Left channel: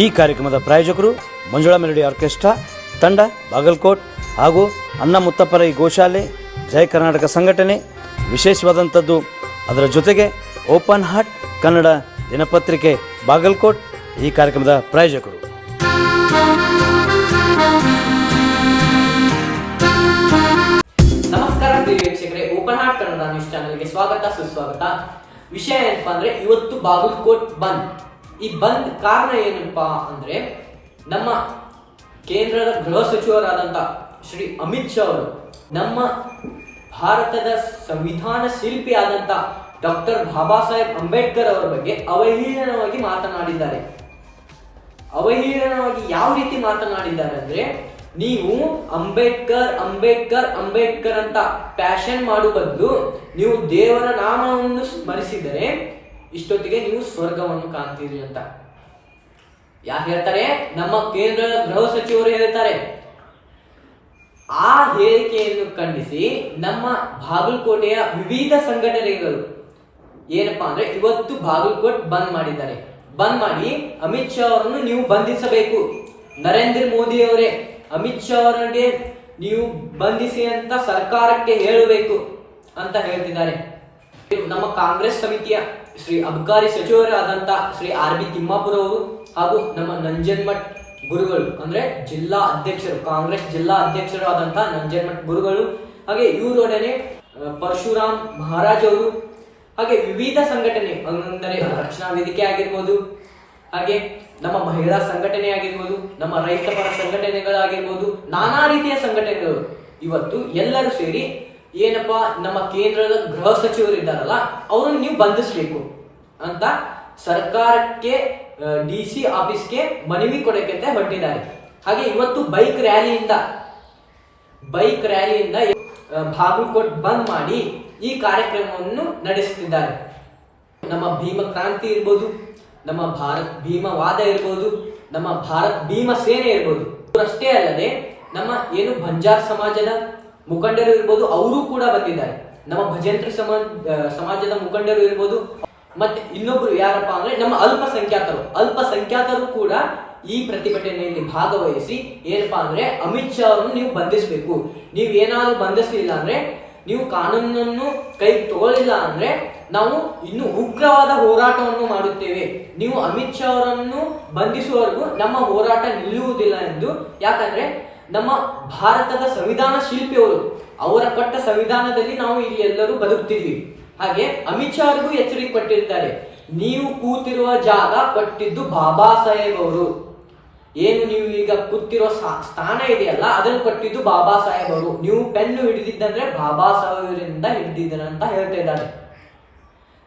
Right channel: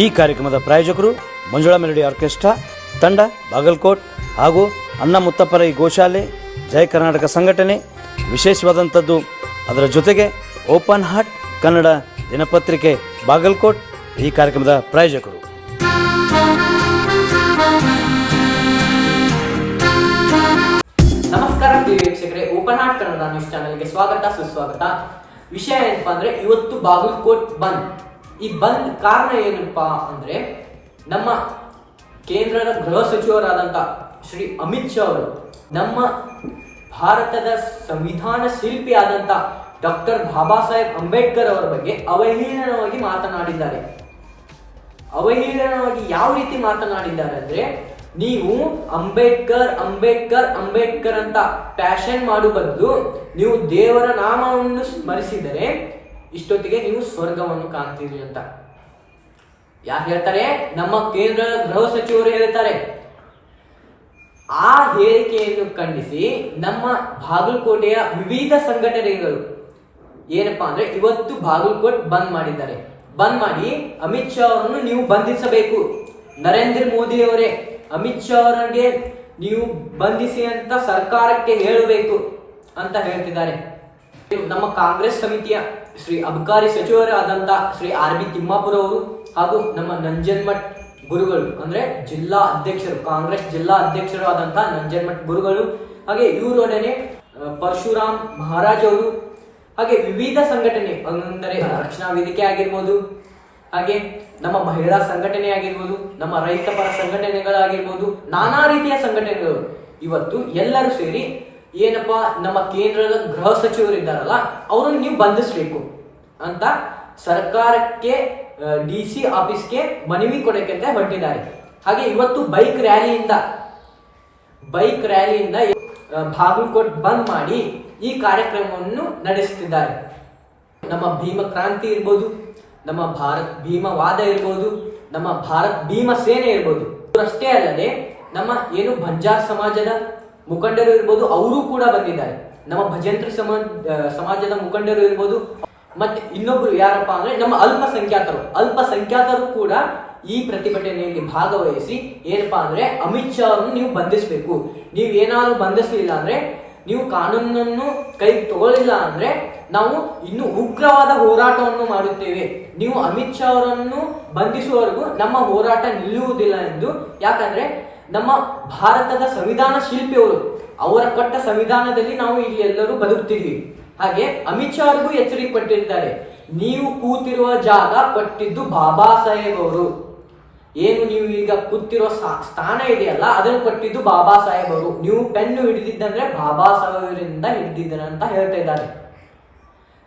ಈ ಕಾರ್ಯಕ್ರಮದ ಪ್ರಾಯೋಜಕರು ಮಂಜುಳಾ ಮೆಲೋಡಿ ಆರ್ಕೆಸ್ಟ್ರಾ ತಂಡ ಬಾಗಲಕೋಟ್ ಹಾಗೂ ಅನ್ನ ಮುತ್ತಪ್ಪರೈ ಗೋಶಾಲೆ ಜಯ ಕರ್ನಾಟಕ ಸಂಘಟನೆ. ವಿಶೇಷವಾದಂಥದ್ದು ಅದರ ಜೊತೆಗೆ ಓಪನ್ ಹಾರ್ಟ್ ಕನ್ನಡ ದಿನಪತ್ರಿಕೆ ಬಾಗಲಕೋಟ್ ಈ ಕಾರ್ಯಕ್ರಮದ ಪ್ರಾಯೋಜಕರು. ನಮಸ್ಕಾರ ಪ್ರಿಯ ವೀಕ್ಷಕರೇ, ಓಪನ್ ಹಾರ್ಟ್ ಕನ್ನಡ ನ್ಯೂಸ್ ಚಾನೆಲ್ಗೆ ಸ್ವಾಗತ ಸುಸ್ವಾಗತ. ವಿಷಯ ಏನಪ್ಪಾ ಅಂದ್ರೆ, ಇವತ್ತು ಬಾಗಲಕೋಟ್ ಬಂದ್. ಈ ಬಂದ್ ಕಾರಣ ಏನಪ್ಪಾ ಅಂದ್ರೆ, ನಮ್ಮ ಕೇಂದ್ರದ ಗೃಹ ಸಚಿವರಾದಂತ ಶ್ರೀ ಅಮಿತ್ ಶಾ ಅವರು ನಮ್ಮ ಭಾರತದ ಸಂವಿಧಾನ ಶಿಲ್ಪಿ ಆದಂತ ಡಾಕ್ಟರ್ ಬಾಬಾ ಸಾಹೇಬ್ ಅಂಬೇಡ್ಕರ್ ಅವರ ಬಗ್ಗೆ ಅವಹೇಳನವಾಗಿ ಮಾತನಾಡಿದ್ದಾರೆ. ಅವಹೇಳನವಾಗಿ ಯಾವ ರೀತಿ ಮಾತನಾಡಿದ್ದಾರೆ ಅಂದ್ರೆ, ನೀವು ಅಂಬೇಡ್ಕರ್ ಅಂಬೇಡ್ಕರ್ ಅಂಬೇಡ್ಕರ್ ಅಂತ ಪ್ಯಾಷನ್ ಮಾಡುವ ಬದಲು ನೀವು ದೇವರ ನಾಮವನ್ನು ಸ್ಮರಿಸಿದರೆ ಇಷ್ಟೊತ್ತಿಗೆ ನೀವು ಸ್ವರ್ಗವನ್ನು ಕಾಣ್ತೀರಿ ಅಂತ ಯಾರು ಹೇಳ್ತಾರೆ? ನಮ್ಮ ಕೇಂದ್ರದ ಗೃಹ ಸಚಿವರು ಹೇಳ್ತಾರೆ. ಆ ಹೇಳಿಕೆಯನ್ನು ಖಂಡಿಸಿ ನಮ್ಮ ಬಾಗಲಕೋಟೆಯ ವಿವಿಧ ಸಂಘಟನೆಗಳು ಏನಪ್ಪಾ ಅಂದ್ರೆ, ಇವತ್ತು ಬಾಗಲಕೋಟ್ ಬಂದ್ ಮಾಡಿದ್ದಾರೆ. ಬಂದ್ ಮಾಡಿ ಅಮಿತ್ ಶಾ ಅವರನ್ನು ನೀವು ಬಂಧಿಸಬೇಕು, ನರೇಂದ್ರ ಮೋದಿ ಅವರೇ ಅಮಿತ್ ಶಾ ಅವರಿಗೆ ನೀವು ಬಂಧಿಸಿ ಅಂತ ಸರ್ಕಾರಕ್ಕೆ ಹೇಳಬೇಕು ಅಂತ ಹೇಳ್ತಿದ್ದಾರೆ. ನಮ್ಮ ಕಾಂಗ್ರೆಸ್ ಸಮಿತಿಯ ಶ್ರೀ ಅಬಕಾರಿ ಸಚಿವರಾದಂತ ಶ್ರೀ ಆರ್ ಬಿ ತಿಮ್ಮಾಪುರ ಅವರು ಹಾಗೂ ನಮ್ಮ ನಂಜನಮಠ ಗುರುಗಳು ಅಂದ್ರೆ ಜಿಲ್ಲಾ ಅಧ್ಯಕ್ಷರು, ಕಾಂಗ್ರೆಸ್ ಜಿಲ್ಲಾ ಅಧ್ಯಕ್ಷರು ಆದಂತಹ ನಂಜನಮಠ ಗುರುಗಳು, ಹಾಗೆ ಇವರೊಡನೆ ಪರಶುರಾಮ್ ಮಹಾರಾಜ್ ಅವರು, ಹಾಗೆ ವಿವಿಧ ಸಂಘಟನೆ ಅಂದರೆ ರಕ್ಷಣಾ ವೇದಿಕೆ ಆಗಿರ್ಬೋದು, ಹಾಗೆ ನಮ್ಮ ಮಹಿಳಾ ಸಂಘಟನೆ ಆಗಿರ್ಬೋದು, ನಮ್ಮ ರೈತ ಪರ ಸಂಘಟನೆಗಳಾಗಿರ್ಬೋದು, ನಾನಾ ರೀತಿಯ ಸಂಘಟನೆಗಳು ಇವತ್ತು ಎಲ್ಲರೂ ಸೇರಿ ಏನಪ್ಪಾ, ನಮ್ಮ ಕೇಂದ್ರದ ಗೃಹ ಸಚಿವರು ಇದ್ದಾರಲ್ಲ ಅವರನ್ನು ನೀವು ಬಂಧಿಸಬೇಕು ಅಂತ ಸರ್ಕಾರಕ್ಕೆ DC ಆಫೀಸ್ಗೆ ಮನವಿ ಕೊಡಕ್ಕೆ ಅಂತ ಹೊರಟಿದ್ದಾರೆ. ಹಾಗೆ ಇವತ್ತು ಬೈಕ್ ರ್ಯಾಲಿಯಿಂದ ಬಾಗಲಕೋಟ್ ಬಂದ್ ಮಾಡಿ ಈ ಕಾರ್ಯಕ್ರಮವನ್ನು ನಡೆಸುತ್ತಿದ್ದಾರೆ. ನಮ್ಮ ಭೀಮ ಕ್ರಾಂತಿ ಇರ್ಬೋದು, ನಮ್ಮ ಭಾರತ್ ಭೀಮವಾದ ಇರ್ಬೋದು, ನಮ್ಮ ಭಾರತ್ ಭೀಮ ಸೇನೆ ಇರ್ಬೋದು, ಅಷ್ಟೇ ಅಲ್ಲದೆ ನಮ್ಮ ಏನು ಬಂಜಾರ್ ಸಮಾಜದ ಮುಖಂಡರು ಇರ್ಬೋದು, ಅವರು ಕೂಡ ಬಂದಿದ್ದಾರೆ. ನಮ್ಮ ಭಜಂತ್ರಿ ಸಮಾಜದ ಮುಖಂಡರು ಇರ್ಬೋದು, ಮತ್ತೆ ಇನ್ನೊಬ್ರು ಯಾರಪ್ಪ ಅಂದ್ರೆ ನಮ್ಮ ಅಲ್ಪಸಂಖ್ಯಾತರು ಕೂಡ ಈ ಪ್ರತಿಭಟನೆಯಲ್ಲಿ ಭಾಗವಹಿಸಿ ಏನಪ್ಪಾ ಅಂದ್ರೆ, ಅಮಿತ್ ಶಾ ಅವರನ್ನು ನೀವು ಬಂಧಿಸಬೇಕು, ನೀವು ಏನಾದ್ರು ಬಂಧಿಸಲಿಲ್ಲ ಅಂದ್ರೆ, ನೀವು ಕಾನೂನನ್ನು ಕೈ ತಗೊಳ್ಳಿಲ್ಲ ಅಂದ್ರೆ ನಾವು ಇನ್ನು ಉಗ್ರವಾದ ಹೋರಾಟವನ್ನು ಮಾಡುತ್ತೇವೆ, ನೀವು ಅಮಿತ್ ಶಾ ಅವರನ್ನು ಬಂಧಿಸುವವರೆಗೂ ನಮ್ಮ ಹೋರಾಟ ನಿಲ್ಲುವುದಿಲ್ಲ ಎಂದು. ಯಾಕಂದ್ರೆ ನಮ್ಮ ಭಾರತದ ಸಂವಿಧಾನ ಶಿಲ್ಪಿಯವರು, ಅವರ ಕೊಟ್ಟ ಸಂವಿಧಾನದಲ್ಲಿ ನಾವು ಇಲ್ಲಿ ಎಲ್ಲರೂ ಬದುಕ್ತಿದ್ವಿ. ಹಾಗೆ ಅಮಿತ್ ಶಾ ಅವರಿಗೂ ಎಚ್ಚರಿಕೆ ಕೊಟ್ಟಿದ್ದಾರೆ, ನೀವು ಕೂತಿರುವ ಜಾಗ ಕೊಟ್ಟಿದ್ದು ಬಾಬಾ ಸಾಹೇಬ್ ಅವರು, ಏನು ನೀವು ಈಗ ಕೂತಿರೋ ಸ್ಥಾನ ಇದೆಯಲ್ಲ ಅದನ್ನು ಕೊಟ್ಟಿದ್ದು ಬಾಬಾ ಸಾಹೇಬ್ ಅವರು, ನೀವು ಪೆನ್ನು ಹಿಡಿದಿದ್ದಂದ್ರೆ ಬಾಬಾ ಸಾಹೇಬರಿಂದ ಹಿಡಿದಿದ್ದೀರ ಅಂತ ಹೇಳ್ತಾ ಇದ್ದಾರೆ.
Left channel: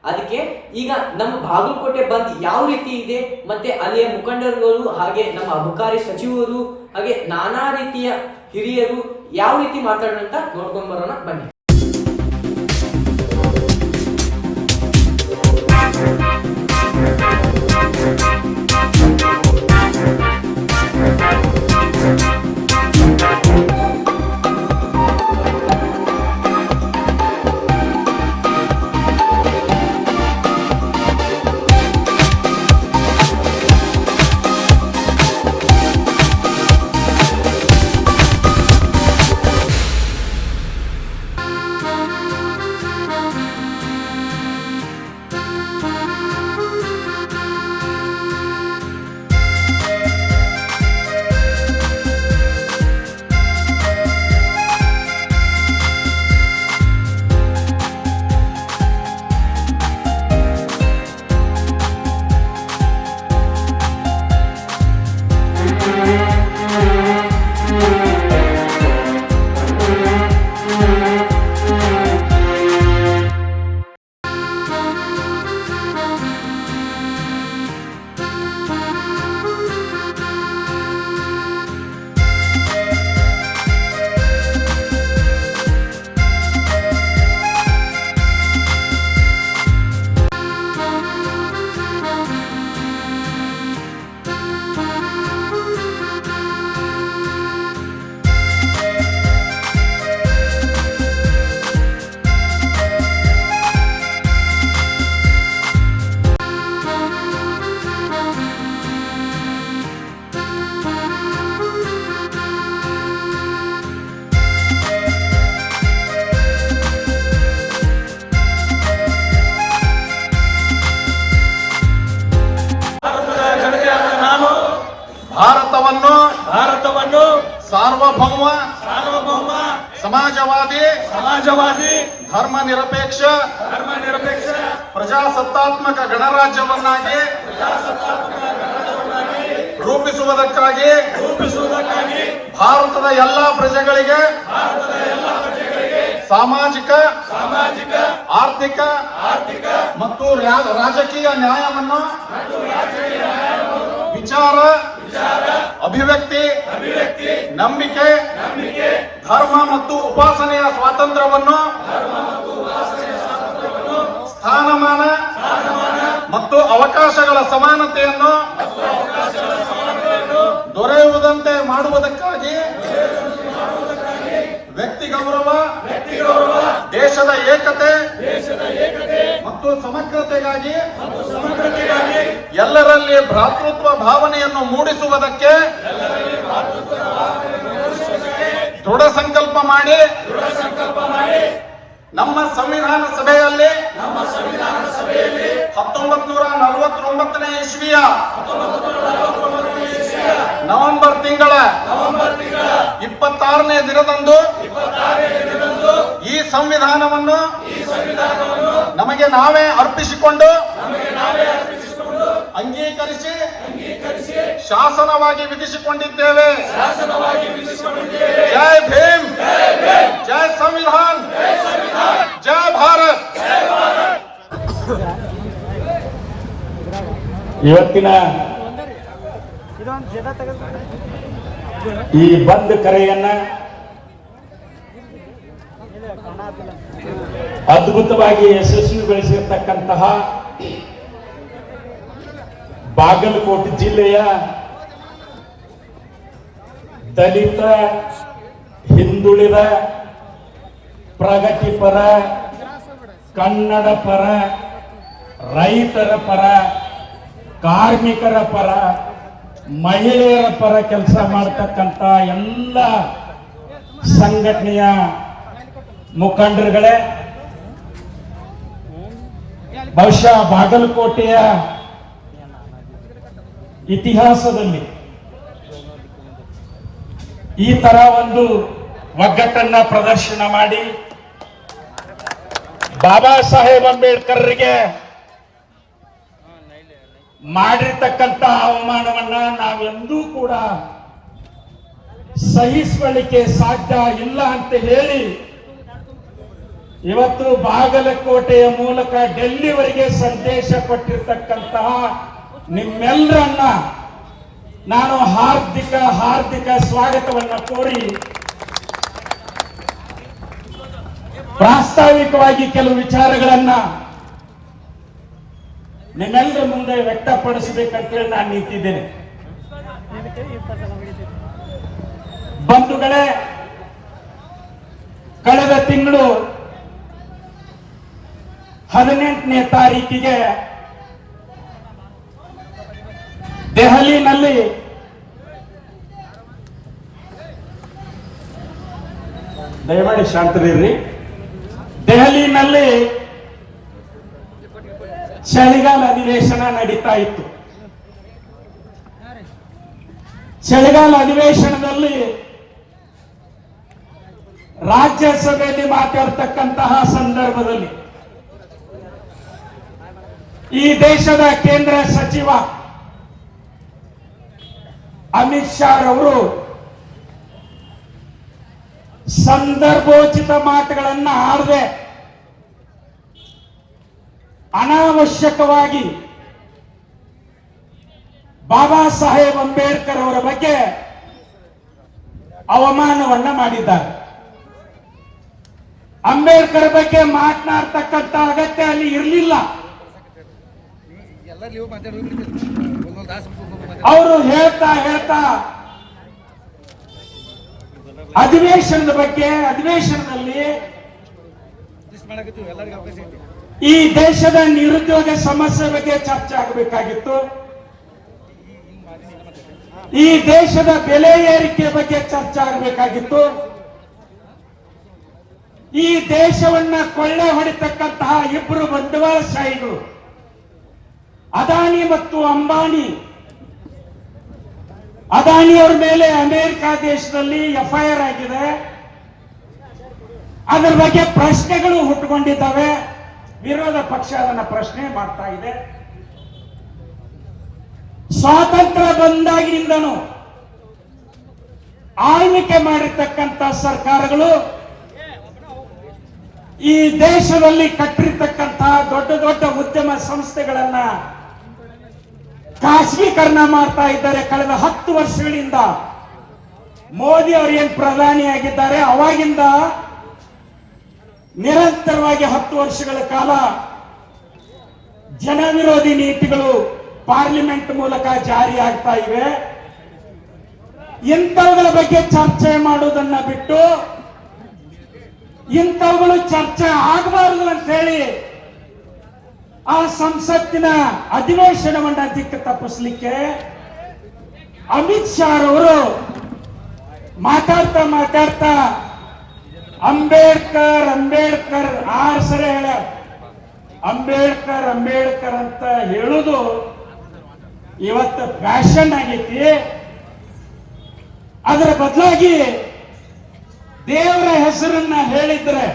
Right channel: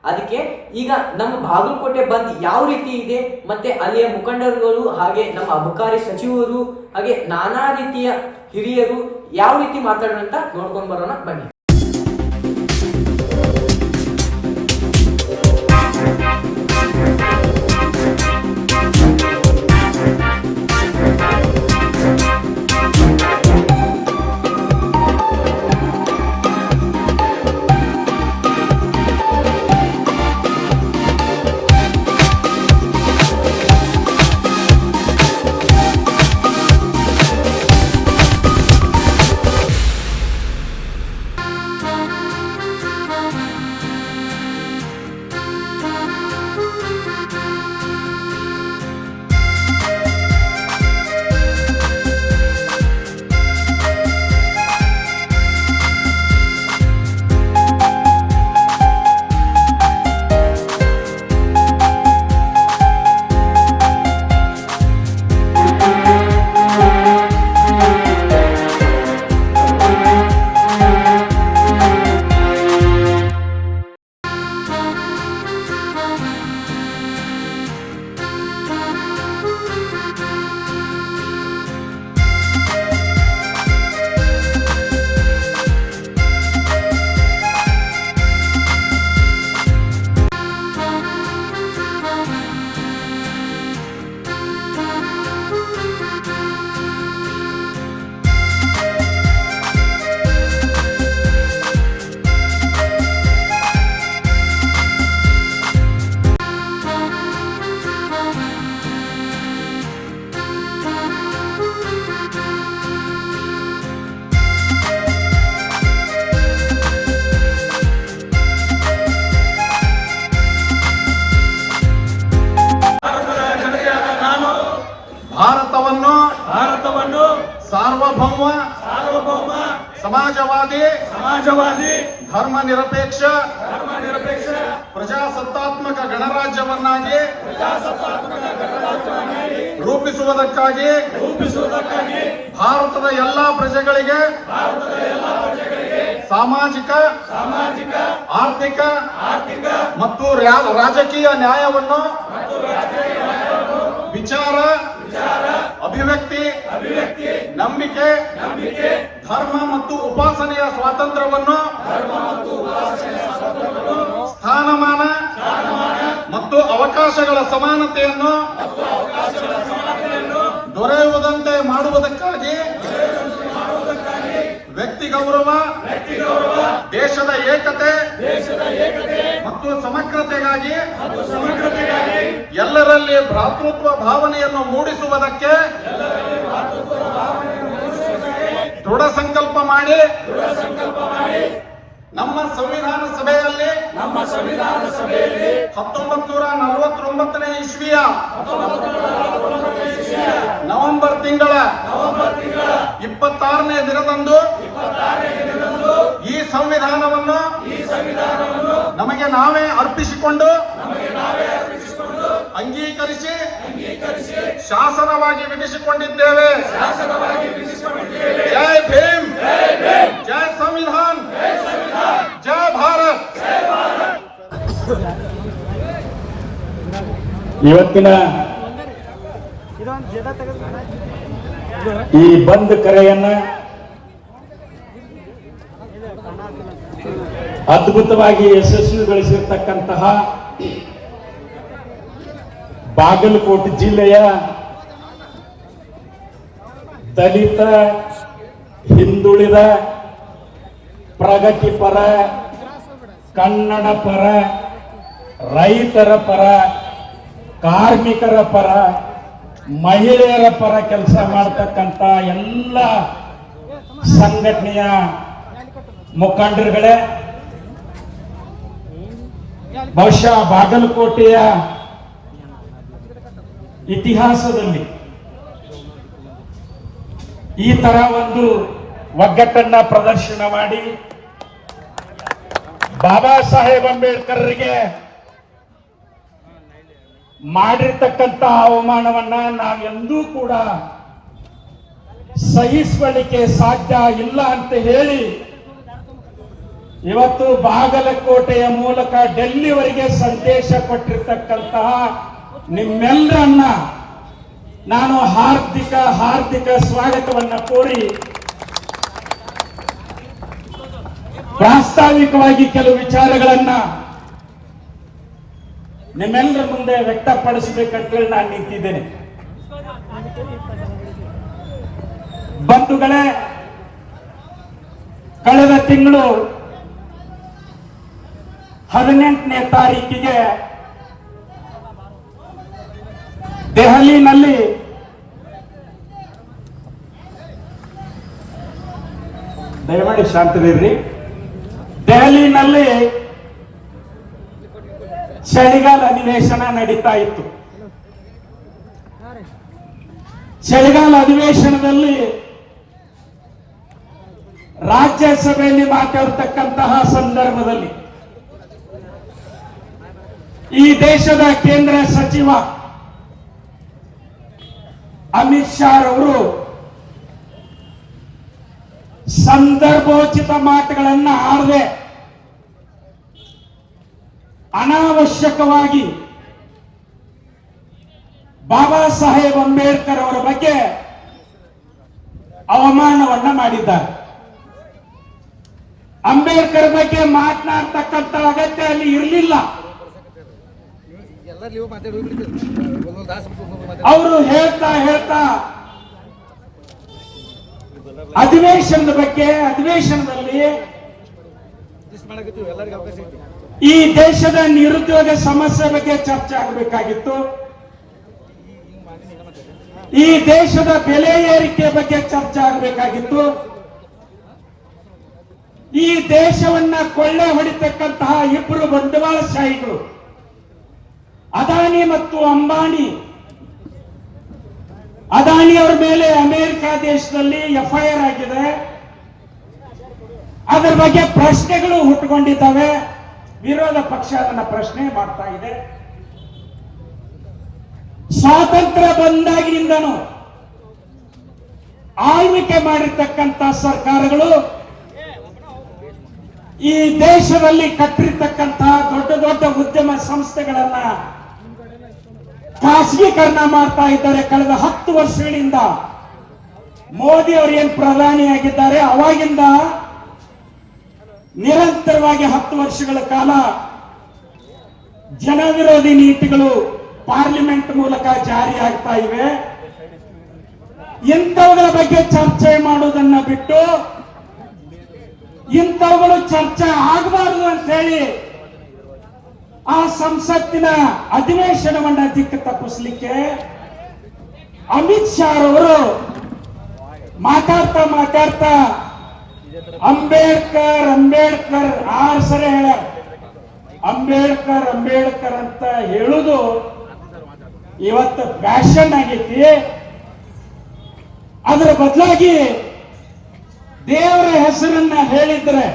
ಅದಕ್ಕೆ ಈಗ ನಮ್ಮ ಬಾಗಲಕೋಟೆ ಬಂದ್ ಯಾವ ರೀತಿ ಇದೆ, ಮತ್ತೆ ಅಲ್ಲಿಯ ಮುಖಂಡರುಗಳು, ಹಾಗೆ ನಮ್ಮ ಅಬಕಾರಿ ಸಚಿವರು, ಹಾಗೆ ನಾನಾ ರೀತಿಯ ಹಿರಿಯರು ಯಾವ ರೀತಿ ಮಾತಾಡೋಣ ಅಂತ ನೋಡ್ಕೊಂಡ್ ಬರೋಣ ಬನ್ನಿ. ಸಮಾಜವಾದಿ ಧರ್ಮ ನಿರಪೇಕ್ಷ ಪ್ರಜಾಸತ್ತಾತ್ಮಕ ಗಣರಾಜ್ಯವನ್ನಾಗಿ ರೂಪಿಸುವುದಕ್ಕಾಗಿ ಭಾರತದ ಎಲ್ಲಾ ಪ್ರಜೆಗಳಿಗೆ ಸಾಮಾಜಿಕ ಆರ್ಥಿಕ ಮತ್ತು ರಾಜಕೀಯ ನ್ಯಾಯವನ್ನು ವಿಚಾರ ಅಭಿವ್ಯಕ್ತಿ ನಂಬಿಕೆ ಧರ್ಮ ಮತ್ತು ಉಪಾಸನೆಯ ಸ್ವಾತಂತ್ರ್ಯವನ್ನು ಸ್ಥಾನಮಾನ ಮತ್ತು ಅವಕಾಶಗಳ ಸಮಾನತೆಯನ್ನು ದೊರೆಯುವುದಂತೆ ಮಾಡುವುದಕ್ಕಾಗಿ ವ್ಯಕ್ತಿ ಗೌರವ ದೇಶದ ಏಕತೆ ಮತ್ತು ಸಮಗ್ರತೆಗಾಗಿ ಎಲ್ಲರಲ್ಲಿ ಭ್ರಾತೃತ್ವ ಭಾವನೆಯನ್ನು ಮೂಡಿಸುವುದಕ್ಕೆ ದೃಢ ಸಂಕಲ್ಪ ಮಾಡಿ ನಮ್ಮ ಸಂವಿಧಾನ ಸಭೆಯಲ್ಲಿ 1949ನೇ ಇಸ್ವಿಯ ನವೆಂಬರ್ ತಿಂಗಳ 26ನೇ ದಿನದಂದು ಈ ಸಂವಿಧಾನವನ್ನು ನಮಗೆ ನಾವೇ ಅರ್ಪಿಸಿಕೊಂಡು ಅಂಗೀಕರಿಸಿ ಶಾಸನವಾಗಿ ವಿಧಿಸಿಕೊಂಡಿದ್ದೇವೆ. ಜೈ ಭೀಮ್, ಜೈ ಸಂವಿಧಾನ್, ಜೈ ಭಾರತ್. ಇವತ್ತಿನ ಈ ಬಂದ್ ಕರೆಯನ್ನ ಅದ್ಭುತವಾಗಿ ಯಶಸ್ವಿಗೊಳಿಸಿರ್ತಕ್ಕಂತಹ ಬಾಗಲಕೋಟೆ ಜಿಲ್ಲೆಯ ದಲಿತ, ಹಿಂದುಳಿದ, ಪ್ರಗತಿಪರ, ಕನ್ನಡ ಪರ, ರೈತರ ಪರ, ಕಾರ್ಮಿಕರ ಪರ, ಮಹಿಳೆಯರ ಪರ ಕೆಲಸ ಮಾಡತಕ್ಕಂತ ಎಲ್ಲ ಸಂಘಟನೆಯ ಮುಖಂಡರುಗಳೇ, ಬಹುಶಃ ಬಾಗಲಕೋಟೆಯ ಇತಿಹಾಸದಲ್ಲಿ ಈ ತರ ಒಂದು ಒಗ್ಗಟ್ಟನ್ನ ಪ್ರದರ್ಶನ ಮಾಡಿ ಬಾಬಾ ಸಾಹೇಬ್ ಅಂಬೇಡ್ಕರ್ಗೆ ಮಾಡಿರ್ತಕ್ಕಂಥ ಅವಮಾನವನ್ನ ನಾವೆಂದೂ ಕೂಡ ಸಹಿಸಿಕೊಳ್ಳಿಕ್ಕೆ ಸಾಧ್ಯ ಇಲ್ಲ ಅಂತ ಹೇಳಿ ಇವತ್ತು ಬಾಗಲಕೋಟೆಯ ಮೂಲಕ ಡೆಲ್ಲಿವರೆಗೆ ಸಂದೇಶ ಕೊಟ್ಟಿರ್ತಕ್ಕಂತಹ ನಿಮ್ಮೆಲ್ಲರನ್ನ ನಾನು ಹಾರ್ದಿಕ ಸ್ವಾಗತವನ್ನ ಕೋರಿ ಪ್ರಾಸ್ತಾವಿಕವಾಗಿ ಕೆಲವು ವಿಚಾರಗಳನ್ನ ನಿಮ್ಮೆಲ್ಲರ ಮುಂದೆ ವ್ಯಕ್ತಪಡಿಸಬೇಕಂತೇಳಿ ನಾನು ನಿಂತಿದ್ದೇನೆ. ಬಂಧುಗಳೇ, ಕಳೆದ ತಿಂಗಳು 18ನೇ ತಾರೀಕಿಗೆ ದೆಹಲಿನಲ್ಲಿ ದಯಮಾಡಿ ಶಾಂತರಿರ್ರಿ. ದೆಹಲಿನಲ್ಲಿ ಚಳಿಗಾಲ ಅಧಿವೇಶನ ನಡೀತಾ ಇತ್ತು. ಚಳಿಗಾಲ ಅಧಿವೇಶನದಲ್ಲಿ ರಾಜ್ಯಸಭೆಯಲ್ಲಿ ಮಾತಾಡ್ತಕ್ಕಂತಹ ಸಂದರ್ಭದಲ್ಲಿ ಈ ದೇಶದ ಕೇಂದ್ರ ಸಚಿವ ಅಮಿತ್ ಶಾ ಅವರು ಸಂದರ್ಭೋಚಿತ ಮಾತುಗಳನ್ನ ಆಡದೆ ಅನಾವಶ್ಯಕವಾಗಿ ಬಾಬಾ ಸಾಹೇಬ್ ಅಂಬೇಡ್ಕರ್ ಅವರ ಬಗ್ಗೆ ಅವಮಾನವನ್ನ ಮಾಡಿದ್ದಾರೆ. ಅಂಬೇಡ್ಕರ್ ಬಗ್ಗೆ ಮಾತನಾಡ್ತಕ್ಕಂಥ ಅಗತ್ಯ ಅಲ್ಲಿ ಇರಲಿಲ್ಲ. ಅವರು ಹೇಳ್ತಾ ಅಧಿವೇಶನದ ಬಗ್ಗೆ ಅಧಿವೇಶನದಲ್ಲಿ ಈ ದೇಶದ ನಿರುದ್ಯೋಗ ಸಮಸ್ಯೆ ಬಗ್ಗೆ ಚರ್ಚೆ ಆಗಬೇಕಾಗಿತ್ತು. ಈ ದೇಶದ ಬೆಲೆ ಏರಿಕೆ ಬಗ್ಗೆ ಚರ್ಚೆ ಆಗಬೇಕಾಗಿತ್ತು. ಈ ದೇಶವನ್ನ ಕೊಳ್ಳೆ ಹೊಡಿತಕ್ಕಂತಹ ಇಬ್ಬರು ಬಂಡವಾಳಶಾಹಿಗಳು ಅದಾನಿ ಮತ್ತು ಅಂಬಾನಿ, ಅದಾನಿಯವರ ಮೇಲೆ ಅಮೆರಿಕ ದೇಶದಲ್ಲಿ FIR ಆಗಿದೆ. ಅದರ ಬಗ್ಗೆ ಪ್ರಶ್ನೆಗಳು ಹುಟ್ಟುಕೊಂಡಿದ್ದಾವೆ. ವಿರೋಧ ಪಕ್ಷ ಅದನ್ನ ಪ್ರಶ್ನೆ ಮಾಡ್ತಾ ಇದೆ. ಸ್ವಾತಂತ್ರ್ಯ ಬಂದಾಗಿನಿಂದನೂ ಆಳ್ವಿಕೆ ಮಾಡಿರ್ತಕ್ಕಂಥ ಸರ್ಕಾರಗಳು ಈ ದೇಶದಲ್ಲಿ ಕಟ್ಟಿರ್ತಕ್ಕಂತಹ ದೊಡ್ಡ ದೊಡ್ಡ ಉದ್ಯಮ ಸಂಸ್ಥೆಗಳನ್ನ ಖಾಸಗೀಕರಣ ಮಾಡ್ತಾ ಇದ್ದಾರೆ. ಕಳೆದ 10 ವರ್ಷಗಳಿಂದ ಮೋದಿ ಅವರು ಏನ್ ಪ್ರಧಾನಿಯಾಗಿದ್ದಾರೆ ಅವಾಗಿಂದ ನಿರಂತರವಾಗಿ 10 ವರ್ಷಗಳ ಕಾಲ ಜನವಿರೋಧಿ ನೀತಿಗಳು ಪಾರ್ಲಿಮೆಂಟ್ ಮೂಲಕ ಜಾರಿಯಾಗ್ತಾ ಇವೆ. ಇಂಥವುಗಳ ಬಗ್ಗೆ ಚರ್ಚೆ ಮಾಡುವುದನ್ನ ಬಿಟ್ಟು ಇಂಥವುಗಳು ಚರ್ಚೆ ಆಗಬಾರದು ಅಂತ ಹೇಳಿ ಆ ಸಂಸತ್ತಿನ ಅಧಿವೇಶನವನ್ನ ದಿಕ್ಕು ತಪ್ಪಿಸಲಿಕ್ಕೆ ಅಮಿತ್ ಶಾ ಅವರು ಮಾತಾಡ್ತಾ ಅಂಬೇಡ್ಕರ್ ಅಂಬೇಡ್ಕರ್ 6 ಸರಿ ಹೇಳ ಅಂಬೇಡ್ಕರ್ ಅಂಬೇಡ್ಕರ್ ಅಂತ ಹೇಳುದು ಇವತ್ತು ಫ್ಯಾಷನ್ ಆಗೈತಿ. ಅದರ ಬದಲಾಗಿ ದೇವರ ಹೆಸರನ್ನ ಹೇಳಿದ್ರೆ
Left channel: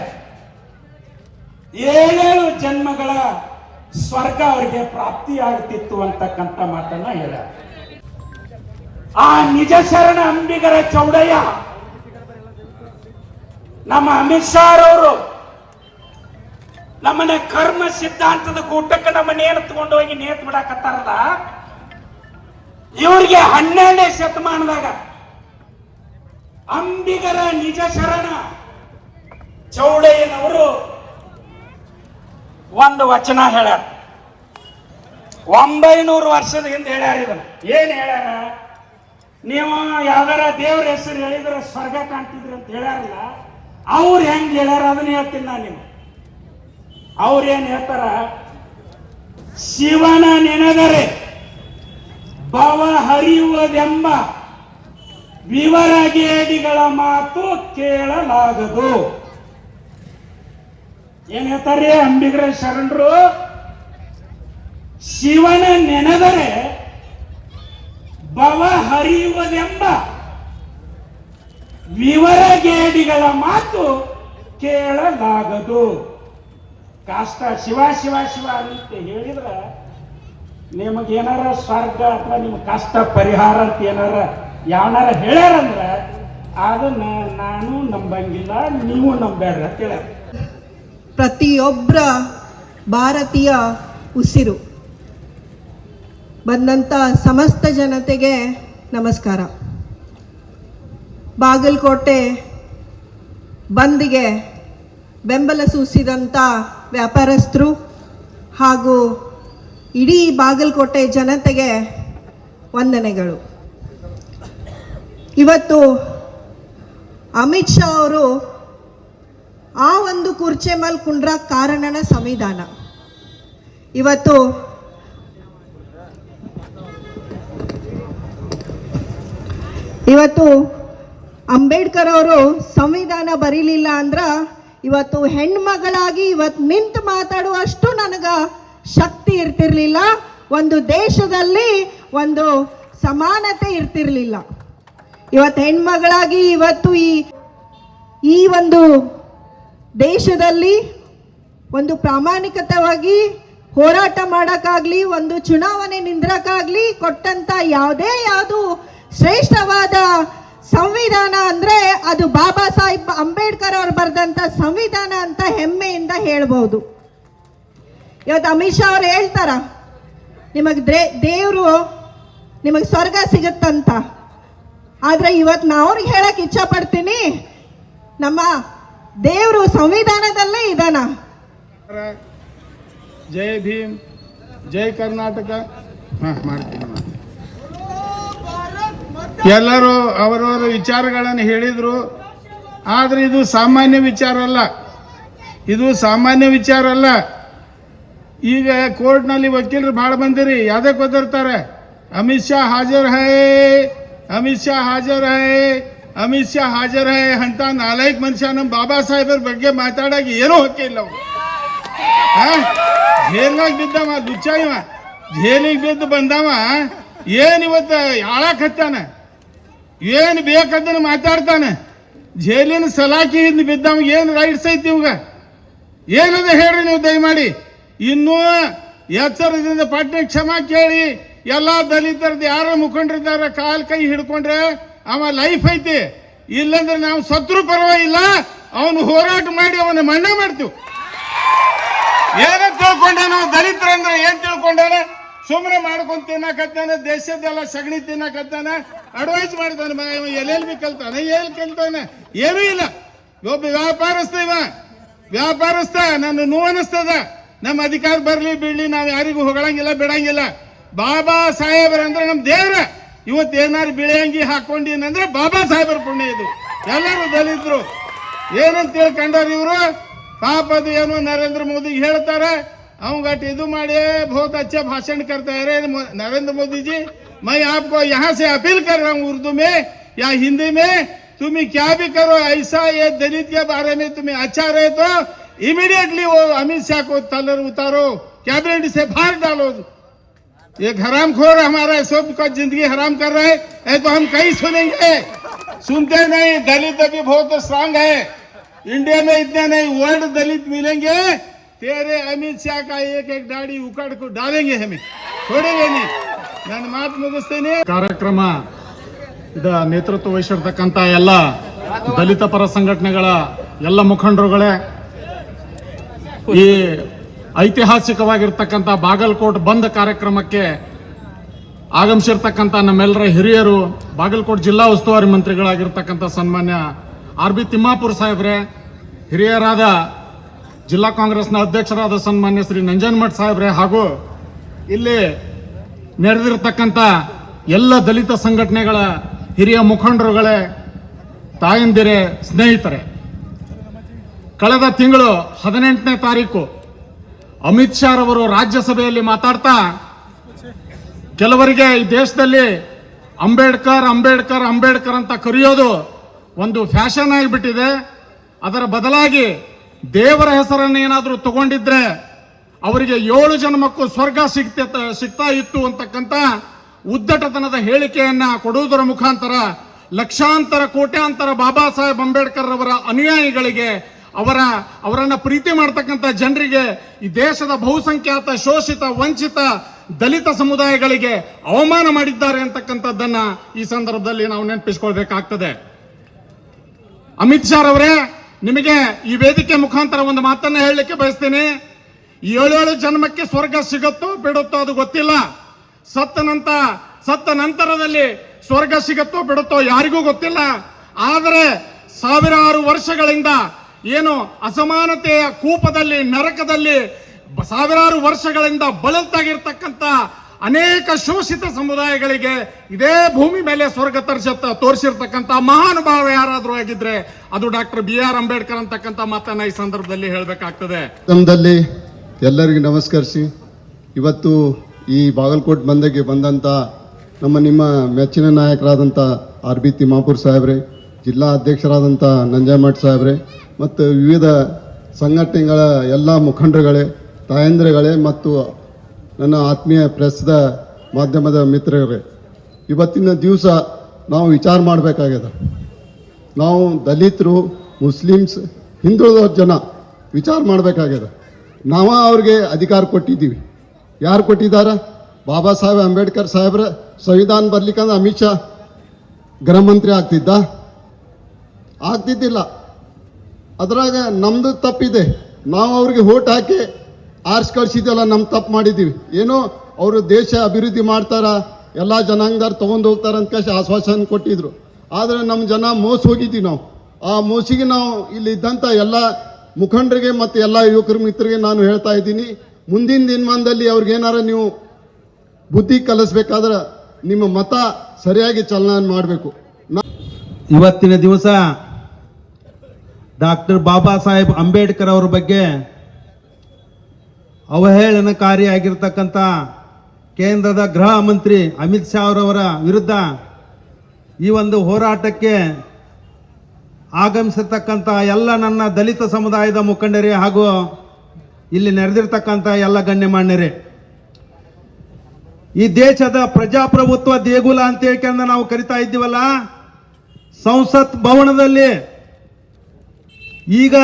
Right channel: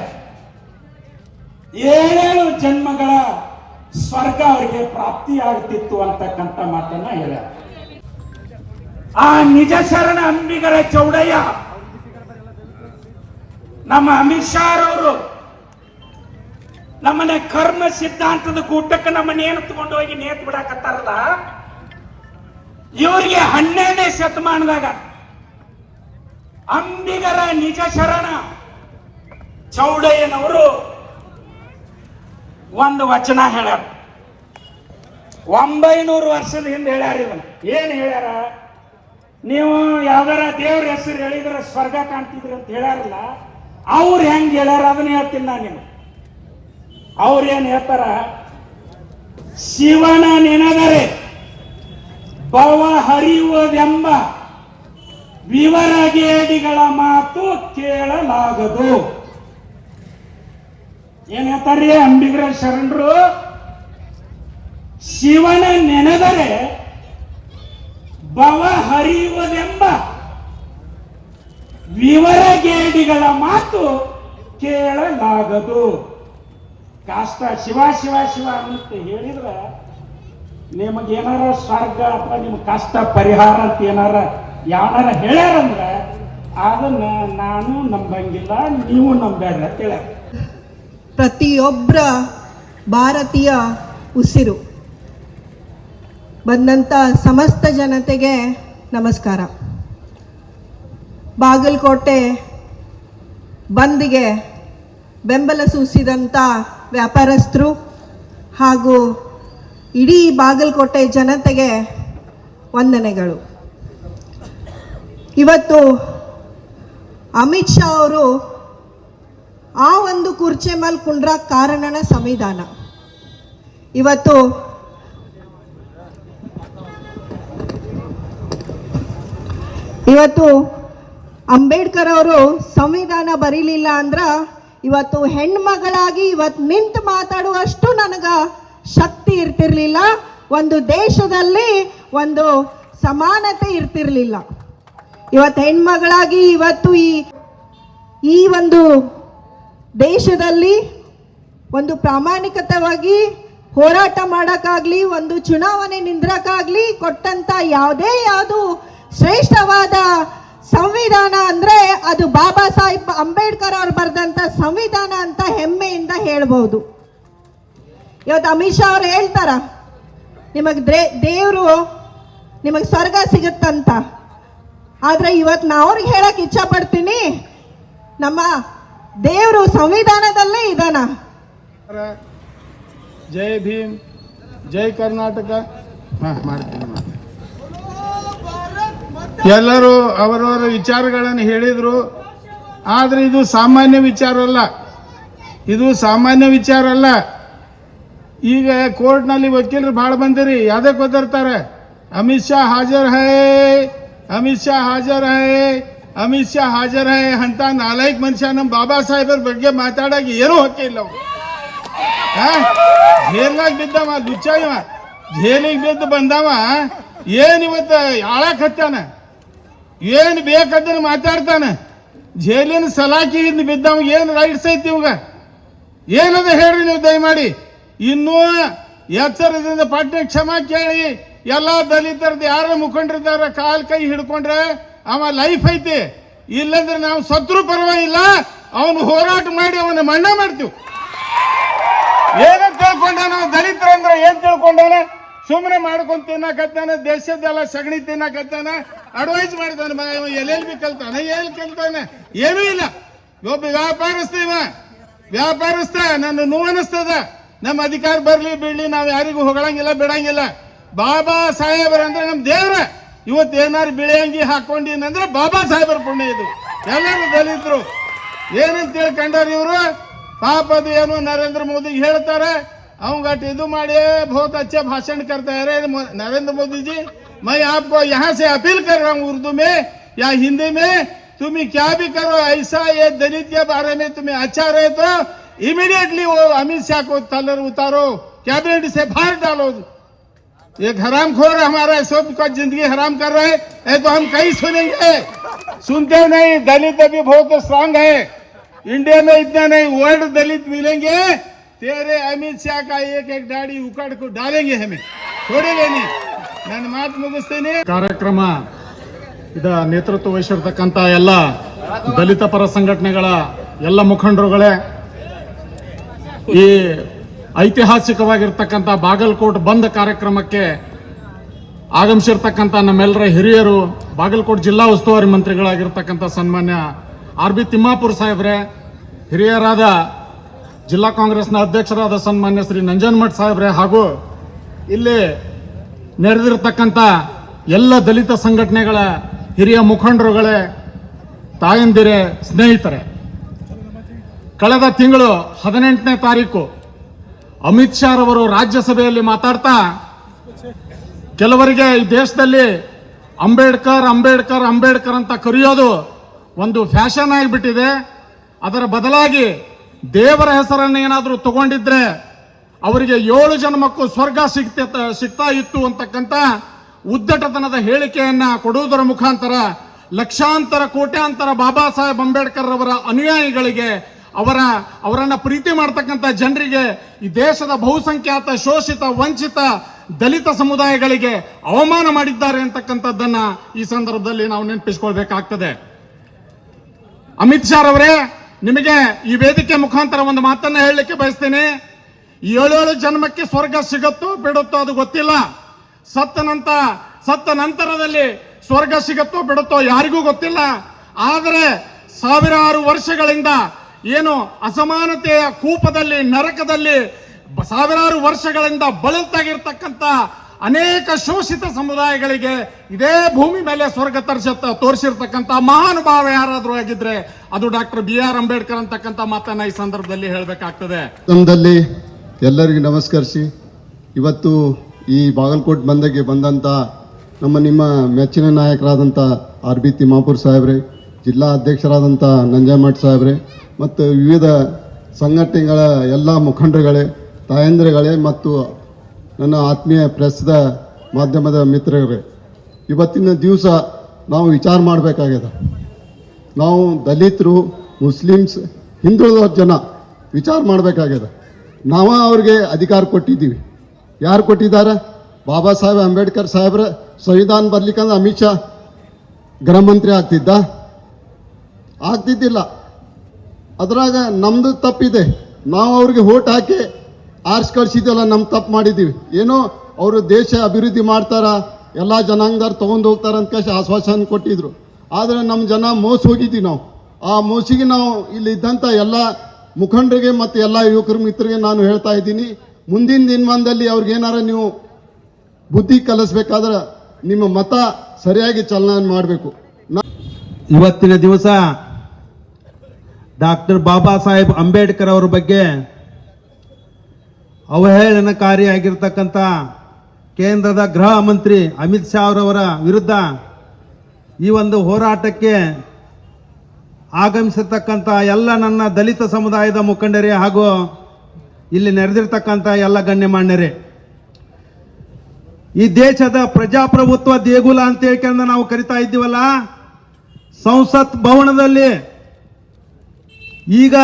7 ಜನ್ಮಗಳ ಸ್ವರ್ಗ ಅವರಿಗೆ ಪ್ರಾಪ್ತಿಯಾಗುತ್ತಿತ್ತು ಅಂತಕ್ಕಂಥ ಮಾತನ್ನ ಹೇಳ. ಆ ನಿಜ ಶರಣ ಅಂಬಿಗರ ಚೌಡಯ್ಯ ನಮ್ಮ ಅಮಿತ್ ಶಾ ಅವರು ನಮ್ಮನ್ನ ಕರ್ಮ ಸಿದ್ಧಾಂತದ ಕೂಟಕ್ಕೆ ನಮ್ಮನ್ನೇನು ತಗೊಂಡು ಹೋಗಿ ನೇತು ಬಿಡಾಕತ್ತಾರಲ್ಲ, ಇವರಿಗೆ 12ನೇ ಶತಮಾನದಾಗ ಅಂಬಿಗರ ನಿಜ ಶರಣ ಚೌಡಯ್ಯನವರು ಒಂದು ವಚನ ಹೇಳ್ಯಾರ. 900 ವರ್ಷದ ಹಿಂದೆ ಹೇಳ್ಯಾರ. ಇದನ್ನ ಏನ್ ಹೇಳ್ಯಾರ? ನೀವು ಯಾವ್ದಾರ ದೇವ್ರ ಹೆಸರು ಹೇಳಿದ್ರೆ ಸ್ವರ್ಗ ಕಾಣ್ತಿದ್ರಿ ಅಂತ ಹೇಳ್ಯಾರಲ್ಲ, ಅವ್ರು ಹೆಂಗ್ ಹೇಳ್ಯಾರ ಅದನ್ನ ಹೇಳ್ತೀನಿ ನಾನು ನಿಮ್ಗೆ. ಅವ್ರೇನ್ ಹೇಳ್ತಾರ? ಶಿವನ ನೆನೆದರೆ ಭವ ಹರಿಯುವುದೆಂಬ ವಿವರಗೇಡಿಗಳ ಮಾತು ಕೇಳಲಾಗದು. ಏನ್ ಹೇಳ್ತಾರೆ ಅಂಬಿಗರ ಶರಣರು? ಶಿವನ ನೆನೆದರೆ ಭವ ಹರಿಯುವುದೆಂಬ ವಿವರಗೇಡಿಗಳ ಮಾತು ಕೇಳಲಾಗದು. ಕಷ್ಟ ಶಿವ ಶಿವ ಶಿವ ಅಂತ ಹೇಳಿದ್ರ ನಿಮಗೇನಾರ ಸ್ವರ್ಗ ಅಥವಾ ನಿಮ್ಮ ಕಷ್ಟ ಪರಿಹಾರ ಅಂತ ಏನಾರ ಯಾವನಾರ ಹೇಳ್ಯಾರಂದ್ರ ಅದನ್ನ ನಾನು ನಂಬಂಗಿಲ್ಲ, ನೀವು ನಂಬೇಡ್ರಿ ಅಂತ ಹೇಳ್ಯಾರ. ಪ್ರತಿಯೊಬ್ಬರ ಭಾರತೀಯ ಉಸಿರು. ಬಂದಂಥ ಸಮಸ್ತ ಜನತೆಗೆ ನಮಸ್ಕಾರ. ಬಾಗಲಕೋಟೆ ಬಂದ್ಗೆ ಬೆಂಬಲ ಸೂಚಿಸಿದಂಥ ವ್ಯಾಪಾರಸ್ಥರು ಹಾಗೂ ಇಡೀ ಬಾಗಲಕೋಟೆ ಜನತೆಗೆ ವಂದನೆಗಳು. ಇವತ್ತು ಅಮಿತ್ ಶಾ ಅವರು ಆ ಒಂದು ಕುರ್ಚಿ ಮೇಲೆ ಕುಂಡ್ರಕ್ಕೆ ಕಾರಣನ ಸಂವಿಧಾನ. ಇವತ್ತು ಅಂಬೇಡ್ಕರ್ ಅವರು ಸಂವಿಧಾನ ಬರೀಲಿಲ್ಲ ಅಂದ್ರ ಇವತ್ತು ಹೆಣ್ಮಗಳಾಗಿ ಇವತ್ತು ನಿಂತು ಮಾತಾಡುವಷ್ಟು ನನಗ ಶಕ್ತಿ ಇರ್ತಿರ್ಲಿಲ್ಲ. ಒಂದು ದೇಶದಲ್ಲಿ ಒಂದು ಸಮಾನತೆ ಇರ್ತಿರ್ಲಿಲ್ಲ. ಇವತ್ತು ಹೆಣ್ಮಗಳಾಗಿ ಇವತ್ತು ಈ ಒಂದು ದೇಶದಲ್ಲಿ ಒಂದು ಪ್ರಾಮಾಣಿಕತೆಯಾಗಿ ಹೋರಾಟ ಮಾಡೋಕ್ಕಾಗಲಿ, ಒಂದು ಚುನಾವಣೆ ನಿಂದ್ರಕ್ಕಾಗಲಿ ಕೊಟ್ಟಂತ ಯಾವುದು ಶ್ರೇಷ್ಠವಾದ ಸಂವಿಧಾನ ಅಂದ್ರೆ ಅದು ಬಾಬಾ ಸಾಹೇಬ್ ಅಂಬೇಡ್ಕರ್ ಅವರು ಬರೆದಂತ ಸಂವಿಧಾನ ಅಂತ ಹೆಮ್ಮೆಯಿಂದ ಹೇಳ್ಬಹುದು. ಇವತ್ತು ಅಮಿತ್ ಶಾ ಅವರು ಹೇಳ್ತಾರ ನಿಮಗೆ ದೇವರು ನಿಮಗೆ ಸ್ವರ್ಗ ಸಿಗುತ್ತಂತ. ಆದ್ರೆ ಇವತ್ತು ನಾ ಅವ್ರಿಗೆ ಹೇಳಕ್ ಇಚ್ಛಾ ಪಡ್ತೀನಿ, ನಮ್ಮ ದೇವರು ಸಂವಿಧಾನದಲ್ಲೇ ಇದಾನ. ಜೈ ಭೀಮ್, ಜೈ ಕರ್ನಾಟಕ. ಮಾಡ್ತೀನಿ. ಎಲ್ಲರೂ ಅವರವರ ವಿಚಾರಗಳನ್ನು ಹೇಳಿದರು. ಆದರೆ ಇದು ಸಾಮಾನ್ಯ ವಿಚಾರ ಅಲ್ಲ, ಇದು ಸಾಮಾನ್ಯ ವಿಚಾರ ಅಲ್ಲ. ಈಗ ಕೋರ್ಟ್ನಲ್ಲಿ ವಕೀಲರು ಭಾಳ ಬಂದಿರಿ, ಯಾವುದಕ್ಕೆ ಒದರ್ತಾರೆ? ಅಮಿತ್ ಶಾ ಹಾಜರ್ ಹೈ, ಅಮಿತ್ ಶಾ ಹಾಜರ್ ಹೈ, ಅಮಿತ್ ಶಾ ಹಾಜರ್ ಹೈ ಅಂತ ನಾಲ್ಕು ಮನುಷ್ಯ ನಮ್ಮ ಬಾಬಾ ಸಾಹೇಬರ ಬಗ್ಗೆ ಮಾತಾಡೋಕೆ ಏನೂ ಹಕ್ಕಿಲ್ಲ. ಅವರು ಜೇಲ್ನಾಗ ಬಿದ್ದವ ಲುಚ್ಚ, ಇವ ಜೇಲಿಗೆ ಬಿದ್ದು ಬಂದವ ಏನಿವತ್ತು ಆಳಕ್ಕೆ ಹತ್ತಾನ, ಏನು ಬೇಕಂತ ಮಾತಾಡ್ತಾನೆ. ಜೈಲಿನ ಸಲಾಕಿಯಿಂದ ಬಿದ್ದವ ಏನು ರೈಟ್ಸ್ ಐತಿ ಇವಾಗ? ಏನದ ಹೇಳ್ರಿ ನೀವು ದಯಮಾಡಿ. ಇನ್ನೂ ಎಚ್ಚರದಿಂದ ಪಟ್ನೆ ಕ್ಷಮಾ ಕೇಳಿ ಎಲ್ಲ ದಲಿತರದ್ದು ಯಾರ ಮುಖಂಡರಿದ್ದಾರ ಕಾಲ್ ಕೈ ಹಿಡ್ಕೊಂಡ್ರೆ ಅವ ಲೈಫ್ ಐತಿ. ಇಲ್ಲಂದ್ರೆ ನಾವು ಸತ್ರು ಪರವಾಗಿಲ್ಲ, ಅವನು ಹೋರಾಟ ಮಾಡಿ ಅವನ ಮಣ್ಣ ಮಾಡ್ತೀವಿ. ಏನಂತ ತಿಳ್ಕೊಂಡಾನ ದಲಿತರಂದ್ರೆ ಏನ್ ತಿಳ್ಕೊಂಡಾನ? ಸುಮ್ಮನೆ ಮಾಡ್ಕೊಂಡ್ ತಿನ್ನಕತ್ತಾನ, ದೇಶದ್ದೆಲ್ಲ ಸಗಣಿ ತಿನ್ನಕತ್ತಾನ, ಅಡ್ವೈಸ್ ಮಾಡಿದಾನ. ಎಲ್ಲೆಲ್ಲಿ ಕಲ್ತಾನ, ಎಲ್ಲಿ ಕಲ್ತಾನ? ಏನೂ ಇಲ್ಲ. ಒಬ್ಬ ವ್ಯಾಪಾರಸ್ಥ ನನ್ನ ನೋವು ಅನಿಸ್ತದ. ನಮ್ಮ ಅಧಿಕಾರ ಬರ್ಲಿ ಬಿಡ್ಲಿ, ನಾವು ಯಾರಿಗೂ ಹೊಗಳಂಗಿಲ್ಲ ಬಿಡಂಗಿಲ್ಲ. ಬಾಬಾ ಸಾಹೇಬರಂದ್ರೆ ನಮ್ಮ ದೇವ್ರ. ಇವತ್ತು ಏನಾರು ಬಿಳಿಯಂಗಿ ಹಾಕೊಂಡಿನಂದ್ರೆ ಬಾಬಾ ಸಾಹೇಬರ ಪುಣ್ಯ ಇದು. ಎಲ್ಲರೂ ದಲಿತರು ಏನಂತ ತಿಳ್ಕೊಂಡಾರ ಇವರು. ಪಾಪ ಅದು ಏನು ನರೇಂದ್ರ ಮೋದಿ ಹೇಳ್ತಾರೆ, अवंगट इधु मारे बहुत अच्छा भाषण करते हैं नरेंद्र मोदी जी। मैं आपको यहाँ से अपील कर रहा हूँ उर्दू में या हिंदी में, तुम्हें क्या भी करो ऐसा ये दलित के बारे में तुम्हें अच्छा रहे तो इमीडिएटली वो अमित शाह को तलर उतारो, कैबिनेट से बाहर डालो। ये हरामखोर हमारा सब का जिंदगी हराम कर रहा है तो हम कहीं सुनेंगे? सुनते नहीं। दलित अभी बहुत स्ट्रांग है, इंडिया में इतने नहीं, वर्ल्ड दलित मिलेंगे। तेरे अमित शाह का एक एक दाढ़ी उखाड़ को डालेंगे, हमें छोड़ेंगे नहीं। ನನ್ನ ಮಾತು ಮುಗಿಸ್ತೇನೆ. ಕಾರ್ಯಕ್ರಮ ಇದ ನೇತೃತ್ವ ವಹಿಸಿರ್ತಕ್ಕಂಥ ಎಲ್ಲ ದಲಿತ ಪರ ಸಂಘಟನೆಗಳ ಎಲ್ಲ ಮುಖಂಡರುಗಳೇ, ಈ ಐತಿಹಾಸಿಕವಾಗಿರ್ತಕ್ಕಂಥ ಬಾಗಲಕೋಟ್ ಬಂದ್ ಕಾರ್ಯಕ್ರಮಕ್ಕೆ ಆಗಮಿಸಿರ್ತಕ್ಕಂಥ ನಮ್ಮೆಲ್ಲರ ಹಿರಿಯರು, ಬಾಗಲಕೋಟ್ ಜಿಲ್ಲಾ ಉಸ್ತುವಾರಿ ಮಂತ್ರಿಗಳಾಗಿರ್ತಕ್ಕಂಥ ಸನ್ಮಾನ್ಯ ಆರ್ ಬಿ ತಿಮ್ಮಾಪುರ್ ಸಾಹೇಬ್ರೆ, ಹಿರಿಯರಾದ ಜಿಲ್ಲಾ ಕಾಂಗ್ರೆಸ್ನ ಅಧ್ಯಕ್ಷರಾದ ಸನ್ಮಾನ್ಯ ಶ್ರೀ ನಂಜನಮಠ್ ಸಾಹೇಬ್ರೆ, ಹಾಗೂ ಇಲ್ಲಿ ನಡೆದಿರತಕ್ಕಂಥ ಎಲ್ಲ ದಲಿತ ಸಂಘಟನೆಗಳ ಹಿರಿಯ ಮುಖಂಡರುಗಳೇ, ತಾಯಂದಿರೇ, ಸ್ನೇಹಿತರೆ, ಕಳೆದ ತಿಂಗಳು 18ನೇ ತಾರೀಕು ಅಮಿತ್ ಶಾ ರವರು ರಾಜ್ಯಸಭೆಯಲ್ಲಿ ಮಾತಾಡ್ತಾ ಕೆಲವರಿಗೆ ಈ ದೇಶದಲ್ಲಿ ಅಂಬೇಡ್ಕರ್ ಅಂಬೇಡ್ಕರ್ ಅಂಬೇಡ್ಕರ್ ಅಂತ ಕರೆಯೋದು ಒಂದು ಫ್ಯಾಷನ್ ಆಗಿಬಿಟ್ಟಿದೆ, ಅದರ ಬದಲಾಗಿ ದೇವರ ಹೆಸರನ್ನು ಏನಾದರೂ ತಗೊಂಡಿದ್ರೆ ಅವರಿಗೆ 7 ಜನ್ಮಕ್ಕೂ ಸ್ವರ್ಗ ಸಿಗ್ತಾ ಇತ್ತು ಅಂತಕ್ಕಂಥ ಉದ್ದಟತನದ ಹೇಳಿಕೆಯನ್ನ ಕೊಡುವುದರ ಮುಖಾಂತರ ಲಕ್ಷಾಂತರ ಕೋಟ್ಯಾಂತರ ಬಾಬಾ ಸಾಹೇಬ್ ಅಂಬೇಡ್ಕರ್ ಅವರ ಅನುಯಾಯಿಗಳಿಗೆ, ಅವರನ್ನ ಪ್ರೀತಿ ಮಾಡ್ತಕ್ಕಂಥ ಜನರಿಗೆ, ಈ ದೇಶದ ಬಹುಸಂಖ್ಯಾತ ಶೋಷಿತ ವಂಚಿತ ದಲಿತ ಸಮುದಾಯಗಳಿಗೆ ಅವಮಾನ ಮಾಡಿದ್ದಾರೆ ಅಂತಕ್ಕಂಥದ್ದನ್ನ ಈ ಸಂದರ್ಭದಲ್ಲಿ ನಾವು ನೆನಪಿಸಿಕೊಳ್ಬೇಕಾಗ್ತದೆ. ಅಮಿತ್ ಶಾ ಅವರೇ, ನಿಮಗೆ ಈ ವೇದಿಕೆ ಮುಖಾಂತರ ಒಂದು ಮಾತನ್ನ ಹೇಳಲಿಕ್ಕೆ ಬಯಸ್ತೇನೆ. 7 ಜನ್ಮಕ್ಕೆ ಸ್ವರ್ಗ ಸಿಗುತ್ತೋ ಬಿಡುತ್ತೋ ಅದು ಗೊತ್ತಿಲ್ಲ. ಸತ್ತ ನಂತರದಲ್ಲಿ ಸ್ವರ್ಗ ಸಿಗುತ್ತೋ ಬಿಡುತ್ತೋ ಯಾರಿಗೂ ಗೊತ್ತಿಲ್ಲ. ಆದರೆ ಸಾವಿರಾರು ವರ್ಷಗಳಿಂದ ಏನು ಅಸಮಾನತೆಯ ಕೂಪದಲ್ಲಿ, ನರಕದಲ್ಲಿ ಸಾವಿರಾರು ವರ್ಷಗಳಿಂದ ಬಳಲ್ತಾಗಿರ್ತಕ್ಕಂಥ ಅನೇಕ ಶೋಷಿತ ಸಮುದಾಯಗಳಿಗೆ ಇದೇ ಭೂಮಿ ಮೇಲೆ ಸ್ವರ್ಗ ತೋರಿಸಿರ್ತಕ್ಕಂಥ ಮಹಾನುಭಾವ ಯಾರಾದರೂ ಆಗಿದ್ರೆ ಅದು ಡಾಕ್ಟರ್ BR ಅಂಬೇಡ್ಕರ್ ಅಂತಕ್ಕಂಥ ಮಾತನ್ನ ಈ ಸಂದರ್ಭದಲ್ಲಿ ಹೇಳಬೇಕಾಗ್ತದೆ. ಎಲ್ಲರಿಗೂ ನಮಸ್ಕರಿಸಿ, ಇವತ್ತು ಈ ಬಾಗಲಕೋಟ್ ಬಂದ್ಗೆ ಬಂದಂಥ ನಿಮ್ಮ ಮೆಚ್ಚಿನ ನಾಯಕರಾದಂಥ ಆರ್ ಬಿ ತಿಮ್ಮಾಪುರ್ ಸಾಹೇಬ್ರೆ, ಜಿಲ್ಲಾ ಅಧ್ಯಕ್ಷರಾದಂಥ ನಂಜನಮಠ್ ಸಾಹೇಬ್ರೆ ಮತ್ತು ವಿವಿಧ ಸಂಘಟನೆಗಳ ಎಲ್ಲ ಮುಖಂಡರುಗಳೇ, ತಾಯಂದಿರುಗಳೇ ಮತ್ತು ನನ್ನ ಆತ್ಮೀಯ ಪ್ರೆಸ್ದ ಮಾಧ್ಯಮದ ಮಿತ್ರರೇ, ಇವತ್ತಿನ ದಿವಸ ನಾವು ವಿಚಾರ ಮಾಡಬೇಕಾಗ್ಯದ. ನಾವು ದಲಿತರು, ಮುಸ್ಲಿಮ್ಸ್, ಹಿಂದುಳಿದ ಜನ ವಿಚಾರ ಮಾಡಬೇಕಾಗ್ಯದ. ನಾವು ಅವ್ರಿಗೆ ಅಧಿಕಾರ ಕೊಟ್ಟಿದ್ದೀವಿ. ಯಾರು ಕೊಟ್ಟಿದ್ದಾರೆ? ಬಾಬಾ ಸಾಹೇಬ್ ಅಂಬೇಡ್ಕರ್ ಸಾಹೇಬ್ರ ಸಂವಿಧಾನ ಬರ್ಲಿಕ್ಕಂದ್ರೆ ಅಮಿತ್ ಶಾ ಗೃಹ ಮಂತ್ರಿ ಆಗ್ತಿದ್ದಿಲ್ಲ. ಅದ್ರಾಗ ನಮ್ದು ತಪ್ಪಿದೆ. ನಾವು ಅವ್ರಿಗೆ ಓಟ್ ಹಾಕಿ ಆರ್ಸ್ ಕಳಿಸಿದ್ದೆಲ್ಲ ನಮ್ಮ ತಪ್ಪು ಮಾಡಿದ್ದೀವಿ. ಏನೋ ಅವರು ದೇಶ ಅಭಿವೃದ್ಧಿ ಮಾಡ್ತಾರ, ಎಲ್ಲ ಜನಾಂಗದವ್ರು ತೊಗೊಂಡು ಹೋಗ್ತಾರ ಅಂತ ಆಶ್ವಾಸನೆ ಕೊಟ್ಟಿದ್ರು. ಆದರೆ ನಮ್ಮ ಜನ ಮೋಸ ಹೋಗಿದ್ದೀವಿ. ನಾವು ಆ ಮೋಸಿಗೆ ನಾವು ಇಲ್ಲಿ ಇದ್ದಂಥ ಎಲ್ಲ ಮುಖಂಡರಿಗೆ ಮತ್ತು ಎಲ್ಲ ಯುವಕರ ಮಿತ್ರರಿಗೆ ನಾನು ಹೇಳ್ತಾ ಇದ್ದೀನಿ, ಮುಂದಿನ ದಿನಮಾನದಲ್ಲಿ ಅವ್ರಿಗೇನಾರ ನೀವು ಬುದ್ಧಿ ಕಲಿಸ್ಬೇಕಾದ್ರೆ ನಿಮ್ಮ ಮತ ಸರಿಯಾಗಿ ಚಲನೆ ಮಾಡಬೇಕು. ಇವತ್ತಿನ ದಿವಸ ಡಾಕ್ಟರ್ ಬಾಬಾ ಸಾಹೇಬ್ ಅಂಬೇಡ್ಕರ್ ಅವರ ಬಗ್ಗೆ ಅವಹೇಳನಕಾರಿಯಾಗಿರ್ತಕ್ಕಂಥ ಕೇಂದ್ರದ ಗೃಹ ಮಂತ್ರಿ ಅಮಿತ್ ಶಾ ಅವರವರ ವಿರುದ್ಧ ಈ ಒಂದು ಹೋರಾಟಕ್ಕೆ ಆಗಮಿಸಿರ್ತಕ್ಕಂಥ ಎಲ್ಲ ನನ್ನ ದಲಿತ ಸಮುದಾಯದ ಮುಖಂಡರೇ ಹಾಗೂ ಇಲ್ಲಿ ನೆರೆದಿರ್ತಕ್ಕಂಥ ಎಲ್ಲ ಗಣ್ಯಮಾನ್ಯರೇ, ಈ ದೇಶದ ಪ್ರಜಾಪ್ರಭುತ್ವ ದೇಗುಲ ಅಂತ ಹೇಳ್ಕೊಂಡು ನಾವು ಕರಿತಾ ಇದ್ದೀವಲ್ಲ, ಸಂಸತ್ ಭವನದಲ್ಲಿ ಈಗ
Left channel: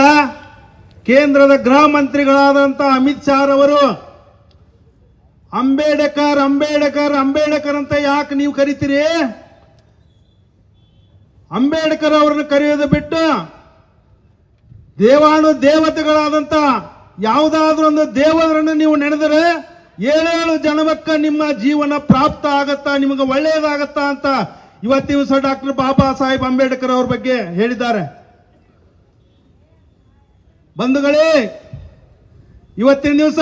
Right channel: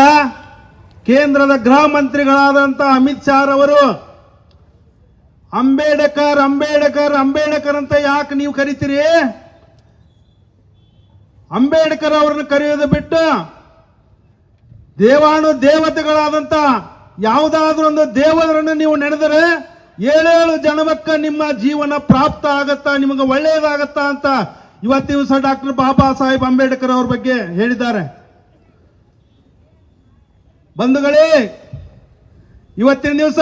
ಕೇಂದ್ರದ ಗೃಹ ಮಂತ್ರಿಗಳಾದಂಥ ಅಮಿತ್ ಶಾ ಅವರು ಅಂಬೇಡ್ಕರ್ ಅಂಬೇಡ್ಕರ್ ಅಂಬೇಡ್ಕರ್ ಅಂತ ಯಾಕೆ ನೀವು ಕರಿತೀರಿ? ಅಂಬೇಡ್ಕರ್ ಅವರನ್ನು ಕರೆಯೋದು ಬಿಟ್ಟು ದೇವತೆಗಳಾದಂಥ ಯಾವುದಾದ್ರೂ ಒಂದು ದೇವರನ್ನು ನೀವು ನೆನೆದರೆ 7 ಜನ್ಮಕ್ಕೆ ನಿಮ್ಮ ಜೀವನ ಪ್ರಾಪ್ತ ಆಗತ್ತಾ, ನಿಮಗೆ ಒಳ್ಳೆಯದಾಗತ್ತಾ ಅಂತ ಇವತ್ತಿನ ದಿವಸ ಡಾಕ್ಟರ್ ಬಾಬಾ ಸಾಹೇಬ್ ಅಂಬೇಡ್ಕರ್ ಅವ್ರ ಬಗ್ಗೆ ಹೇಳಿದ್ದಾರೆ. ಬಂಧುಗಳೇ, ಇವತ್ತಿನ ದಿವಸ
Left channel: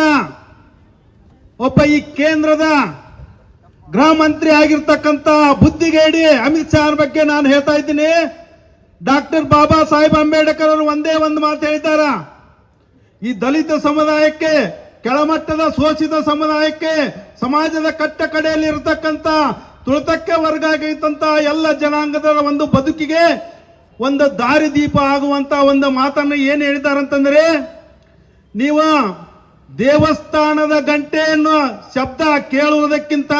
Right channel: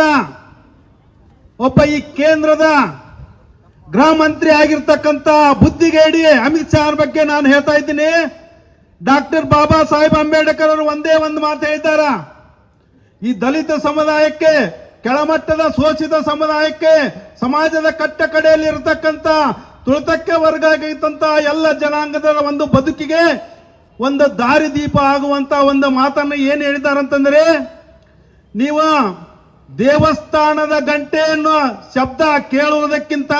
ಒಬ್ಬ ಈ ಕೇಂದ್ರದ ಗೃಹ ಮಂತ್ರಿ ಆಗಿರ್ತಕ್ಕಂಥ ಬುದ್ಧಿಗೇಡಿ ಅಮಿತ್ ಶಾ ಬಗ್ಗೆ ನಾನು ಹೇಳ್ತಾ ಇದ್ದೀನಿ. ಡಾಕ್ಟರ್ ಬಾಬಾ ಸಾಹೇಬ್ ಅಂಬೇಡ್ಕರ್ ಅವರು ಒಂದೇ ಒಂದು ಮಾತು ಹೇಳ್ತಾರ, ಈ ದಲಿತ ಸಮುದಾಯಕ್ಕೆ, ಕೆಳಮಟ್ಟದ ಶೋಷಿತ ಸಮುದಾಯಕ್ಕೆ, ಸಮಾಜದ ಕಟ್ಟ ಕಡೆಯಲ್ಲಿ ಇರತಕ್ಕಂಥ ತುಳಿತಕ್ಕೆ ವರ್ಗ ಆಗಿರ್ತಂತ ಎಲ್ಲ ಜನಾಂಗದ ಒಂದು ಬದುಕಿಗೆ ಒಂದು ದಾರಿದೀಪ ಆಗುವಂತ ಒಂದು ಮಾತನ್ನು ಏನು ಹೇಳಿದಾರಂತಂದ್ರೆ, ನೀವು ದೇವಸ್ಥಾನದ ಗಂಟೆಯನ್ನು ಶಬ್ದ ಕೇಳುವುದಕ್ಕಿಂತ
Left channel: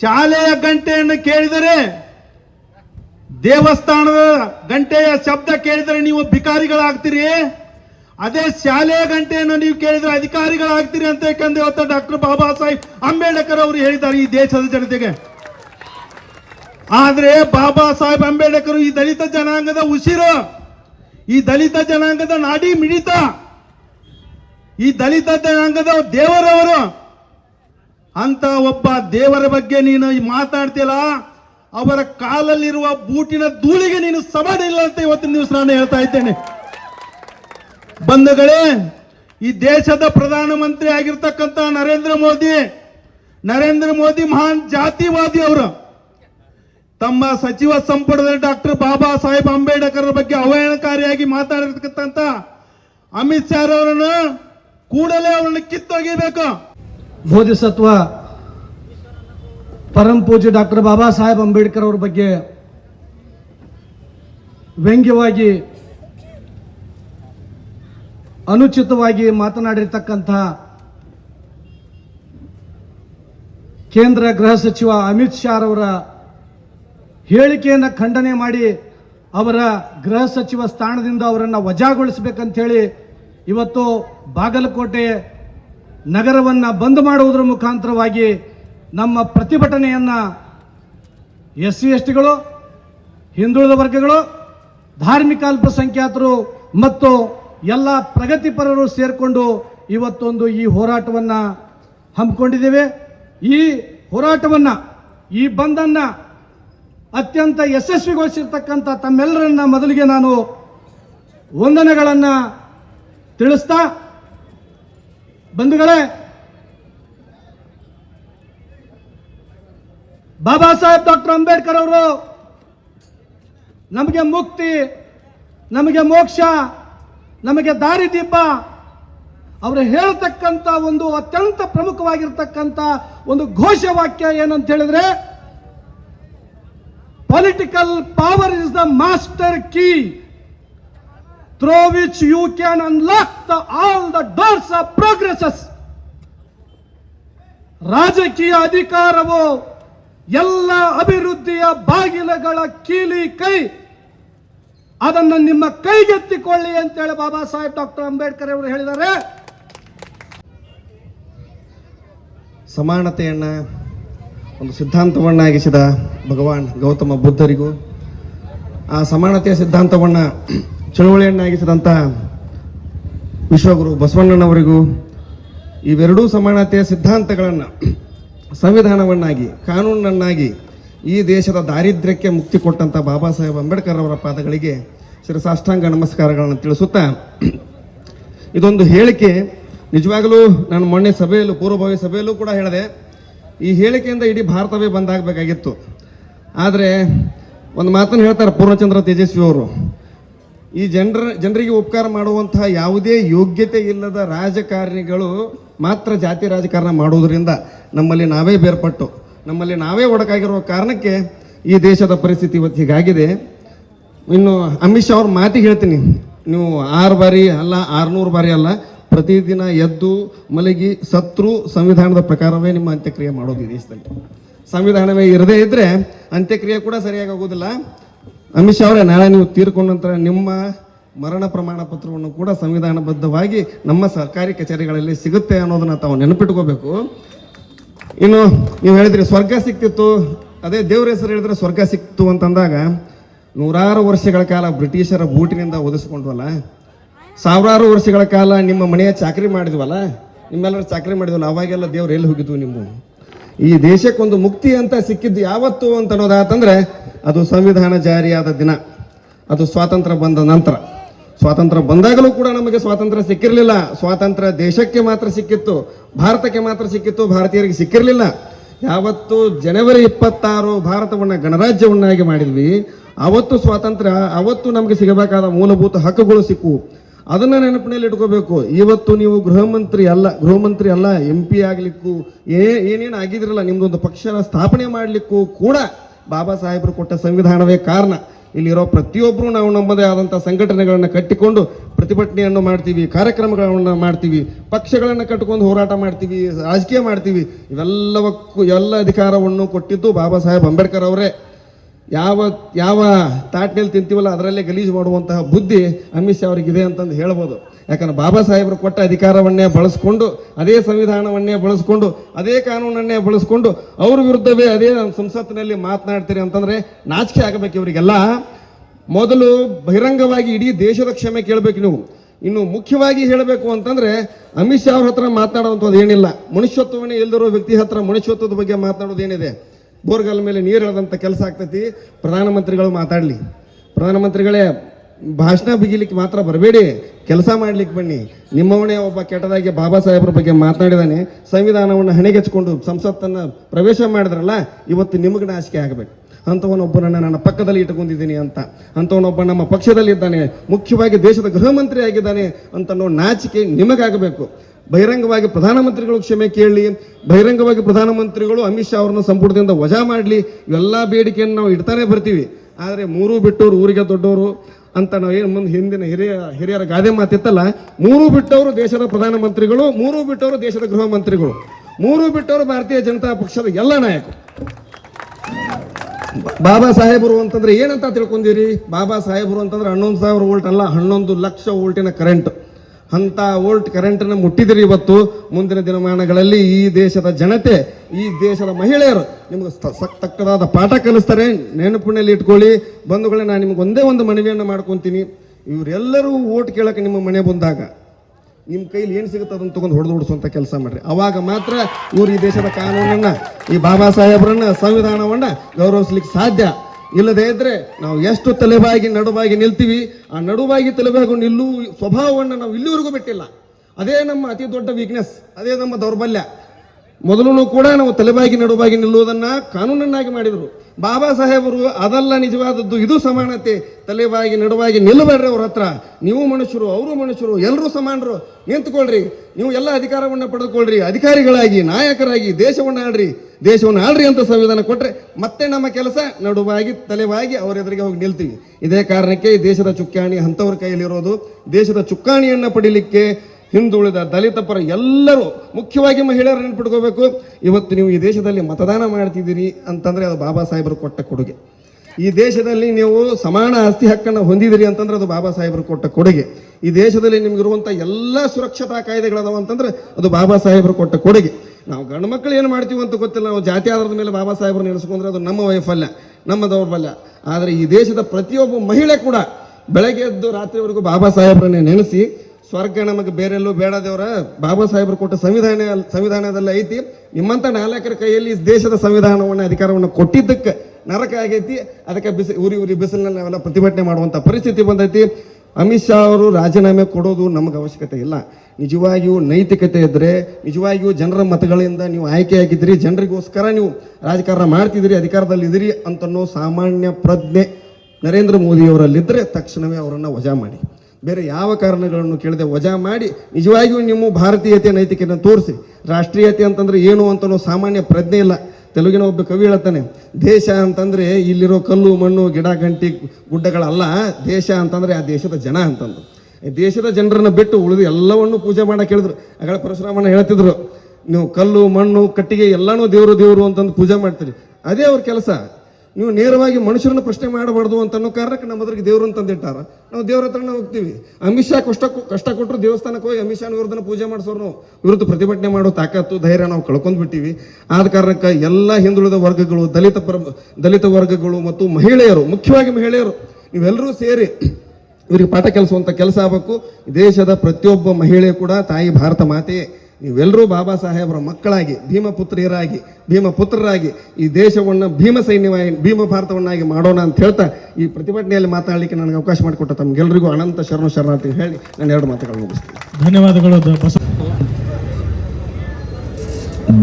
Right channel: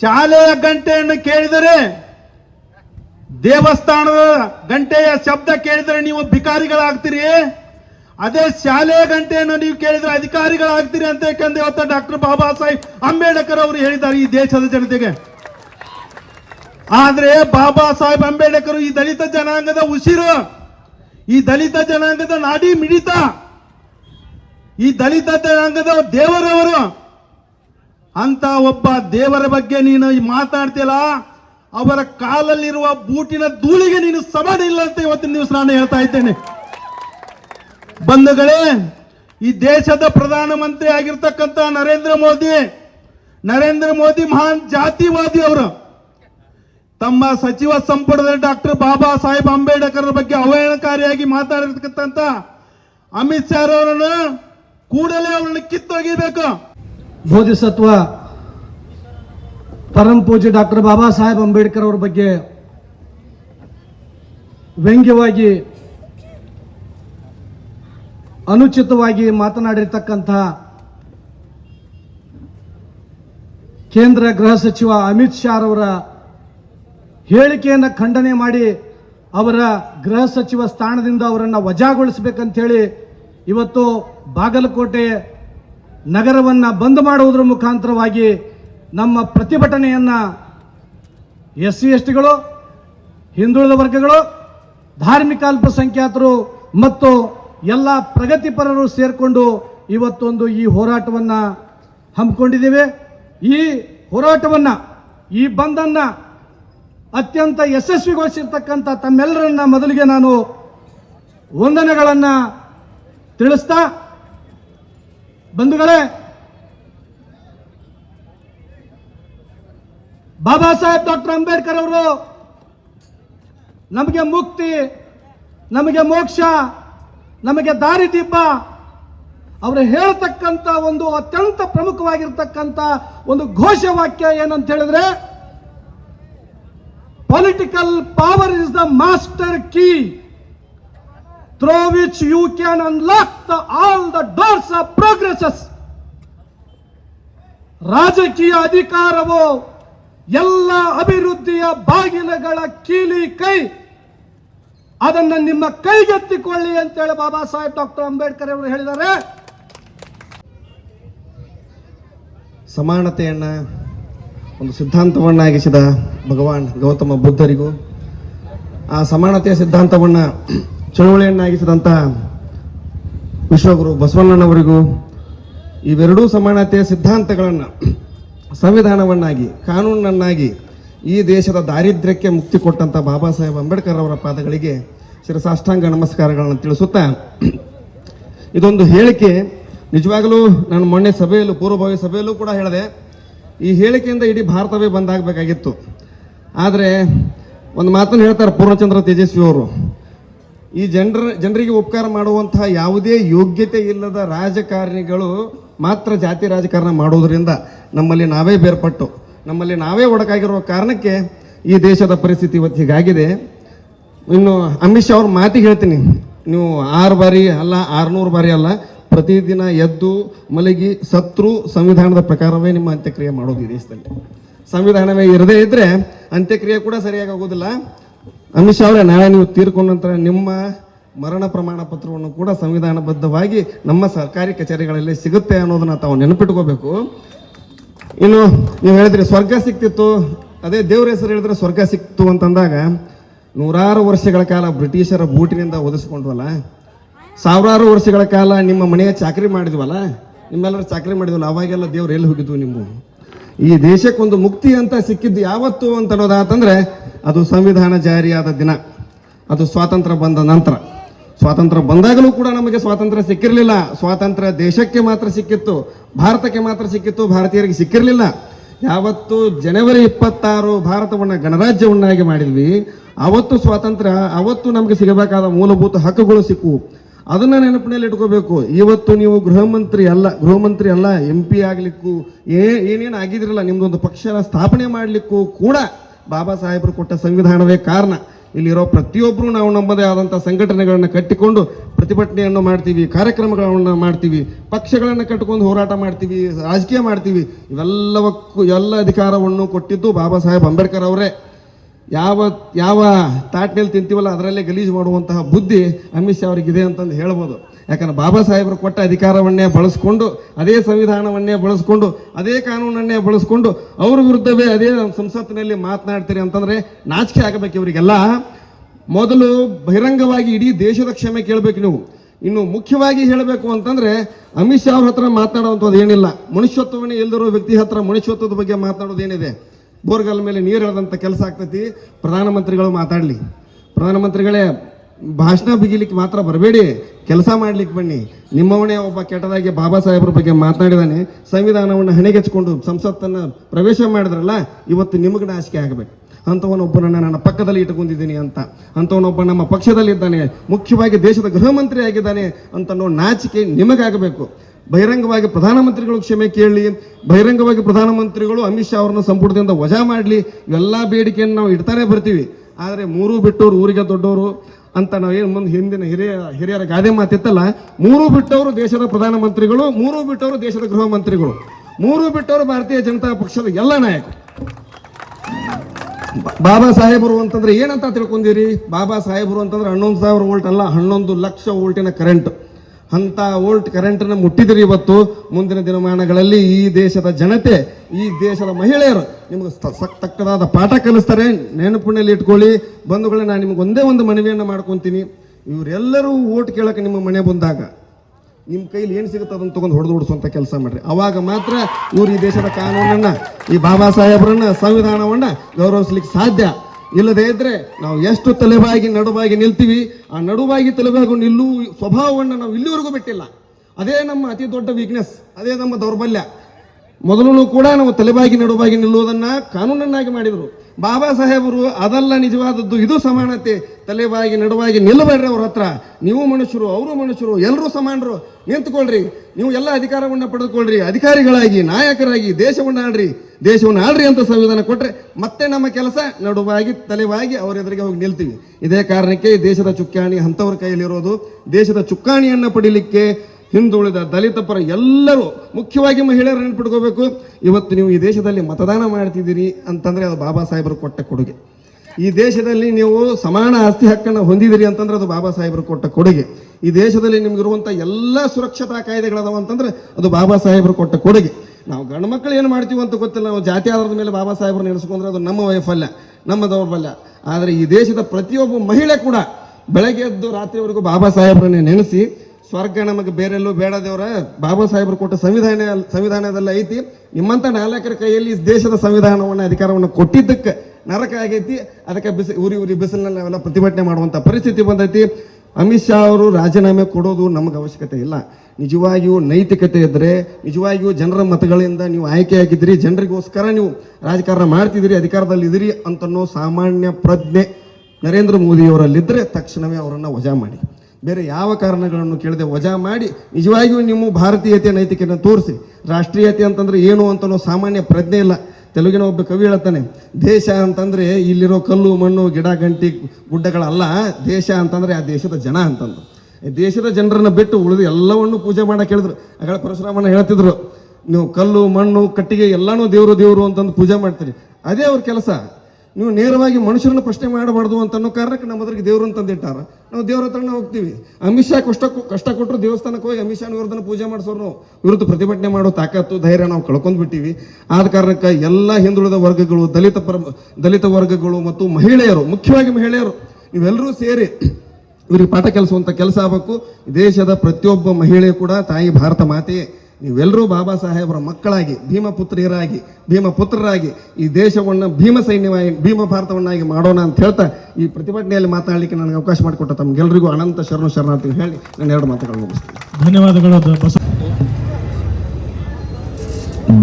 ಶಾಲೆಯ ಗಂಟೆಯನ್ನು ಕೇಳಿದರೆ, ದೇವಸ್ಥಾನದ ಗಂಟೆಯ ಶಬ್ದ ಕೇಳಿದರೆ ನೀವು ಭಿಕಾರಿಗಳಾಗ್ತೀರಿ, ಅದೇ ಶಾಲೆಯ ಗಂಟೆಯನ್ನು ನೀವು ಕೇಳಿದ್ರೆ ಅಧಿಕಾರಿಗಳಾಗ್ತೀರಿ ಅಂತ ಯಾಕಂದ್ರೆ ಇವತ್ತು ಡಾಕ್ಟರ್ ಬಾಬಾ ಸಾಹೇಬ್ ಅಂಬೇಡ್ಕರ್ ಅವರು ಹೇಳಿದ್ದಾರೆ ಈ ದೇಶದ ಜನತೆಗೆ. ಆದ್ರೆ ಬಾಬಾ ಸಾಹೇಬ್ ಅಂಬೇಡ್ಕರ್ ಈ ದಲಿತ ಜನಾಂಗದ ಉಸಿರು, ಈ ದಲಿತ ಜನಾಂಗದ ನಾಡಿ ಮಿಡಿತ, ಈ ದಲಿತ ಜನಾಂಗದ ದೇವರವರು ಅಂತ ಒಬ್ಬ ದೇವರ ಬಗ್ಗೆ ನೀನು ಮಾತಾಡ್ತಿಲ್ಲ, ಅವರ ಕಾಲಲ್ಲಿರುವ ಬೂಟಿನ ಧೂಳಿಗೆ ನೀನು ಸಮಾನ ಅಂತ ಇವತ್ತಿನ ದಿವಸ ನಾನು ಹೇಳ್ತಾ ಇದ್ದೇನೆ. ಬಂಧುಗಳೇ, ಈ ದೇಶದ ಪ್ರಧಾನಮಂತ್ರಿ ಆಗಿರ್ತಕ್ಕಂಥ ನರೇಂದ್ರ ಮೋದಿ ಮಹಾನ್ ಜಾತಿವಾದಿ ಅವರು ತಮ್ಮ ಸಚಿವ ಸಂಪುಟದಲ್ಲಿ ಡಾಕ್ಟರ್ ಬಾಬಾ ಸಾಹೇಬ್ ಅಂಬೇಡ್ಕರ್ ಬಗ್ಗೆ ಅವಹೇಳನಕಾರಿಯಾಗಿ ಮಾತಾಡಿರ್ತಕ್ಕಂಥ ಅಮಿತ್ ಶಾ ಅವರನ್ನು ಕೂಡಲೇ ಅವರನ್ನು ಕಿತ್ತೊಗೆಯಬೇಕು. ಬೋಧಿಸತ್ವ ಪರಂ ಪೂಜ್ಯ ಡಾಕ್ಟರ್ ಬಾಬಾ ಸಾಹೇಬ್ ಅಂಬೇಡ್ಕರ್ ಅವರ ಬಗ್ಗೆ ವ್ಯಂಗ್ಯವಾಗಿ ಅನುಚಿತವಾಗಿ ಮಾತನಾಡಿರ್ತಕ್ಕಂತಹ ಕೇಂದ್ರ ಗೃಹ ಸಚಿವ ಅಮಿತ್ ಶಾ ಅವರ ಹೇಳಿಕೆಯನ್ನು ಖಂಡನೆ ಮಾಡಿ ಅವರ ಗೃಹ ಸಚಿವ ಸ್ಥಾನದಿಂದ ಅವರನ್ನು ವಜಾಗೊಳಿಸಬೇಕಂತ ಹೇಳಿ ಇವತ್ತು ಬಾಗಲಕೋಟೆ ನಗರವನ್ನು ಬಂದ್ ಮಾಡುವುದರ ಮುಖಾಂತರವಾಗಿ ನಮ್ಮ ಪ್ರತಿಭಟನೆಯನ್ನು SC STಗಳು, ಹಿಂದುಳಿದ ವರ್ಗಗಳು, ಧಾರ್ಮಿಕ ಅಲ್ಪಸಂಖ್ಯಾತರು ಮತ್ತು ಎಲ್ಲ ಪ್ರಗತಿಪರರು ಸೇರಿಕೊಂಡು ಇವತ್ತೊಂದು ಈ ಹೋರಾಟವನ್ನು ಹಮ್ಮಿಕೊಂಡಿದ್ದೇವೆ. ಈ ಹೋರಾಟವನ್ನು, ಈ ಬಂದನ್ನು ಅತ್ಯಂತ ಯಶಸ್ವಿಗೊಳಿಸಿರ್ತಕ್ಕಂಥ ತಮ್ಮೆಲ್ಲರನ್ನ ಮೊದಲಿಗೆ ನಾನು ವಂದನೆಗಳನ್ನು ತಿಳಿಸ್ತಾ, ಬಂಧುಗಳೇ, ಬಾಬಾ ಸಾಹೇಬ್ ಡಾಕ್ಟರ್ ಅಂಬೇಡ್ಕರ್ ಅವರು ನಮಗೆ ಮುಕ್ತಿ, ನಮಗೆ ಮೋಕ್ಷ, ನಮಗೆ ದಾರಿದೀಪ ಅವರು ಹೇಳ್ತಕ್ಕಂಥ ಒಂದು ಅತ್ಯಂತ ಪ್ರಮುಖವಾಗಿರ್ತಕ್ಕಂಥ ಒಂದು ಘೋಷವಾಕ್ಯ ಏನಂತ ಹೇಳಿದ್ರೆ, political power is the master key through which you can unlock all the doors of progresses. ರಾಜಕೀಯ ಅಧಿಕಾರವು ಎಲ್ಲ ಅಭಿವೃದ್ಧಿಯ ಬಾಗಿಲುಗಳ ಕೀಲಿ ಕೈ, ಅದನ್ನು ನಿಮ್ಮ ಕೈಗೆತ್ತಿಕೊಳ್ಳಿ ಅಂತೇಳಿ ಬಾಬಾ ಸಾಹೇಬ್ ಡಾಕ್ಟರ್ ಅಂಬೇಡ್ಕರ್ ಅವರು ಹೇಳಿದ್ದಾರೆ. ಸಮಾನತೆಯನ್ನು ಒಂದು ಸಿದ್ಧಾಂತವನ್ನಾಗಿಸಿದ ಭಗವಾನ್ ಗೌತಮ ಬುದ್ಧರಿಗೂ, ಆ ಸಮಾನತೆಯ ಸಿದ್ಧಾಂತವನ್ನು ಚಳುವಳಿಯನ್ನಾಗಿಸಿದಂಥ ವಿಶ್ವಗುರು ಬಸವಣ್ಣನವರಿಗೂ, ಇವೆರಡೂ ಸಮಾನತೆಯ ಸಿದ್ಧಾಂತಗಳನ್ನು ಸಂವಿಧಾನವನ್ನಾಗಿ, ಕಾನೂನನ್ನಾಗಿ ಈ ದೇಶದ ದಾರಿದ್ರ್ಯಕ್ಕೆ ಮುಕ್ತಿ ಕೊಟ್ಟಂಥ ಬಾಬಾ ಸಾಹೇಬ್ ಅಂಬೇಡ್ಕರ್ ಅವರ ಪಾದಗಳಿಗೆ ಶಿರಸಾಷ್ಟಾಂಗ ನಮಸ್ಕಾರಗಳನ್ನು ತಿಳಿಸುತ್ತಾ, ಇದೊಂದು ಹೇಳಿಕೆ ನಿಜವಾಗಲೂ ನಾನು ಮೊನ್ನೆ ಸಭೆಯಲ್ಲೂ, ಪೂರ್ವಭಾವಿ ಸಭೆಯಲ್ಲೂ ಕೂಡ ಹೇಳಿದೆ, ಈ ಹೇಳಿಕೆಯಿಂದ ಇಡೀ ಭಾರತವೇ ಬಂದಾಗಬೇಕಾಗಿತ್ತು. ಆದರೆ ಒಂದು ಮಾತನ್ನು ಹೇಳ್ತಾರೆ ಪೂರ್ಣಚಂದ್ರ ತೇಜಸ್ವಿ ಅವರು, ಈ ಜನರಿಗೆ ಉಪಕಾರ ಮಾಡುವಂತಹ ಯಾವುದೇ ಯೋಗ್ಯತೆ ಇಲ್ಲದ ರಾಜಕಾರಣಿಗಳು ಮಾತ್ರ ಜಾತಿ ರಾಜಕಾರಣ ಮಾಡೋದ್ರಿಂದ ನಮ್ಮಲ್ಲಿ ನಾವೇ ಬೇರ್ಪಟ್ಟು, ನಮ್ಮಲ್ಲಿ ನಾವೇ ಒಡಕಾಗಿರುವ ಕಾರಣಕ್ಕೆ ಈ ದೇಶದ ಪರಿಸ್ಥಿತಿ ಇವತ್ತು ಹೀಗಾಗಿದೆ. ಇನ್ನು ಅಮಿತ್ ಶಾ ಅವ್ರ ಮಾತಿಗೆ ಹೇಳ್ತೀನಿ, ನೀವು 6 ಬಾರಿ ಅಲ್ಲ, 600 ಬಾರಿ ಅಲ್ಲ, ಪ್ರತಿದಿನ ಎದ್ದು ಮಲಗಿ ಸತ್ರು ಸಂವಿಧಾನದ ಪ್ರಕಾರವೇ ನಿಮ್ಮ ಅಂತ್ಯಕ್ರಿಯೆ ಮಾಡೋದು ಈ ದೇಶದಲ್ಲಿ. ಸಂವಿಧಾನವೇ ಇರದೇ ಇದ್ರೆ ಅಂತ್ಯಕ್ರಿಯೆ ಕೂಡ ಸರಿಯಾಗಿ ಆಗೋದಿಲ್ಲ. ಅಮಿತ್ ಶಾ ಅವರೇ, ನಾಳೆ ನೀವು ತೀರ್ಕೊಂಡ ನಂತರ ನಿಮ್ಮ ಮರಣ ಪ್ರಮಾಣ ಪತ್ರವನ್ನು ಕೂಡ ಸಂವಿಧಾನಬದ್ಧವಾಗಿ ನಮ್ಮ ಸರ್ಕಾರಿ ಕಚೇರಿಗಳಲ್ಲಿ ಸಿಗುತ್ತೆ ಅನ್ನೋದನ್ನ ತಾವು ನೆನಪಿಟ್ಕೋಬೇಕು. ಇನ್ನು ನೀವು ಹೇಳಿದ್ರಿ ಸ್ವರ್ಗ ಸಿಕ್ತಿತ್ತು, ಅದೇ ದೇವ್ರ ಹೆಸರು ಹೇಳಿದ್ರೆ ಸ್ವರ್ಗ ಸಿಕ್ತು ಅಂತಂದಾಗ ನೂರಾರು ವರ್ಷಗಳ ಕಾಲ ಬ್ರಿಟಿಷರ ಬೂಟಿನಿಂದ ಒದಿಸ್ಕೊಂಡ್ವಲ್ಲ, ಸಾವಿರಾರು ವರ್ಷಗಳ ಕಾಲ ನಿಮ್ಮ ಮನೆಯ ಚಾಕರಿ ಮಾಡಿದ್ವಲ್ಲ, ನಿಮ್ಮೆಲ್ಲರೂ ಚಾಕರಿ ಮಾಡಿದ್ವಲ್ಲ, ಅವಾಗೆಲ್ಲ ದೇವ್ರು ಎಲ್ಲಿ ಹೋಗಿದ್ವು ನಿಮ್ಮ? ಈ ದೇಶಕ್ಕೊಂದು ಮುಕ್ತಿ ಅಂತ ಸಿಕ್ಕಿದ್ದು ಯಾವತ್ತು ಅಂತ ಅನ್ನೋದಾತಂದ್ರೆ ಅದು ಸಂವಿಧಾನ ಜಾರಿಯಾದ ದಿನ, ಅದು ಸ್ವಾತಂತ್ರ್ಯ ಬಂದ ನಂತರ. ಸ್ವಾತಂತ್ರ್ಯ ಬಂದಾಗಲೂ ಕೂಡ ನಮಗೆ ಸ್ವಾತಂತ್ರ್ಯ ಸಿಕ್ಕಿರಲಿಲ್ಲ. ಸ್ವಾತಂತ್ರ್ಯ ದೇಶಕ್ಕೆ ಮಾತ್ರ ಸಿಕ್ಕಿತ್ತು, ಭಾರತಕ್ಕೆ ಮಾತ್ರ ಸಿಕ್ಕಿತ್ತು, ಭಾರತೀಯರಿಗೆ ಸಿಕ್ಕಿರಲಿಲ್ಲ. ಯಾವತ್ತು ಜನವರಿ 26 ಭಾರತವನ್ನ ಗಣರಾಜ್ಯವನ್ನಾಗಿ ಮಾಡಿದ್ವಿ, ಅವತ್ತು ಸ್ವಾತಂತ್ರ್ಯ, ಅವತ್ತು ನಮಗೆ ಸಿಗಬೇಕಾದ ಮೂಲಭೂತ ಹಕ್ಕುಗಳು ಸಿಕ್ಕವು. ಅದನ್ನ ನೆನಪಿನಲ್ಲಿ ಇಟ್ಕೋಬೇಕು. ಇವತ್ತು ನೀವು ಗೃಹ ಮಂತ್ರಿ ಅಲ್ಲ, MP ಆಗ್ಲಿಕ್ಕೂ ಏನೇನು ಆಗಿದ್ರಲ್ಲ, ನಿಮ್ದೊಂದು ಪಕ್ಷ ಸ್ಥಾಪನೆ ಮಾಡ್ಲಿಕ್ಕೂ ಕೂಡ ಬಾಬಾ ಸಾಹೇಬರು ಕೊಟ್ಟ ಸಂವಿಧಾನವೇ ಕಾರಣ. ಇಲ್ಲಿರೋ ಪ್ರತಿಯೊಬ್ಬರು ನಾವು ನಮ್ಮದೇ ಆದಂಥ ಸಂಘಟನೆಗಳನ್ನ ಕಟ್ಟಿಕೊಂಡು ಪ್ರತಿಭಟನೆಯನ್ನು ಮಾಡ್ತೀವಿ, ಕಾರ್ಯಕ್ರಮಗಳನ್ನು ಮಾಡ್ತೀವಿ, ಪಕ್ಷಗಳನ್ನು ಕಟ್ಟಿಕೊಂಡು ಹೋರಾಟ ಮಾಡ್ತೀವಿ, ರಾಜಕೀಯ ಮಾಡ್ತೀವಿ. ಇವೆಲ್ಲವಕ್ಕೂ ಎಲ್ಲ ಅಧಿಕಾರವನ್ನು ಕೊಟ್ಟಿದ್ದು ಬಾಬಾ ಸಾಹೇಬ್ ಅಂಬೇಡ್ಕರ್ ಅವರೇ. ಯಾವ ತಾಟ್ನಲ್ಲಿ ತಿಂತೀವಲ್ಲ ಅದರಲ್ಲೇ ಗಲೀಜು ಮಾಡುವಂತಹ ಬುದ್ಧಿ ಅಮಿತ್ ಶಾ ಅವರಿಗಿದೆ ಅಂತಂದು ಹೇಳ್ಬೋದು. ಯಾಕಂದ್ರೆ ಬಾಬಾ ಸಾಹೇಬರು ಕೊಟ್ಟ ಅಧಿಕಾರವನ್ನೇ ಬಳಸ್ಕೊಂಡು, ಅದೇ ಸಂವಿಧಾನವನ್ನೇ ಬಳಸ್ಕೊಂಡು, ಅದೇ ಕಾನೂನನ್ನೇ ಬಳಸ್ಕೊಂಡು ಅವ್ರ ವಿರುದ್ಧವೇ ಅದೇ ಸಂಸತ್ತಿನಲ್ಲಿ ಮಾತನಾಡ್ತೀರಿ ಅಂತಂದ್ರೆ ನಾಚಿಕೆ ಆಗಬೇಕು ಇವರಿಗೆಲ್ಲ. ಮೊದಲು ಬಹಿರಂಗವಾಗಿ ಇಡೀ ದೇಶದ ಕ್ಷಮೆ ಕೇಳಬೇಕು ನೀವು. ಇನ್ನು ಮುಖ್ಯವಾಗಿ ಹೇಳಬೇಕು ಅಂತಂದ್ರೆ ಅಮಿತ್ ಶಾ ಅವ್ರ ಹತ್ರ ಮಾತನಾಡುವಂಥದ್ದು ಏನಿಲ್ಲ. ಮನುಷ್ಯತ್ವವನ್ನೇ ಇಲ್ದಿರೋ ವ್ಯಕ್ತಿ ಹತ್ರ ಮನುಷ್ಯತ್ವದ ಬಗ್ಗೆ ಮಾತನಾಡೋದು ಏನಿದೆ? ಬೋರ್ಗಲ್ ಮೇಲೆ ನೀರು ಎಳೆದಂಥ ಕೆಲಸ ಆಗ್ತೈತಿ. ಪ್ರಧಾನಮಂತ್ರಿಗಳು ಮಾತಾಡಲಿ, ಪ್ರಧಾನಮಂತ್ರಿಗಳೇ ಭಾಷಣ ಬಿಗಿಲಿಕ್ಕೆ ಮಾತ್ರ ಬರಬೇಡಿ, ಕೆಲಸ ಮಾಡ್ಲಿಕ್ಕೆ ಬನ್ನಿ. ನಿಮ್ಮವನೇ ಒಬ್ಬ ಕೆಟ್ಟದಾಗಿ ಬಾಬಾ ಸಾಹೇಬ್ರ ಬಗ್ಗೆ ಮಾತನಾಡಿದಾನೆ, ಸಂವಿಧಾನವನ್ನು ಹಣೆಗೆಚ್ಕೊಂಡು ಸಂಸತ್ತನ್ನು ಪ್ರವೇಶ ಮಾಡಿದ್ರಲ್ಲ, ಇವತ್ತು ನಿಮಗೆ ನಾಚಿಕೆ ಆಗಬೇಕು. ಅಂಥವನೊಬ್ಬನನ್ನ ನನ್ನ ಪಕ್ಕದಲ್ಲಿ ಇಟ್ಕೊಂಡಿದ್ದೀನಿ ಅಂಥವನೊಬ್ಬ ನಮ್ಮ ಪಕ್ಷದಲ್ಲಿ ಇದ್ದಾನೆ, ಮುಖ್ಯವಾಗಿ ದೇಶದ ಗೃಹ ಮಂತ್ರಿ ಆಗಿದ್ದಾನೆ ಅಂತನೋ ನಾಚಿಕೆ ನಿಮಗಾಗಬೇಕು. ಬಹಿರಂಗವಾಗಿ ಪ್ರಧಾನಮಂತ್ರಿಗಳು ಕ್ಷಮೆ ಕೇಳಲಿ, ಬಹಿರಂಗವಾಗಿ ಪ್ರಧಾನಮಂತ್ರಿಗಳು ಅಮಿತ್ ಶಾ ಅವರನ್ನು ಸಂಪುಟದಿಂದ ವಜಾ ಮಾಡಲಿ. ಇವೆಲ್ಲ ಬೇಡಿಕೆಯನ್ನು ನಾವು ಇಡ್ತಾನೆ ಬರ್ತೀವಿ. ಆದರೆ ಮೂರು ಬಿಟ್ಟವರು ಊರಿಗೆ ದೊಡ್ಡವರು ಅಂತ ನಾವೇನು ಮುಂದೆ ಹಿಂದಿನ ಹಿರಿಯರ ಗಾದೆ ಮಾತಿತ್ತಲ್ಲ, ಮೂರು ಬಿಟ್ಟವರು ದೇಶದ ಪ್ರಧಾನಮಂತ್ರಿಗಳು, ಮೂರು ಬಿಟ್ಟವರು ದೇಶದ ಗೃಹ ಮಂತ್ರಿಗಳು, ಮೂರು ಬಿಟ್ಟವರು ಭಾರತೀಯ ಜನತಾ ಪಕ್ಷದ ಎಲ್ಲ ನಾಯಕರು. ಬಾಬಾ ಸಾಹೇಬರು ಅಂತಂದ್ರೆ ಏನಂತ ತಿಳ್ಕೊಂಡಿರಿ? ಬಾಬಾ ಸಾಹೇಬರು ಅಂತಂದ್ರೆ 11,000 ವೋಲ್ಟ್ ಅಲ್ಲ, 11 ಲಕ್ಷ ವೋಲ್ಟಿನ ಕರೆಂಟ್. ಅಂತ ವೋಲ್ಟ್ ಕರೆಂಟನ್ನು ಮುಟ್ಟಿದ್ರಿ. ಇವತ್ತು ಮುಂದಿನ ದಿನಮಾನಗಳಲ್ಲಿ ಈ ದೇಶದ ಜನತೆ, ಈ ದೇಶದ ಮಹಿಳೆಯರು ನಿಮಗೆ ತಕ್ಕದಾದ ಪಾಠ ಕಲಿಸ್ತಾರೆ. ನೆನಪಿನಲ್ಲಿ ಇಟ್ಕೊಳ್ಳಿ ಬಂಧುಗಳೇ. ನಾನು ನಿಮ್ಗೆ ಒಂದೇ ಒಂದು ಮನವಿಯನ್ನು ಮಾಡ್ಕೊತೀನಿ. ಇವರೆಲ್ಲರೂ ಓಟ್ ಕೇಳಕ್ಕೆ ನಿಮ್ಮ ಮನೆ ಬಂದಾಗ ನಿಮ್ಮ ಕೈಲಿ ಏನು ಸಿಗುತ್ತೆ ಅದನ್ನು ತಗೊಂಡು ಹೊಡೆದುಬಿಡಿಸುವಂಥ ಕೆಲಸ ಮಾಡ್ರಿ. ಅವಾಗ ಮಾತ್ರ ಇವರು ಈ ದೇಶದ ಕಾನೂನನ್ನ, ಈ ಬಾಬಾ ಸಾಹೇಬರನ್ನ, ಸಂವಿಧಾನವನ್ನ ಗೌರವಿಸ್ಲಿಕ್ಕೆ ಸಾಧ್ಯ. ಇಲ್ಲದೇ ಇದ್ರೆ ನಾವು ಎಷ್ಟು ತಲೆಬಾಗಿ ನಡುವಾಗಿ ನಿಲ್ತೀವಿ, ಆ ನಡುವಾಗಿ ತಲೆಬಾಗಿ ನಿಲ್ಲುವ ಸ್ವಭಾವವನ್ನು ನಾವು ಇಲ್ಲಿವರೆಗೂ ಬಿಟ್ಟಿಲ್ಲ. ಅದೇ ನಮ್ಮ ಅತಿ ದೊಡ್ಡ ವೀಕ್ನೆಸ್, ಅದೇ ನಮ್ಮ ದೌರ್ಬಲ್ಯ. ಮೊದಲು ಕೂಡ ನಾವು ತಲೆಬಾಗಿ ನಡುವಾಗಿ ನಿಲ್ಲುವುದನ್ನ ಕಾನೂನನ್ನಾಗಿ ಮಾಡಿದರು ಬಾಬಾ ಸಾಹೇಬರು. ಅದಲ್ಲ ನಿಜವಾದದ್ದು, ಇದು ಸಮಾನತೆ. ತಲೆಬಾಗಿ ನಡುವಾಗಿ ನಿಲ್ಲಬೇಡ್ರಿ ಅವ್ರ ಹತ್ರ. ನೀವು ಮನುಷ್ಯರು, ಅವರು ಮನುಷ್ಯರು, ಎಲ್ಲರೂ ಸಮಾನರು. ನಿಂತ್ಕೊಳ್ರಿ, ನೀವು ಎಲ್ಲ ಅಧಿಕಾರವನ್ನು ಪಡೆದುಕೊಳ್ರಿ, ಅಧಿಕಾರಿಗಳಾಗಿ, ನಾಯಕರಾಗಿ ದೇಶವನ್ನು ಆಳ್ರಿ ಅಂತ ಸಂವಿಧಾನ ಕೊಟ್ರೆ ಮತ್ತೆ ನಮ್ಮ ಕೆಲಸ ನಡುವಾಗಿ ತಲೆವಾಗಿ ಅವರ ಎದುರಿಗೆ ಹೋಗಿ ನಿಲ್ತೀವಿ. ಇದೇ ಕಾರಣಕ್ಕೆ ದೇಶದ ಚುಕ್ಕಾಣಿ ಅಂಥವ್ರ ಕೈಯಲ್ಲಿರೋದು. ದೇಶದ ಚುಕ್ಕಾಣಿಯನ್ನು ಪಡೀಲಿಕ್ಕೆ ಹಿಂದುಳಿದ ದಲಿತ ಪರ ಎಲ್ಲರೂ, ಮುಖ್ಯವಾಗಿ ಮಹಿಳೆಯರು ನೆನ್ಪಿಟ್ಕೋಬೇಕು. ಇವತ್ತು ನೀವು ಈ ದೇಶದಲ್ಲಿ ಮತದಾನ ಮಾಡ್ತಿದ್ದೀರಿ ಅಂತಂದ್ರೆ ಅದು ಬಾಬಾ ಸಾಹೇಬರು ಕೊಟ್ಟ ಕೊಡುಗೆ. ಈ ದೇಶದಲ್ಲಿ ನೀವು ಸಮಾನ ಆಸ್ತಿ ಹಕ್ಕನ್ನು ಹೊಂದಿದಿರಿ ಅಂತಂದ್ರೆ ಅದು ಬಾಬಾ ಸಾಹೇಬರು ಕೊಟ್ಟ ಕೊಡುಗೆ. ಈ ದೇಶದಲ್ಲಿ ನಿಮ್ಗಿರುವಂಥ ಎಲ್ಲ ಸುರಕ್ಷತಾ ಕಾಯ್ದೆಗಳದಾವ ಅಂತಂದ್ರೆ ಅದು ಬಾಬಾ ಸಾಹೇಬರು ಕೊಟ್ಟ ಕೊಡುಗೆ. ನಾವು ಗಂಡು ಮಕ್ಕಳು ಏನು ಮಾಡ್ತೀವಿ ಅಂತ ಗೊತ್ತಿಲ್ಲ. ನಾವು ಜಾತಿ ಆಧಾರದ ಮೇಲೆ ಬಾಬಾ ಸಾಹೇಬರು ನೆನೆಸ್ಕೊಂಡ್ರೆ ಅದು ನಮ್ಮ ವೈಫಲ್ಯ, ನಮ್ಮ ದೌರ್ಬಲ್ಯ. ಆದರೆ ಈ ದೇಶದ ಪ್ರತಿಯೊಬ್ಬ ಮಹಿಳೆ ಕೂಡ ಬೆಳಗ್ಗೆ ಎದ್ದು ರಾತ್ರಿವರೆಗೂ ಬಾಬಾ ಸಾಹೇಬರನ್ನೇ ನೆನೆಸಿ, ಸ್ವರ್ಗ ನಮಗೆ ಬೇರೆಲ್ಲೂ ಬೇಡ ದೇವರ, ಬಾಬಾ ಸಾಹೇಬರು ಕೊಟ್ಟ ಸಂವಿಧಾನದಲ್ಲಿ ಐತಿ. ನಿಮ್ಮಂಥ ನಾಯಕರ ಕೈಯಲ್ಲಿ ದೇಶದ ಸಂವಿಧಾನವನ್ನು, ಅಧಿಕಾರವನ್ನು ಕೊಟ್ಟಿದ್ದಕ್ಕೆ ನರಕ ಆಗೈತಿ. ಅದಕ್ಕೆ ಉರಿ ಬಿಸಿಲಿನಲ್ಲಿ ನಾವೆಲ್ಲ ಪ್ರತಿಭಟನೆ ಮಾಡುವಂಥ ಪರಿಸ್ಥಿತಿ ಬಂದೈತಿ. ಅಮಿತ್ ಶಾ ಅವರು ರಾಜೀನಾಮೆ ಕೊಡೋದು ನಮಗೆ ಅವಶ್ಯಕತೆ ಇಲ್ಲ. ನಿಜವಾಗಿಯೂ ನೈತಿಕತೆ ಇದ್ದರೆ, ನಿಜವಾಗಿಯೂ ಜನರ ಮತಗಳಿಂದ ನೀವು ಆಯ್ಕೆಯಾಗಿದ್ದೀರಿ, ಜನರಿಗೋಸ್ಕರ ನೀವು ರಾಜಕಾರಣ ಮಾಡ್ತಿದ್ದೀರಿ, ಅಧಿಕಾರದಲ್ಲಿ ಇದ್ದೀರಿ ಅಂತನ್ನೋ ಸಾಮಾನ್ಯ ಪ್ರಜ್ಞೆ ನರೇಂದ್ರ ಮೋದಿಯವರಲ್ಲಿದ್ದರೆ ತಕ್ಷಣವೇ ಅವರನ್ನು ವಜಾ ಮಾಡಿ. ಬೇರೆ ಯಾವ ಕಾರಣಗಳನ್ನು ಕೇಳದೆ ವಜಾ ಮಾಡಿ ನಿಜವಾಗಿಯೂ ನಿಮ್ಮ ಭಾರತೀಯತೆ ನೈತಿಕತೆಯನ್ನು ತೋರಿಸಿ. ರಾಷ್ಟ್ರೀಯತೆ ಅಂತಂದ್ರೆ ಏನು ಅಂತನೋ ಸಾಮಾನ್ಯ ಪ್ರಜ್ಞೆ ಇಲ್ಲ. ತೆಲುಗಿನ ಒಬ್ಬ ಕವಿ ಹೇಳ್ತಾನೆ, ದೇಶ ಅಂತಂದ್ರೆ ಇಲ್ಲಿರೋ ಕಲ್ಲು ಮಣ್ಣು ಗಿಡ ಗಂಟಿ ಗುಡ್ಡಗಳಲ್ಲ, ದೇಶ ಅಂತಂದ್ರೆ ಆ ದೇಶದ ಜನ ಅಂತಂದು. ದೇಶದ ಜನರನ್ನ ಬಿಟ್ಟು ಉಳಿದು ಎಲ್ಲವನ್ನೂ ಪೂಜೆ ಮಾಡಕ್ಕೆ ಹೇಳಿದ್ರು. ಆಗ ಪರಶುರಾಮನ ಹೇಳ್ತಿದ್ರು, ನೀವು ಕಲ್ಲು ಮಣ್ಣು ಕಟ್ಟಿಗೆ ಎಲ್ಲಾನು ದೇವರು ಅಂತಂದು ಪೂಜೆ ಮಾಡ್ತೀರಿ. ಅದೇ ಅವ್ರ ಕೆಲಸ. ನೀವು ನೇರವಾಗಿ ಮನುಷ್ಯರನ್ನ ಪ್ರಶ್ನೆ ಮಾಡಬಾರ್ದು ಅಂತ ಅನ್ನೋ ಕಾರಣಕ್ಕೆ ನಮ್ಮ ಅದ್ರಿಗೆ ದೇವ್ರನ್ನ ತಂದಿಟ್ಟಾರ. ನಾವು ದೇವ್ರ ಹತ್ರನ ಹೋಗ್ತೀವಿ. ಅಮಿತ್ ಶಾ ಕಷ್ಟ ಕೊಟ್ಟರು ದೇವಸ್ಥಾನಕ್ಕೆ ಹೋಗಿ ಅಮಿತ್ ಶಾನ ವಿರುದ್ಧ ಪೂಜೆ ಮಾಡಿಸೋರು ನಾವು ವಿರುದ್ಧ ಪ್ರತಿಭಟನೆ ಮಾಡೋ ತಾಕತ್ತು ಧೈರ್ಯ ನಾವು ಕಳ್ಕೊಂಡ್ಬಿಟ್ಟಿವಿ. ಆದ ಕಾರಣಕ್ಕೆ ಎಲ್ಲ ಹಿಂದುಳಿದ ವರ್ಗಗಳು, ದಲಿತ ವರ್ಗಗಳು ಮತ್ತು ಮಹಿಳೆಯರು, ಮುಖ್ಯವಾಗಿ ಮಹಿಳೆಯರು ನೀವೆಲ್ಲರೂ ಸೇರಿ ಇವ್ರಿಗೆ ಪಾಠ ಕಲಿಸುವಂಥ ಕೆಲಸ ಆಗಬೇಕು. ದೇಶದ ಪ್ರತಿಯೊಬ್ಬ ಮಹಿಳೆ ಕೂಡ ತಾಯಿ ಭಾರತ ಮಾತೆ, ನೀವೆಲ್ಲರೂ ಬಾಬಾ ಸಾಹೇಬರ ಮಕ್ಕಳಾಗಿ, ಭೀಮಪುತ್ರರಾಗಿ ಈ ದೇಶವನ್ನು ಭೀಮ ಭಾರತವನ್ನಾಗಿ ಮಾಡೋಣ ಅಂತ ಹೇಳ್ತಾ ಈ ಪ್ರತಿಭಟನೆಯಲ್ಲಿ ಮಾತಾಡಲಿಕ್ಕೆ ನನಗೆ ಅವಕಾಶ ಮಾಡಿಕೊಟ್ಟ ತಮ್ಗೆಲ್ಲರಿಗೂ ಅನಂತ ಶರಣಾರ್ಥಿ ಹೇಳಿ ನಾನು 2 ಮಾತುಗಳನ್ನು ಮುಗಿಸ್ತೀನಿ. ಧನ್ಯವಾದಗಳು.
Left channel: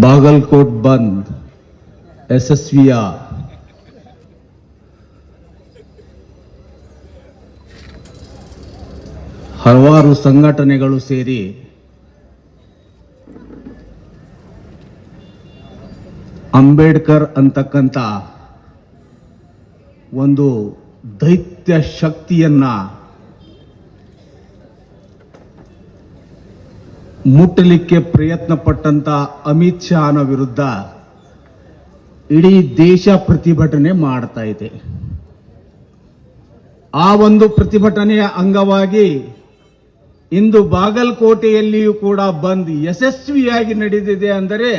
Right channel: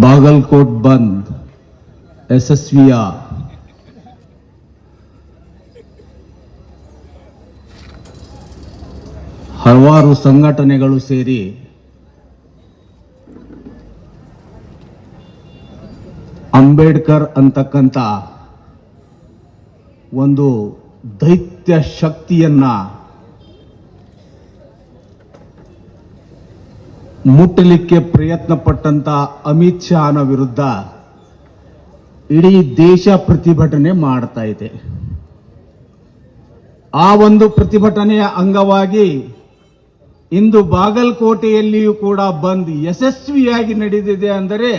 ಬಾಗಲಕೋಟ್ ಬಂದ್ ಯಶಸ್ವಿಯ ಹಲವಾರು ಸಂಘಟನೆಗಳು ಸೇರಿ ಅಂಬೇಡ್ಕರ್ ಅಂತಕ್ಕಂಥ ಒಂದು ದೈತ್ಯ ಶಕ್ತಿಯನ್ನ ಮುಟ್ಟಲಿಕ್ಕೆ ಪ್ರಯತ್ನ ಪಟ್ಟಂತ ಅಮಿತ್ ಶಾನ ವಿರುದ್ಧ ಇಡೀ ದೇಶ ಪ್ರತಿಭಟನೆ ಮಾಡ್ತಾ ಇದೆ. ಆ ಒಂದು ಪ್ರತಿಭಟನೆಯ ಅಂಗವಾಗಿ ಇಂದು ಬಾಗಲಕೋಟೆಯಲ್ಲಿಯೂ ಕೂಡ ಬಂದ್ ಯಶಸ್ವಿಯಾಗಿ ನಡೆದಿದೆ ಅಂದರೆ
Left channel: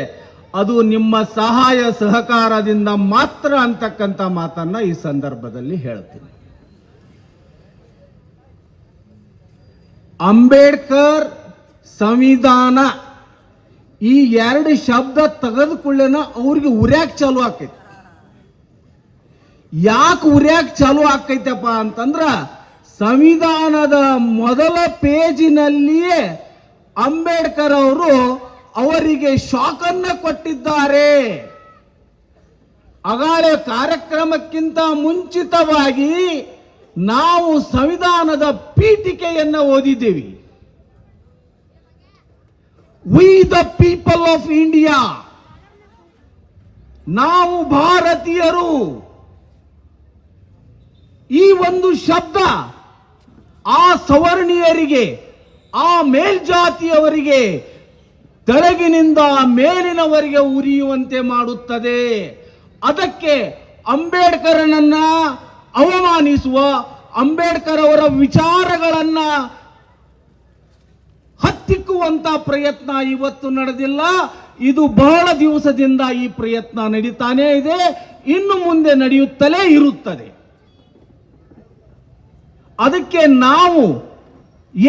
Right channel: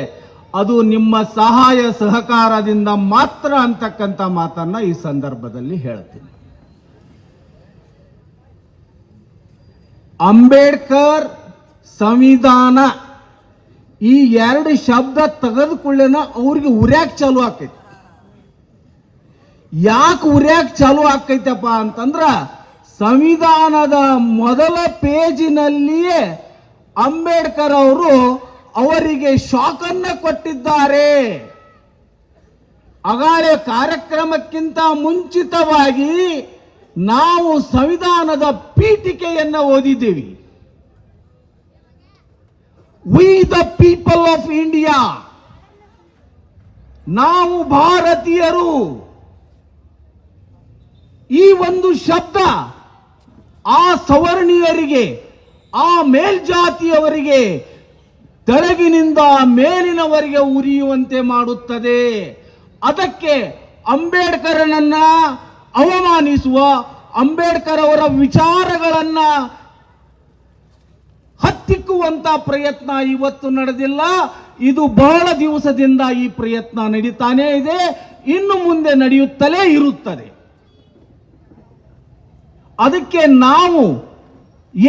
ಅದು ನಿಮ್ಮ ಸಹಾಯ ಸಹಕಾರದಿಂದ ಮಾತ್ರ ಅಂತಕ್ಕಂಥ ಮಾತನ್ನ ಈ ಸಂದರ್ಭದಲ್ಲಿ ಹೇಳ್ತೀನಿ. ಅಂಬೇಡ್ಕರ್ ಸಂವಿಧಾನ ಈ 2 ಶಬ್ದ ತೆಗೆದುಕೊಳ್ಳೇನ ಅವ್ರಿಗೆ ಉರ್ಯಾಕ್ ಚಾಲು ಆಕೈತಿ. ಯಾಕೆ ಉರ್ಯಾಕ್ ಚಾಲು ಆಕೈತಪ್ಪ ಅಂತಂದ್ರ ಸಂವಿಧಾನದ ಮೊದಲ ಪೇಜಿನಲ್ಲಿಯೇ ಅಂಬೇಡ್ಕರ್ ಅವರು ಅವರಿಗೆ ಶಾಕನ್ನ ಕೊಟ್ಟಿದ್ದಾರೆ. ಅಗಾಳೆ ಕಾರ್ಯಕ್ರಮಕ್ಕಿಂತ ಮುಂಚಿತವಾಗಿ ನಾವು ಸಂವಿಧಾನದ ಪೀಠಿಕೆಯನ್ನ ಓದಿದ್ದೇವೆ. We the people of India, ನಾವು ಭಾರತೀಯರು. ಈ ಒಂದು ಶಬ್ದ ಆ ಸವರ್ಣೀಯರಿಗೆ, ಆ ಮೇಲ್ಜಾತಿಯವರಿಗೆ ತೆಳಗಿನಿಂದ ಮೇಲಿನವರಿಗೆ ಉರಿಯುವಂತೆ ಮಾಡುತ್ತದೆ. ಅದಕ್ಕೆ ಅಂಬೇಡ್ಕರನನ್ನ ಅವಮಾನಿಸುವ, ಅಂಬೇಡ್ಕರ್ ಅವರ ವಿಚಾರಗಳನ್ನ ಹತ್ತಿಕ್ಕುವಂತ ಪ್ರಯತ್ನ ಇವತ್ತು ನಡೆದಿಲ್ಲ. ಇದು ಬಹಳ ದಿವಸದಿಂದ ಈ ಪ್ರಯತ್ನ ನಡೀತಾನೇ ಇದೆ, ಇನ್ನು ಮುಂದೆ ನಡೆಯುತ್ತಲೇ ಇರುತ್ತದೆ. ಅದಕ್ಕೆ ನಾವು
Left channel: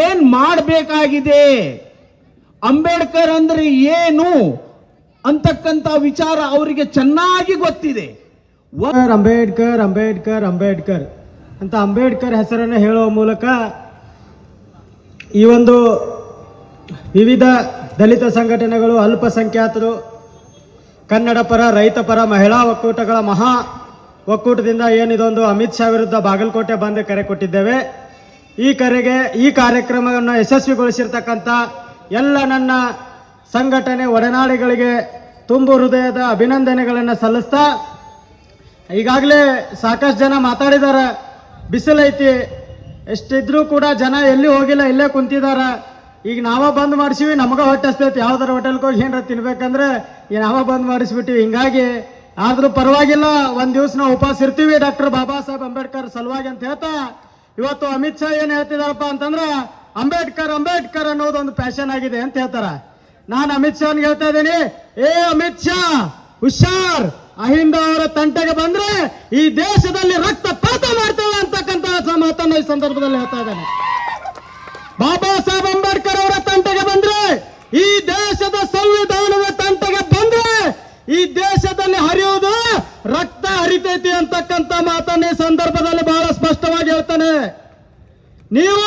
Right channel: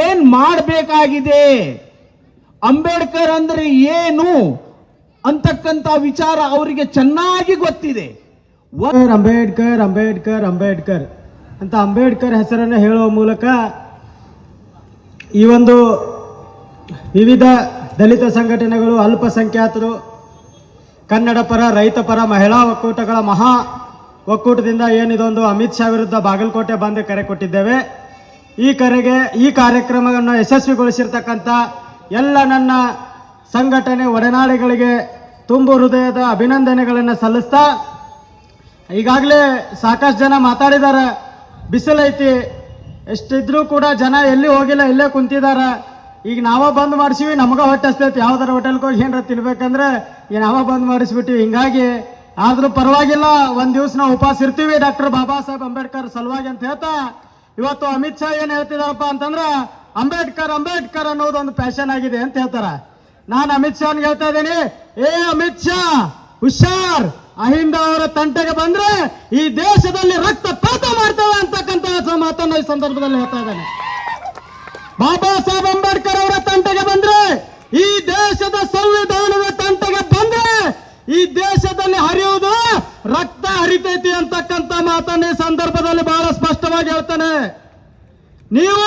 ಏನ್ ಮಾಡಬೇಕಾಗಿದೆ, ಅಂಬೇಡ್ಕರ್ ಅಂದ್ರೆ ಏನು ಅಂತಕ್ಕಂಥ ವಿಚಾರ ಅವರಿಗೆ ಚೆನ್ನಾಗಿ ಗೊತ್ತಿದೆ. ಅಂಬೇಡ್ಕರ್ ಅಂಬೇಡ್ಕರ್ ಅಂಬೇಡ್ಕರ್ ಅಂತ ಅಂಬೇಡ್ಕರ್ ಹೆಸರನ್ನು ಹೇಳುವ ಮೂಲಕ ಈ ಒಂದು ವಿವಿಧ ದಲಿತ ಸಂಘಟನೆಗಳು, ಅಲ್ಪಸಂಖ್ಯಾತರು, ಕನ್ನಡ ಪರ, ರೈತ ಪರ, ಮಹಿಳಾ ಒಕ್ಕೂಟಗಳ ಮಹಾ ಒಕ್ಕೂಟದಿಂದ ಏನಿದೊಂದು ಅಮಿತ್ ಶಾ ವಿರುದ್ಧ ಬಾಗಲಕೋಟೆ ಬಂದ್ ಕರೆ ಕೊಟ್ಟಿದ್ದೇವೆ. ಈ ಕಾರ್ಯಕ್ರಮವನ್ನು ಯಶಸ್ವಿಗೊಳಿಸಿರ್ತಕ್ಕಂಥ ಎಲ್ಲ ನನ್ನ ಸಂಘಟನೆ ಒಡನಾಡಿಗಳಿಗೆ ತುಂಬು ಹೃದಯದ ಅಭಿನಂದನೆಗಳನ್ನು ಸಲ್ಲಿಸ್ತಾ, ಈಗಾಗಲೇ ಸಾಕಷ್ಟು ಜನ ಮಾತಾಡಿದ್ದಾರೆ. ಬಿಸಿಲೈತಿ, ಎಷ್ಟಿದ್ರೂ ಕೂಡ ಜನ ಎಲ್ಲಿ ಹೋಗಿಲ್ಲ, ಇಲ್ಲೇ ಕುಂತಿದಾರ. ಈಗ ನಾವ ಬಂದ್ ಮಾಡಿಸಿವಿ, ನಮಗ ಹೊಟ್ಟೆ ಹಸ್ತೈತಿ. ಯಾವ್ದಾರ ಹೋಟೆಲ್ಗೆ ಹೋಗಿ ಏನಾರ ತಿನ್ಬೇಕಂದ್ರೆ ಈಗ ನಾವ ಬಂದ್ ಮಾಡಿಸ್ಬಿಟ್ಟಿವಿ. ಹಿಂಗಾಗಿ ಆದ್ರೂ ಪರವಾಗಿಲ್ಲ, ಒಂದ್ ದಿವಸ ನಾವು ಉಪವಾಸ ಇರ್ತೀವಿ ಡಾಕ್ಟರ್ ಬಾಬಾ ಸಾಹೇಬ್ ಅಂಬೇಡ್ಕರ್ ಸಲುವಾಗಿ ಅಂತ ಹೇಳ್ತಾ, ಇವತ್ತು ಅಮಿತ್ ಶಾ ಏನ್ ಹೇಳ್ತಿದಾರಪ್ಪ ಅಂತಂದ್ರ ಅಂಬೇಡ್ಕರ್ ಅಂಬೇಡ್ಕರ್ ಅನ್ನೋದೊಂದು ಫ್ಯಾಷನ್ ಆಗಿದೆ ಅಂತ ಹೇಳ್ತಾರ. ನಾನು ಅಮಿತ್ ಶಾನ್ಗೆ ಹೇಳ್ತಾ ಇದ್ದೀನಿ, ಏ ಅಮಿತ್ ಶಾ ಹುಷಾರ್, ಅಹಿಂದ ಅವರ ತಂಟೆಗೆ ಬಂದ್ರೆ ಈ ದೇಶದಲ್ಲಿ ರಕ್ತಪಾತ ಮಾಡ್ತೇವೆ ಅಂತಕ್ಕಂಥ ಮಾತನ್ನ ಈ ಸಂದರ್ಭದಲ್ಲಿ ಹೇಳ್ತಾ ಇದ್ದೇನೆ. ಬಾಬಾ ಸಾಹೇಬ್ ಅಂಬೇಡ್ಕರ್ ಅವರ ತಂಟೆಗೆ ಬಂದ್ರೆ, ಈ ದೇಶದ ಸಂವಿಧಾನದ ತಂಟೆಗೆ ಬಂದ್ರೆ ಈ ದೇಶದಲ್ಲಿ ಹರಿಯುವುದು ರಕ್ತ ಹರಿತೈತಿ ಅಂತಕ್ಕಂಥ ಮಾತನ್ನ ಈ ಸಂದರ್ಭದಲ್ಲಿ ಬಹಳ ಸ್ಪಷ್ಟವಾಗಿ ಹೇಳ್ತಾನೆ. ನೀವು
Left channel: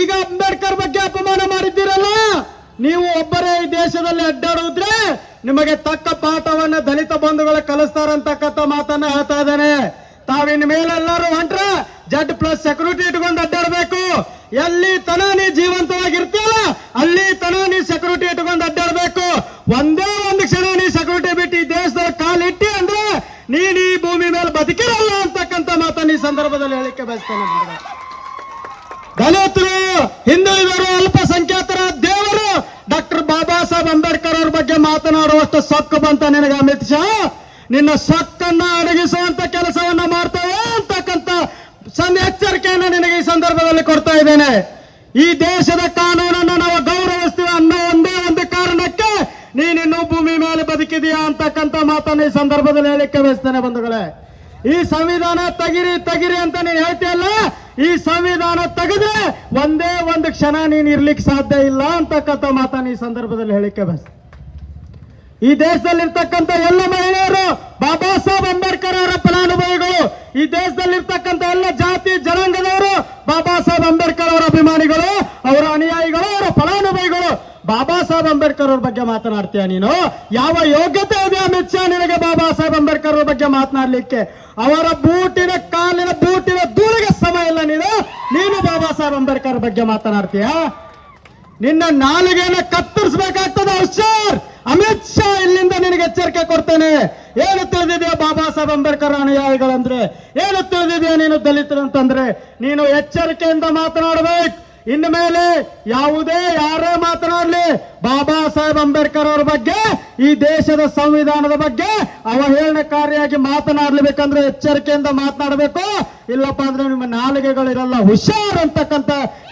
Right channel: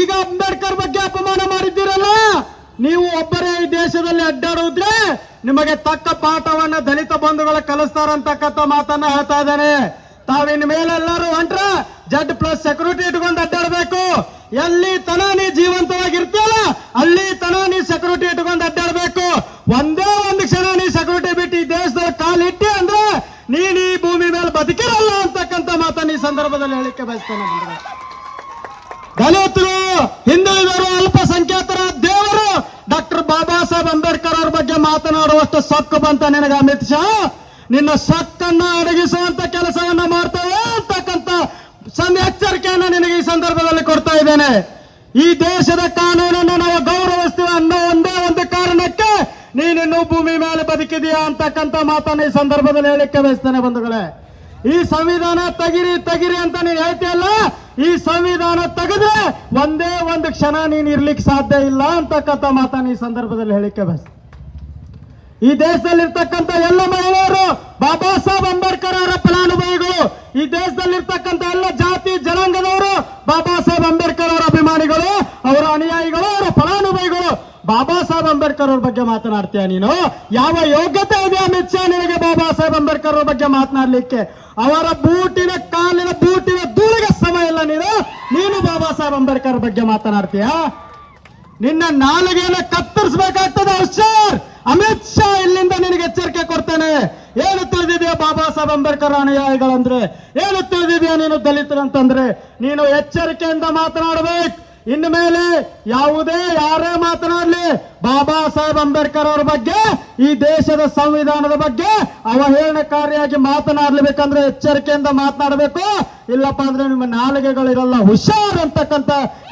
ಈಗ ಅಂಬೇಡ್ಕರ್ ಬಗ್ಗೆ ಅಪಮಾನ ಮಾಡಿದ್ದೀರಲ್ಲ, ನೀವು ಒಬ್ಬರೇ ಈ ದೇಶದಲ್ಲಿ ಅಡ್ಡಾಡುವುದ್ರೆ ನಿಮಗೆ ತಕ್ಕ ಪಾಠವನ್ನ ದಲಿತ ಬಂಧುಗಳು ಕಲಿಸ್ತಾರಂತಕ್ಕಂಥ ಮಾತನ್ನ ಹೇಳ್ತಾ ಇದ್ದಾನೆ. ತಾವಿನ ಮೇಲೆಲ್ಲರೂ ಹೊಂಟ್ರೆ Z+ ಸೆಕ್ಯೂರಿಟಿ ಇಟ್ಕೊಂಡು ಅಡ್ಡಾಡಬೇಕು. ಎಲ್ಲಿ ತನ ನೀ ಜೀವಂತವಾಗಿರ್ತೀಯಲ್ಲ ಅಲ್ಲಿ ತನ ನೀ ಸೆಕ್ಯೂರಿಟಿ ಇಟ್ಕೊಂಡು ಅಡ್ಡಾಡಬೇಕು. ಒಂದೇ ಒಂದು ಕ್ಷಣ ನೀ ಸೆಕ್ಯೂರಿಟಿ ಬಿಟ್ಟು ಈ ದೇಶದಲ್ಲಿ ಕಾಲಿಟ್ಟಿ ಅಂದ್ರೆ ನೀನ್ ಈ ಭೂಮಿ ಮೇಲೆ ಬದುಕಿರಲ್ಲ ಅಂತಕ್ಕಂಥ ಮಾತನ್ನ ಈ ಸಂದರ್ಭದಲ್ಲಿ ಹೇಳಿಕೆ ಬಯಸ್ತೇನೆ. ದಲಿತರು, ಹಿಂದುಳಿದರು, ಅಲ್ಪಸಂಖ್ಯಾತರ ದೇವರು ಡಾಕ್ಟರ್ ಬಾಬಾ ಸಾಹೇಬ್ ಅಂಬೇಡ್ಕರ್ ಅವ್ರ ಬಗ್ಗೆ ಮಾತನಾಡುವಷ್ಟು ಸೊಕ್ಕು ಬಂತ ನಿನಗೆ ಅಮಿತ್ ಶಾ? ನಿನ್ನ ಸೊಕ್ಕನ್ನ ಅಡಗಿಸುವಂತ ಸಂದರ್ಭದಲ್ಲಿ ಕೊಡ್ತಾ ಇದ್ದೇನೆ. ಈ ದೇಶದ ಕಾನೂನನ್ನು ನಾವು ಗೌರವಿಸ್ತೀವಿ ಅನ್ನೋ ಒಂದೇ ಒಂದು ಕಾರಣಕ್ಕೆ ನೀನಿನ್ನೂ ಭೂಮಿ ಮೇಲೆ ಬದುಕಿದೆಯಾ ಅಂತಕ್ಕಂಥ ಮಾತನ್ನು ಈ ಸಂದರ್ಭದಲ್ಲಿ ಹೇಳಿಕ್ಕೆ ಬಯಸ್ತೇನೆ ಬಂಧುಗಳೇ. ಈ ಸಂವಿಧಾನ ತೆಗಿರಿ ಅಂತ ನೀನು ಹೇಳ್ತೀಯಲ್ಲ, ಈ ಸಂವಿಧಾನ ತೆಗೆದ್ರೆ ಒಂದೇ ಒಂದು ಕ್ಷಣ ನೀನು ಇರ್ಲಿಕ್ಕೆ ಸಾಧ್ಯ ಇಲ್ಲ ಅಂತಕ್ಕಂಥ ಮಾತನ್ನು ಈ ಸಂದರ್ಭದಲ್ಲಿ ಹೇಳಿಕೆ ಬಯಸ್ತೇನೆ. ಈ ದೇಶದಲ್ಲಿರ್ತಕ್ಕಂಥ ಎಲ್ಲ ಮಹಿಳೆಯರು ಬಾಬಾ ಸಾಹೇಬ್ ಅಂಬೇಡ್ಕರ್ ಅವರ ಫಲಾನುಭವಿಗಳು. ಈ ದೇಶದಲ್ಲಿರ್ತಕ್ಕಂಥ ಎಲ್ಲ ಜಾತಿ ಜನಾಂಗದವರು ಬಾಬಾ ಸಾಹೇಬ್ ಅಂಬೇಡ್ಕರ್ ಅವರ ಅಭಿಮಾನಿಗಳು, ಅವರ ಅನುಯಾಯಿಗಳು, ಅವರ ಫಲಾನುಭವಿಗಳು. ಬಾಬಾ ಸಾಹೇಬ್ ಅಂಬೇಡ್ಕರ್ ಅವ್ರ ಬಗ್ಗೆ ಮಾತನಾಡ್ತೀಯ ನೀನು? ಯಾವ ಯೋಗ್ಯತೆ ಇದೆ ಅಮಿತ್ ಶಾ ನಿನಗೆ ಬಾಬಾ ಸಾಹೇಬ್ ಅಂಬೇಡ್ಕರ್ ಅವ್ರ ಬಗ್ಗೆ ಮಾತನಾಡ್ಲಿಕ್ಕೆ? ಅವರ ಕಾಲಿನ ಬೂಟಿನ ಧೂಳಿಗೆ ಸಮಯ ಇಲ್ಲ. ನೀನು ಬಾಬಾ ಸಾಹೇಬ್ ಅಂಬೇಡ್ಕರ್ ಬಗ್ಗೆ ಮಾತನಾಡ್ತೀಯ? ನಿನ್ನ ನಾಲಿಗೆಯನ್ನು ಕತ್ತರಿಸಬೇಕಾಗ್ತದೆ ಹುಷಾರ್. ಅಮಿತ್ ಶಾ ಇಲ್ಲಿಂದ ನಿನಗೆ ಎಚ್ಚರಿಕೆ ಕೊಡ್ತೇನೆ. ಏನು ತಿಳಿದಿದೆಯಾ ಬಾಬಾ ಸಾಹೇಬ್ ಅಂಬೇಡ್ಕರ್ ಅನುಯಾಯಿಗಳಂದ್ರೆ? ಏನು ತಿಳಿದಿದೆಯಾ ನೀನು ದಲಿತರಂತಂದ್ರೆ? ನೀನು ಎಚ್ಚರಿಕೆಯಿಂದ ಮಾತನಾಡಬೇಕು. ಇನ್ನು ಮೇಲೆ ಯಾರೇ ಮಾತನಾಡಲಿ ಬಾಬಾ ಸಾಹೇಬ್ ಅಂಬೇಡ್ಕರ್ ಅವರ ಬಗ್ಗೆ, ಈ ದೇಶದ ಸಂವಿಧಾನದ ಬಗ್ಗೆ ಅವಹೇಳನಕಾರಿಯಾಗಿ ಮಾತನಾಡಲೇಬೇಕಂದ್ರೆ ಎಚ್ಚರಿಕೆಯಿಂದ ಮಾತನಾಡಬೇಕು. ಇಲ್ಲಪ್ಪ ಅಂದ್ರೆ ನಿಮ್ಮ ನಾಲಿಗೆಗಳಿರಲ್ಲ. ಹುಷಾರ್ ಅಂತಕ್ಕಂಥ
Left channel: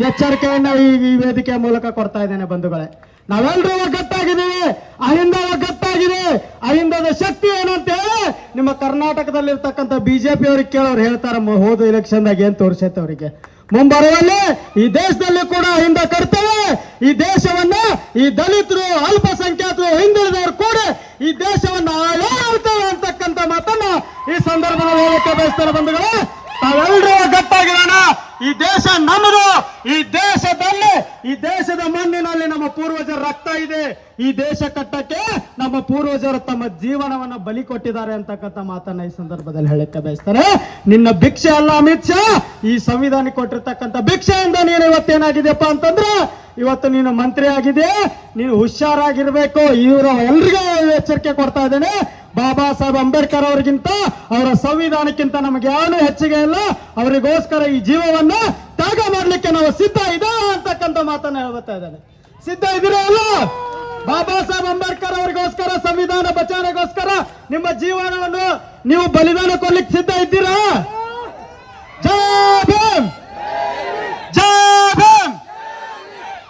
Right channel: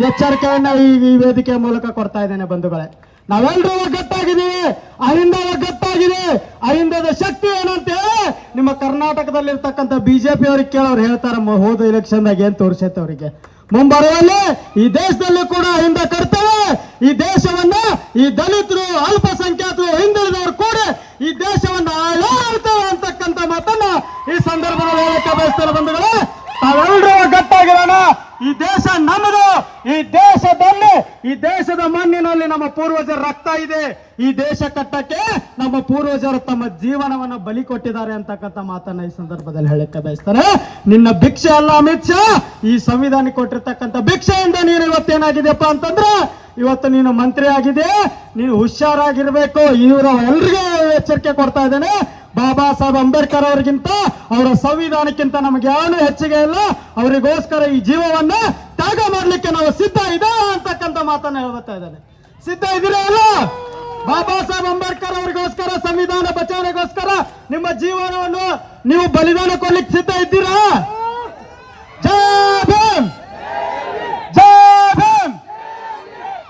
ಎಚ್ಚರಿಕೆಯನ್ನ ಈ ವೇದಿಕೆಯ ಮೂಲಕ ಕೊಡ್ತಾ ಇದ್ದೇನೆ ಬಂಧುಗಳೇ. ನಾವೆಲ್ಲರೂ ಒಗ್ಗಟ್ಟಾಗಿದ್ದೀವಿ, ಅಹಿಂದ ಒಗ್ಗಟ್ಟಾಗಿದೆ. ಅಹಿಂದದ ಶಕ್ತಿ ಏನಂತ ಹೇಳಿ ನಿಮ್ಮ ಕರ್ನಾಟಕದಲ್ಲಿರ್ತಕ್ಕಂಥ ಬಿಜೆಪಿ ಅವ್ರಿಗೆ ಕೇಳೋರು ಹೇಳ್ತಾರೆ, ಹೋದ ಎಲೆಕ್ಷನ್ದಾಗ ಏನ್ ತೋರಿಸೈತೆ ಅವರಿಗೆ. ಮುಂಬರುವಲ್ಲಿ ಈ ದೇಶದಲ್ಲಿ ಕೂಡ ಅಹಿಂದ ಕರ್ತೇವೆ. ಈ ದೇಶವನ್ನ ಈ ದಲಿತರು, ಅಲ್ಪಸಂಖ್ಯಾತರು, ಹಿಂದುಳಿದವರು ಕೂಡ ಈ ದೇಶವನ್ನ ಆಳ್ತೇವೆ ಅಂತಕ್ಕಂಥ ಮಾತನ್ನ ಈ ಸಂದರ್ಭದಲ್ಲಿ ಹೇಳಕ್ಕೆ ಬಯಸ್ತೇನೆ ಬಂಧುಗಳೇ. ತಾವೆಲ್ಲರೂ ಒಗ್ಗಟ್ಟಾಗಿರೋಣ. ಈ ದೇಶ ನಮ್ಮದು. ಈ ದೇಶದ ಮಣ್ಣಿನಲ್ಲಿ ನಮ್ಮ ಪೂರ್ವಜರ ರಕ್ತ ಇದೆ. ಈ ದೇಶ ಕಟ್ಟಕ್ಕೆ ನಮ್ಮ ಪೂರ್ವಜರು ತಮ್ಮ ಜೀವನವನ್ನ ಬಲಿ ಕೊಟ್ಟಿದ್ದಾರೆ ಅಂತಕ್ಕಂಥ ಮಾತನ್ನ ಈ ಸಂದರ್ಭದಲ್ಲಿ ಹೇಳಕ್ಕೆ ಬಯಸ್ತಾರೆ. ನಿನ್ನ ಭಿಕ್ಷೆ ಅಲ್ಲ ಅಮಿತ್ ಶಾ, ಈ ಸಂವಿಧಾನ ಕೊಟ್ಟಿರ್ತಕ್ಕಂಥ ಭಿಕ್ಷೆಯಿಂದ ನೀನು ಇವತ್ತೇನಾಗಿದೆಯಪ್ಪ ಅಂತಂದ್ರೆ ಇವತ್ತು ನೀನು ಮಂತ್ರಿ ಆಗಿದೆ. ನೀನು ಹುಷಾರಾಗಿರ್ಬೇಕು. ಇವರು ಎಲ್ರಿಗೂ ಎಚ್ಚರಿಕೆ ಕೊಡ್ತಾ ಇದ್ದೇನೆ. ಬಾಬಾ ಸಾಹೇಬ್ ಅಂಬೇಡ್ಕರ್ ಅವರಿಗಿಂತ, ಅವರ ಸಂವಿಧಾನಕ್ಕಿಂತ ನಮಗೆ ಏನು ಹೆಚ್ಚಿಗೆ ಇಲ್ಲ. ಅವರಿಗೋಸ್ಕರ ಈ ಜೀವವನ್ನ ತ್ಯಾಗ ಮಾಡ್ಲಿಕ್ಕೆ ನಾವು ಸಿದ್ಧ ಇದೆ ಅಂತಕ್ಕಂಥ ಮಾತನ್ನ ಹೇಳ್ತಾ ಇದ್ದೇನೆ. ಸಿದ್ಧ ಇದ್ದೀರಾ ಅಲ್ಲ? ಬಾಬಾ ಸಾಹೇಬ್ ಅಂಬೇಡ್ಕರ್ ಅವರಿಗೋಸ್ಕರ, ಸಂವಿಧಾನ ಬಚಾವಣೆಗೋಸ್ಕರ ನಿಮ್ಮ ಜೀವನವನ್ನು ನೀವು ಬಲಿದಾನ ಕೊಡ್ಲಿಕ್ಕೆ ಸಿದ್ಧ ಇದ್ದೀರಾ? ಜೈ ಭೀಮ್, ಜೈ ಭೀಮ್.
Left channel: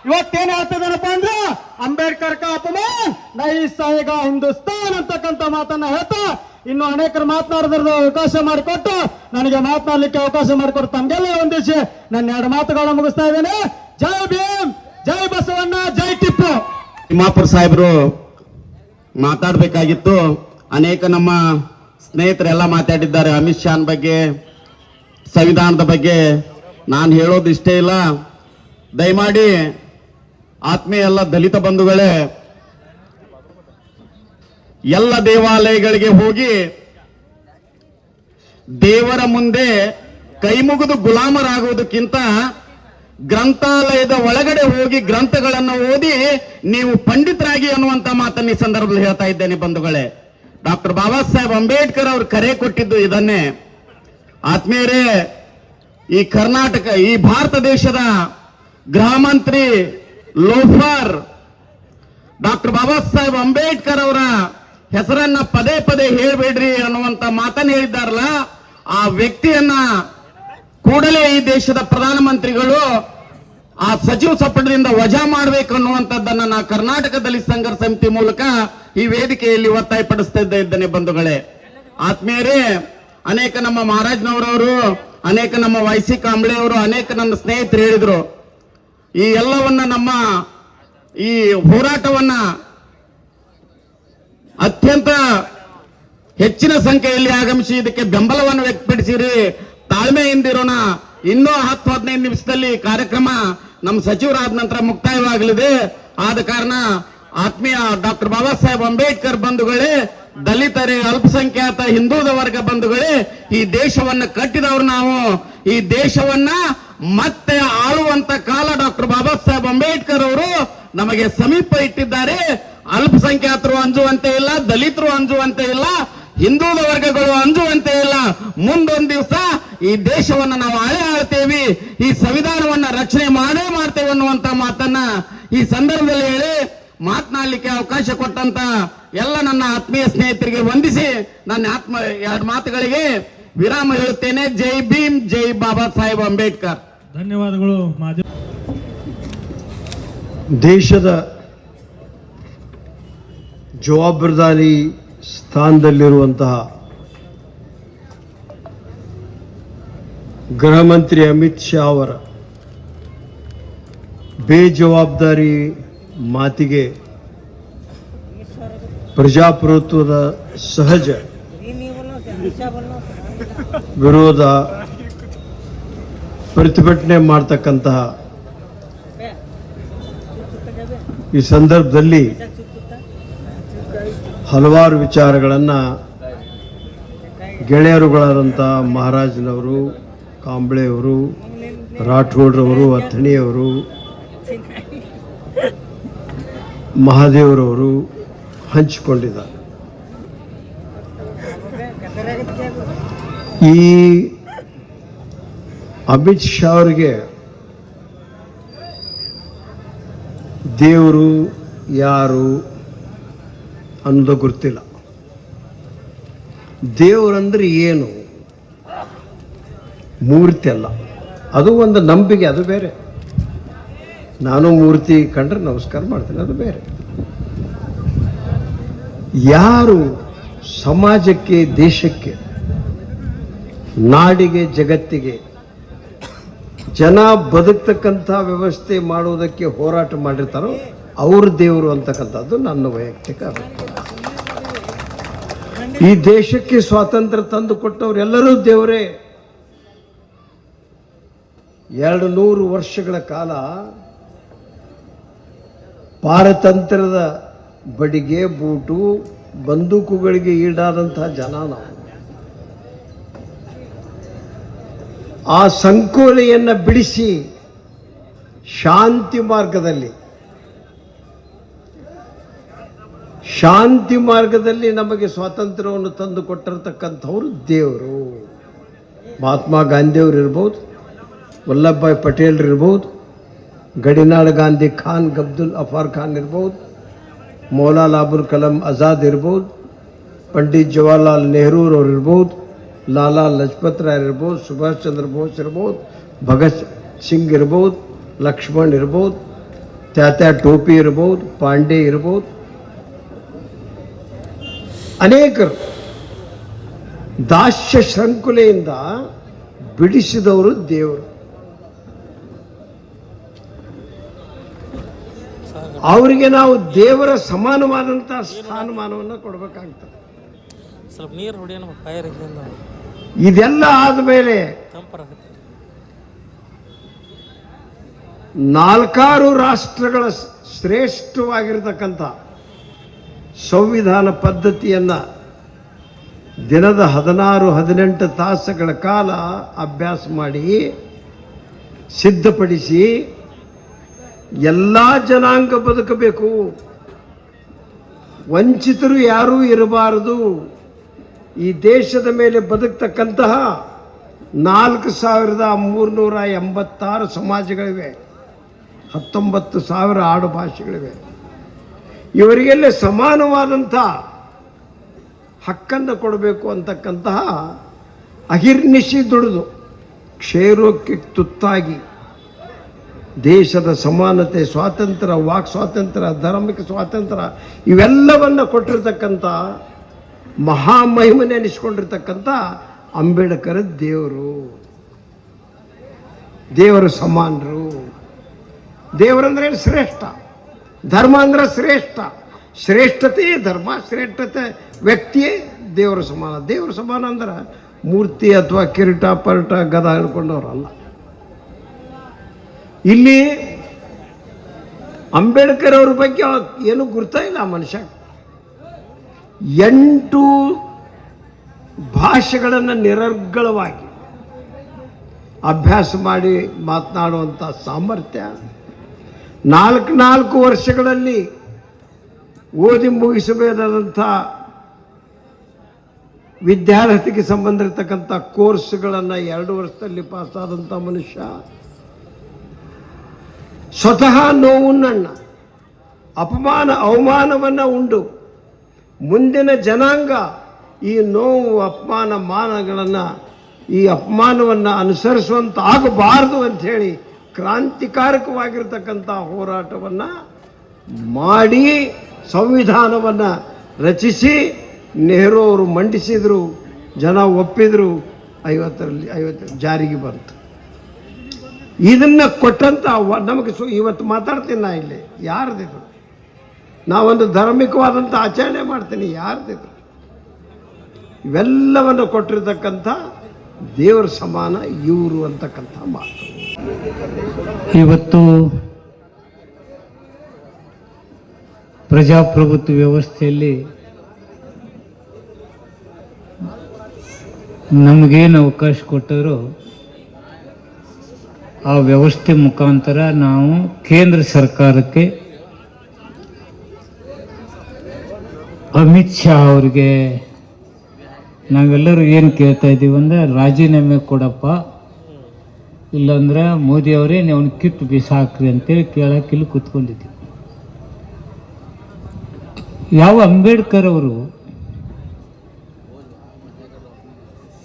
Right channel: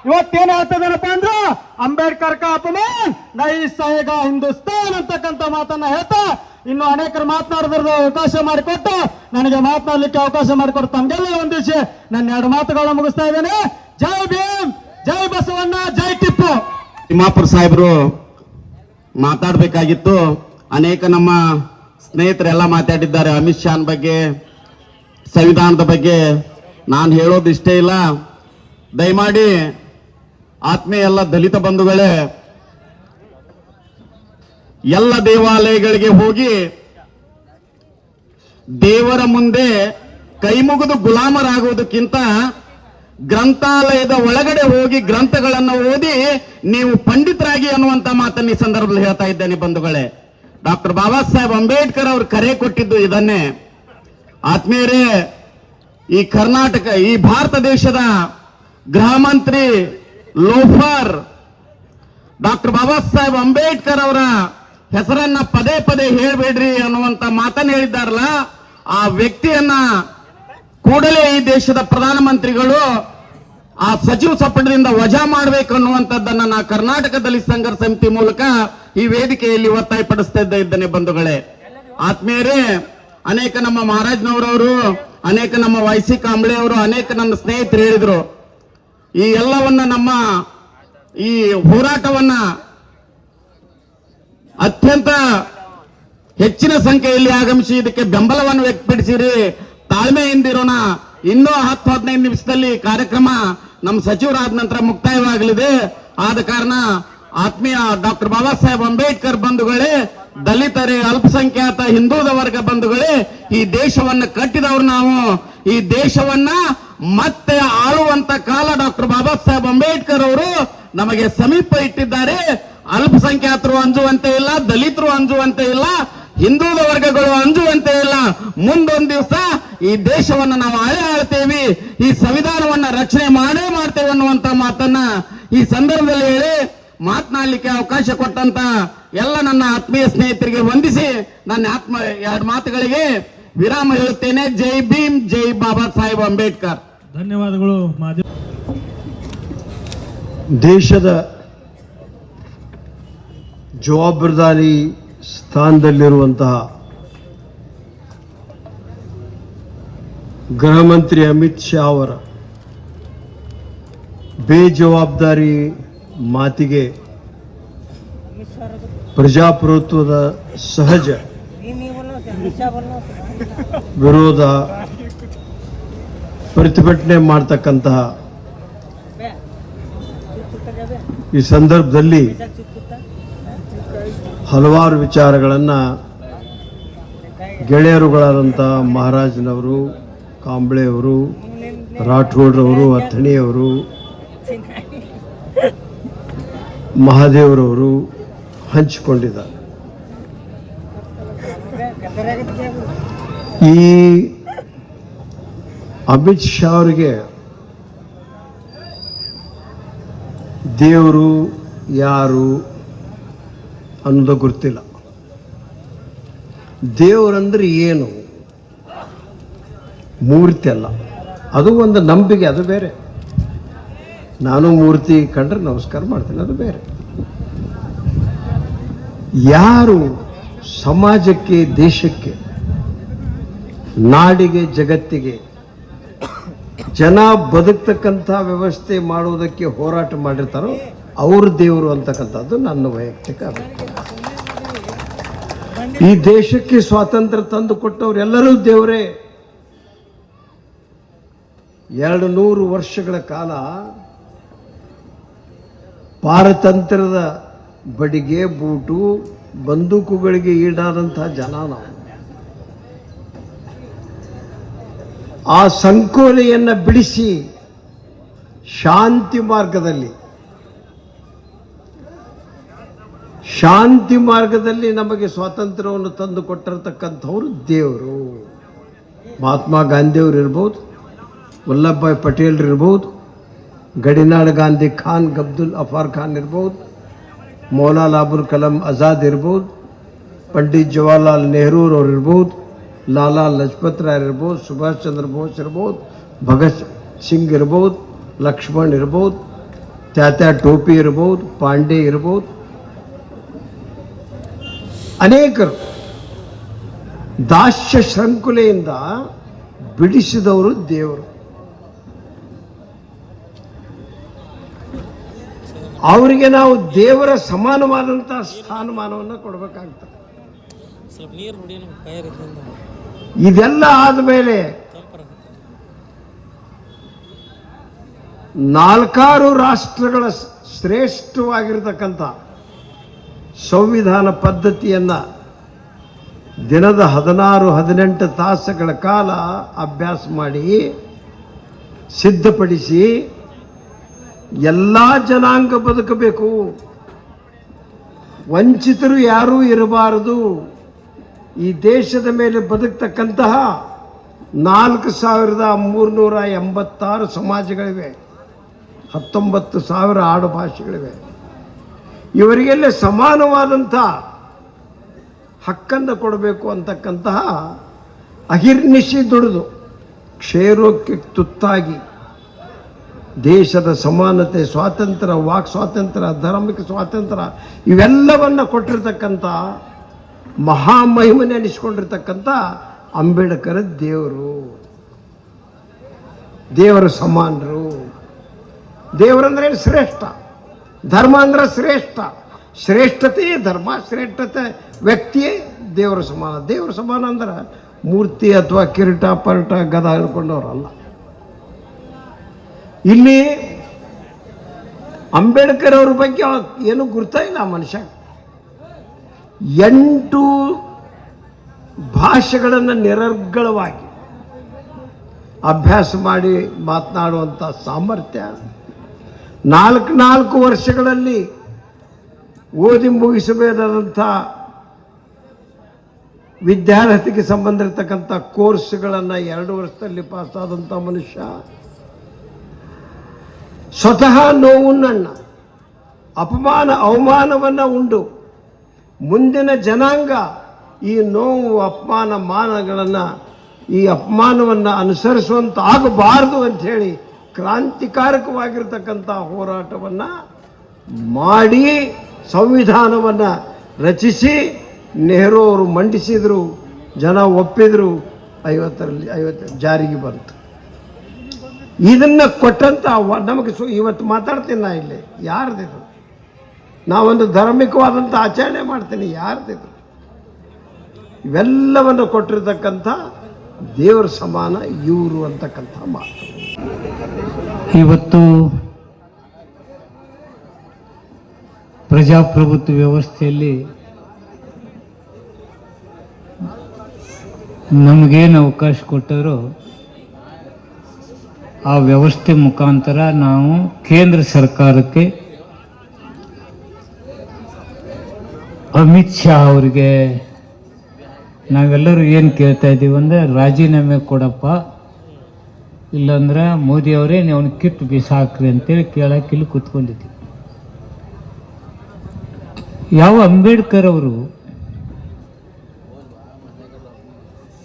ಇವತ್ತೇನು ಹೇಳ್ತದೇನಪ್ಪ ಅಂದ್ರೆ ಅಂಬೇಡ್ಕರ್ ಕಾ ಅಪಮಾನ್ ನೈ ಸಹೇಗ ಹಿಂದೂಸ್ತಾನ್ ಅಂತಕ್ಕಂಥ ಮಾತನ್ನ ಹೇಳ್ತಾ ಇನ್ನು ಅನೇಕರು ಮಾತನಾಡೋದ್ರ ಅವಕಾಶ ಮಾಡಿಕೊಟ್ಟು, ನನಗೆ ಮಾತನಾಡಲಿಕ್ಕೆ ಅವಕಾಶ ಮಾಡಿಕೊಟ್ಟು ತಮ್ಗೆಲ್ಲ ಒಂದಿಸಿ ನನ್ನ 2 ಮಾತುಗಳನ್ನು ಮುಗಿಸ್ತಾ ಇದ್ದೇನೆ. ಜೈ ಭೀಮ್, ಜೈ ಬಸವಣ್ಣ, ಜೈ ಟಿಪ್ಪು. ತಿಮ್ಮಾಪುರ್ ಸಾಹೇಬರು ಮಾತಾಡಬೇಕಾಗಿತ್ತು. ಅನೇಕ ನಮ್ಮ ಸ್ನೇಹಿತರೆಲ್ಲ ಮಾತಾಡಿದ್ದಾರೆ ಅಮಿತ್ ಶಾನ್ ಬಗ್ಗೆ, ಸಂವಿಧಾನದ ಬಗ್ಗೆ. ನಾನು ಹೇಳೋದು ಇಷ್ಟೇ ಇಲ್ಲ. ದಯಮಾಡಿ ಆತ್ಮೀಯ ಎಲ್ಲ ದಲಿತ ಬಂಧುಗಳೇ, ಎಲ್ಲ ದೇವಾಲಯಗಳಿಗೆ ಹೋಗಿ ದೇವರ ಮುಂದೆ ಕೈ ಮುಗಿದು ಗುಲಾಮರಾಗುವುದಕ್ಕಿಂತ ಗ್ರಂಥಾಲಯದ ಒಳಗಡೆ ಹೋಗಿ ಗ್ರಂಥಗಳನ್ನು ಓದಿ ನೀವು ಪಂಡಿತರಾಗಿ ಅನ್ನುವಂತ ಮಾತನ್ನು ಈ ಸಂದರ್ಭದಲ್ಲಿ ಹೇಳ್ತಾ ಇದ್ದೇನೆ ಬಂಧುಗಳೇ. ಡಾಕ್ಟರ್ ಬಾಬಾ ಸಾಹೇಬ್ ಅಂಬೇಡ್ಕರ್ ಅವರು ಕರೆ ಕೊಟ್ಟಿದ್ದು ಇದನ್ನೇ. ಆತ್ಮೀಯರೇ, ಈ ಕರ್ನಾಟಕ, ಈ ಭಾರತ ದೇಶದ ಗೃಹ ಮಂತ್ರಿ ಲೋಫರ್ ಡಾಕ್ಟರ್ ಬಾಬಾ ಸಾಹೇಬ್ ಅಂಬೇಡ್ಕರ್ ಅವರ ಹೆಸರನ್ನ ಪದೇ ಪದೇ ಹೇಳ್ಬೇಡ್ರಿ ಅನ್ನುವಂತ ಮಾತನ್ನು ಹೇಳಿದ್ದಾರಲ್ಲ, ಆ ವ್ಯಕ್ತಿಯನ್ನ ಕೂಡಲೇ ಈ ದೇಶದ ಪ್ರಧಾನಮಂತ್ರಿಗಳು ಆ ಸಚಿವ ಸಂಪುಟದಿಂದ ವಜಾ ಮಾಡಬೇಕು ಅನ್ನುವಂಥದ್ದನ್ನ ನಾ ಕರ್ನಾಟಕದಲ್ಲಿ ಸಂಘರ್ಷ ಸಮಿತಿ ಮೂಲಕ ಈ ವೇದಿಕೆಯಲ್ಲಿ ಒತ್ತಾಯಪಡಿಸ್ತಾ ಇದ್ದೇನೆ ಬಂಧುಗಳೇ. ಆತ್ಮೀಯರೇ, ಅನೇಕ ನಮ್ಮ ಮಹಾರಾಜ್ನವರವರು, ಅನೇಕ ನಮ್ಮ ವೈಸಿ ಕಾಂಬ್ಳೆ ಅವರು, ಅನೇಕ ನನ್ನ ಸ್ನೇಹಿತರು ಹೇಳಿದ್ರು, ಈ ಎಲ್ಲವನ್ನ ನಮ್ಮ ಈ ಹೋರಾಟವನ್ನ ಅತ್ಯಂತ ಹೆಚ್ಚಿನ ಸಂಖ್ಯೆಯಲ್ಲಿ ಆಗಮಿಸಿ ಇದಕ್ಕೆ ಬೆಂಬಲವನ್ನು ವ್ಯಕ್ತಪಡಿಸಿರಿ. ತಾಳ್ಮೆಯಿಂದಿರೋಣ. ಇನ್ನೂ 10-15 ನಿಮಿಷದಲ್ಲಿ ಕಾರ್ಯಕ್ರಮ ನಮ್ಮ ಸಚಿವರಾದ ನಂತರ ಮುಕ್ತಾಯವಾಗಲಿದೆ. ಆದ ಕಾರಣ ಆತ್ಮೀಯ ಡಾಕ್ಟರ್ ಬಾಬಾ ಸಾಹೇಬ್ ಅಂಬೇಡ್ಕರ್ ಬಂಧುಗಳೇ, ದಲಿತರೇ, ಅಲ್ಪಸಂಖ್ಯಾತ ಹಿಂದುಳಿದ ವರ್ಗ ಬಂಧುಗಳೇ, ಈ ದೇಶವನ್ನ ಕಟ್ಟಿದವರು ನಾವು. ಈ ದೇಶವನ್ನ ಮತ್ತೆ ಆಳುವಂತ ಕಾಲ ಡಾಕ್ಟರ್ ಬಾಬಾ ಸಾಹೇಬ್ ಅಂಬೇಡ್ಕರ್ ಅವರು ನಮಗೆ ಸಮೀಪ ಇಟ್ಟಿದ್ದಾರೆ. ಅಲ್ಪಸಂಖ್ಯಾತರು ಅಂಜುವಂತೆ ಇಲ್ಲ, ದಲಿತರು ಅಂಜುವಂತೆ ಇಲ್ಲ, ಹಿಂದುಳಿದ ವರ್ಗಗಳು ಅಂಜುವಂತೆ ಇಲ್ಲ. ಮುಂದೊಂದು ದಿವಸ ಈ ದೇಶವನ್ನ ನಾವು ಆಳ್ತೇವೆ, ಈ ಸಂವಿಧಾನವನ್ನ ರಚನೆ ಮಾಡ್ತೇವೆ ಅನ್ನುವಂತ ಮಾತನ್ನ ಈ ಸಂದರ್ಭದಲ್ಲಿ ಹೇಳಿ ಮಾತನಾಡಲಿಕ್ಕೆ ಅವಕಾಶ ಕೊಟ್ಟಂತ ಎಲ್ಲ ನನ್ನ ಆತ್ಮೀಯ ಸ್ನೇಹಿತರಿಗೆ ವಂದಿಸಿ ನನ್ನ 2 ಮಾತುಗಳಿಗೆ ವಿರಾಮ ಹೇಳುತ್ತೇನೆ. ಜೈ ಭೀಮ್, ಜೈ ಬಾಬಾ ಸಾಹೇಬ್ ಅಂಬೇಡ್ಕರ್. ಧನ್ಯವಾದಗಳು ಮಾಧ್ಯಮ. ದೇಶದ ಜವಾಬ್ದಾರಿ ಸ್ಥಾನದಲ್ಲಿರುವಂತಹ ಗೃಹ ಮಂತ್ರಿ ಅಮಿತ್ ಶಾ ಅವರ ಬೇಜವಾಬ್ದಾರಿ ಮಾತಿಗೆ ಪ್ರಜಾಪ್ರಭುತ್ವದ ಸಹಜ ವಿರೋಧ ಪ್ರತಿಭಟನೆ ಮಾಡ್ತಕ್ಕಂತಹ ಈ ಸಂದರ್ಭದಲ್ಲಿ ಹಲವಾರು ವಿಚಾರಗಳನ್ನು ಗೆಳೆಯರುಗಳಾದಂಥ ಮಹಾರಾಜನವರು, ಕಾಂಬ್ಳೆಯವರು, ರಾಠೋಡ್ರವರು, ಅಥಣಿಯವರು, ಮಹಾದೇವರವರು ಹಂಚಿಕೊಂಡಿದ್ದಾರೆ. ಈ ಅಮಿತ್ ಶಾ ಅವರಿಗೆ ದೇವರು ಯಾರು ಅನ್ನೋದು ಗೊತ್ತಿಲ್ಲ. ದೇವರಂದ್ರೆ ಏನು? ಮೂರ್ತಿ ಅಲ್ಲ, ಅದು ಒಂದು ನಂಬಿಕೆ, ಅದು ಬೇರೆ. ನಾನು ಮೂರ್ತಿ ಕಂಡ್ರೆ ನಮಸ್ಕಾರ ಮಾಡ್ತೀನಿ, ಅದು ಬೇರೆ. ಯಾರು ಸಮಾಜಕ್ಕೆ, ದೇಶಕ್ಕೆ, ನಾಡಿಗೆ, ಜಗತ್ತಿಗೆ ಜನ ಬದುಕ್ತಕ್ಕಂಥ ವ್ಯವಸ್ಥೆ ಮಾಡುವುದಕ್ಕೆ ಹೋರಾಟ ಮಾಡಿರ್ತಾರೋ ಅವರು ದೇವರು ಅಂತಕ್ಕಂಥದ್ದು ನನ್ನ ವೈಯಕ್ತಿಕ ಅಭಿಪ್ರಾಯ. ಈ ದೇಶಕ್ಕೆ ಸ್ವಾತಂತ್ರ್ಯ ತಂದು ಕೊಟ್ಟವರೆಲ್ಲರೂ ದೇವರೇ. 200 ವರ್ಷಗಳ ಕಾಲ ಪಾರತಂತ್ರ್ಯದ ಬಡಿಗೆ, ಬೂಟು, ಬಂದೂಕುಗಳಿಗೆ ಈಡಾದಂತಹ ಜನ ನಾವು. ಆ ಸಂಕೋಲೆಯನ್ನು ಬಿಡಿಸಿ ಶಾಂತಿ ಮಾರ್ಗದಲ್ಲಿ ನಮಗೆ ಸ್ವಾತಂತ್ರ್ಯವನ್ನು ತಂದು ಕೊಟ್ಟಿರತಕ್ಕಂಥವ್ರು ದೇವರು. ಮಹಾತ್ಮ ಗಾಂಧಿಯವರು ಇರ್ಬೋದು, ವಲ್ಲಭಭಾಯ್ ಪಟೇಲ್ ಇರ್ಬೋದು, ಗಡಿನಾಡ್ ಗಾಂಧಿ ಖಾನ್ ಅಬ್ದುಲ್ ಅಫಾರ್ ಖಾನ್ ಇರ್ಬೋದು, ಮೌಲಾನಾ ಅಬುಲ್ ಕಲಾಂ ಆಜಾದ್ ಇರ್ಬೋದು, ಪಂಡಿತ್ ಜವಾಹರ್ಲಾಲ್ ನೆಹರೂರವ್ರು ಇರ್ಬೋದು, ಲಾಲಾ ಲಜಪತ್ ರಾಯ್ ಇರ್ಬೋದು, ಸುಭಾಷ್ ಚಂದ್ರ ಬೋಸ್ ಇರ್ಬೋದು, ಭಗತ್ ಸಿಂಗ್ ಇರ್ಬೋದು, ಲಕ್ಷ್ಮಣ್ ಇರ್ಬೋದು, ತಾತ್ಯಾ ಟೋಪಿ ಇರ್ಬೋದು, ಪಾಂಡೆ ಇರ್ಬೋದು, ಅನೇಕರು ದಾಸ್ಯ ಶೃಂಖಲೆಯಿಂದ ಬಿಡಿಸಿದವರು ದೇವರು. ಅವರಿಗೆ ನಾವು ದೇವರ ಸಮಾನವಾದಂತಹ ಸ್ಥಾನಮಾನವನ್ನು ಕೊಡಬೇಕಾಗ್ತದೆ. ಇದೆಲ್ಲ ಆದಮೇಲೆ 4 ರಾಷ್ಟ್ರಗಳ ಶ್ರೇಷ್ಠವಾಗಿರತಕ್ಕಂಥ ಸಂವಿಧಾನ ಪದ್ಧತಿಯನ್ನು ದಿನದ 16-18 ತಾಸುಗಳ ಕಾಲ ಅಭ್ಯಾಸ ಮಾಡಿ ಸಿದ್ಧಪಡಿಸಿ ಎಲ್ಲ ಜನಾಂಗ ಬದುಕಬೇಕು, ವಂಚಿತರು ಯಾರೂ ಇರಬಾರದು. ಈ ದೇಶದ ಮೇಲೆ ಬದುಕ್ತಕ್ಕಂತಹ 4386 ಸಮಾಜಗಳಿವೆ, 19,000 ಆಡು ಭಾಷೆಗಳಿವೆ. ಇವರಿಗೆಲ್ಲ ಸಮಾನವಾದಂಥ ಹಕ್ಕನ್ನು ಕೊಡಬೇಕು ಅಂತಕ್ಕಂತಹ ಅಹಿರ್ನಿಶಿ ದುಡಿದು ಕ್ಷಯರೋಗಕ್ಕೆ ತುತ್ತಾಗಿ ದೇಶದ ಸಮಾನತೆ, ಸ್ವಾತಂತ್ರ್ಯ, ವಾಕ್ ಸ್ವಾತಂತ್ರ್ಯ, ಧಾರ್ಮಿಕ ಸ್ವಾತಂತ್ರ್ಯ ಇವೆಲ್ಲವನ್ನು ಕೊಟ್ಟಿರ್ತಕ್ಕಂಥ ಮಹಾಮಹಿಮನೆ ಅನಿಸ್ಕೊಂಡಿರ್ತಕ್ಕಂಥ ಅಂಬೇಡ್ಕರ್ ದೇವರು, ದೇವರ ಸಮಾನರು. ದೇವರಂದ್ರೆ ಶ್ರೇಷ್ಠ, ಧರ್ಮ ಅಂದ್ರೆ ಶ್ರೇಷ್ಠ, ಶ್ರೇಷ್ಠತೆಯೇ ಧರ್ಮ, ಶ್ರೇಷ್ಠತೆ ವ್ಯಕ್ತಿಯೇ ದೇವರ ಸಮಾನ. ದೇವರ ಸಮಾನ ಅಂದ್ರೆ ಮೂರ್ತಿ ಅಥವಾ ಕಿರೀಟ ಪರಟ ಗದ ಹಿಡ್ಕೊಂಡವ್ರಲ್ಲ. ಇಲ್ಲಿ ಅಂಬೇಡ್ಕರ್ ಅವ್ರ ಬಗ್ಗೆ ಏನು ಗುರ್ತಾ ಇಲ್ಲ. ಮನುಷ್ಯ 8 ಭಾಷೆಗಳನ್ನು ನಿರರ್ಗಳವಾಗಿ ಅಭ್ಯಾಸ ಮಾಡಿ ಮಾತನಾಡುವಂಥ ಸಾಮರ್ಥ್ಯ, 4 ವರ್ಷಗಳಲ್ಲಿ ಓದಿ ಮುಗಿಸಬೇಕಾದಂಥ ವಿದ್ಯಾರ್ಥಿಗೆ ಸಂಬಂಧಿರ್ತಕ್ಕಂಥ ಕೋರ್ಸ್ಗಳನ್ನು 2 ವರ್ಷದಲ್ಲಿ ಪಾಸಾದಂಥ ಮನುಷ್ಯ, ಸ್ವತಃ ನೋವನ್ನು, ಅವಮಾನವನ್ನು ಉಂಡು ಮುಂದಿನ ಜನಾಂಗ ಈ ನೋವು, ಅಪಮಾನ, ಮಾನಗಳನ್ನು ಈ ಅಪಮಾನವನ್ನು ಅನುಸರಿಸುವಂತ ಆಗಬಾರದು ಅಂತ ಹೇಳಿ ಕ್ರಾಂತಿಕಾರಕವಾಗಿರ್ತಕ್ಕಂಥ ಹೋರಾಟವನ್ನು ಮಾಡಿ ಸಂವಿಧಾನವನ್ನು ರಚಿಸಿ ನೆಹರು ಅವರು ಮಂಡಿಸಿದರು, ಜನ ಒಪ್ಪಿದ್ರು, 50 ಜಾರಿಗೆ ಬಂತು. ಇದನ್ನು ಕೊಟ್ಟಂತ ನಮಗೆ ಇವತ್ತು ಮಾತಾಡ್ತೀನಿ ನಾ ಇಲ್ಲಿ, ಯಾರ್ದಿದು? ನಾವೊಂದು ಧಾರ್ಮಿಕವಾದಂಥ ಆಚರಣೆ ಮಾಡ್ತೀನಿ, ಯಾರ್ದಿದು? ಇವೆಲ್ಲವನ್ನು ಕೊಟ್ಟಿರ್ತಕ್ಕಂಥ ದೇವರ ಸಮಾನ ಇವರು ಅಂತಕ್ಕಂಥ ಮಾತು. ಇವತ್ತು ಪ್ರಜಾಪ್ರಭುತ್ವ ವ್ಯವಸ್ಥೆಯಲ್ಲಿ ನಮಗೇನು ಅವಕಾಶ ಕೊಟ್ಟರೋ ಆ ವ್ಯವಸ್ಥೆ ಮುಖಾಂತರ ನಾವು ಕೇಂದ್ರ ಸರ್ಕಾರಕ್ಕೆ ಅಮಿತ್ ಶಾ ಅವರಿಗೆ ನಾವೆಲ್ಲರೂ ಏನು ಕೇಳ್ತಾ ಇದ್ದೀವಿ ಅಂದರೆ ರಾಜೀನಾಮೆ ಕೊಡಪ್ಪ, ಇಲ್ಲಾಂದ್ರೆ ಮೋದಿ ಅವರೇ ನೀವು ಕಿತ್ತು ಬಿಸಾಕ್ರಿ ಅಂತೇಳಿ ಕೇಳಕ್ಕೆ ಇಲ್ಲಿ ಕೂತ್ಕೊಂಡಿದ್ದೀವಿ. ಯಾವ ಅಂಬೇಡ್ಕರ್ ಅವರು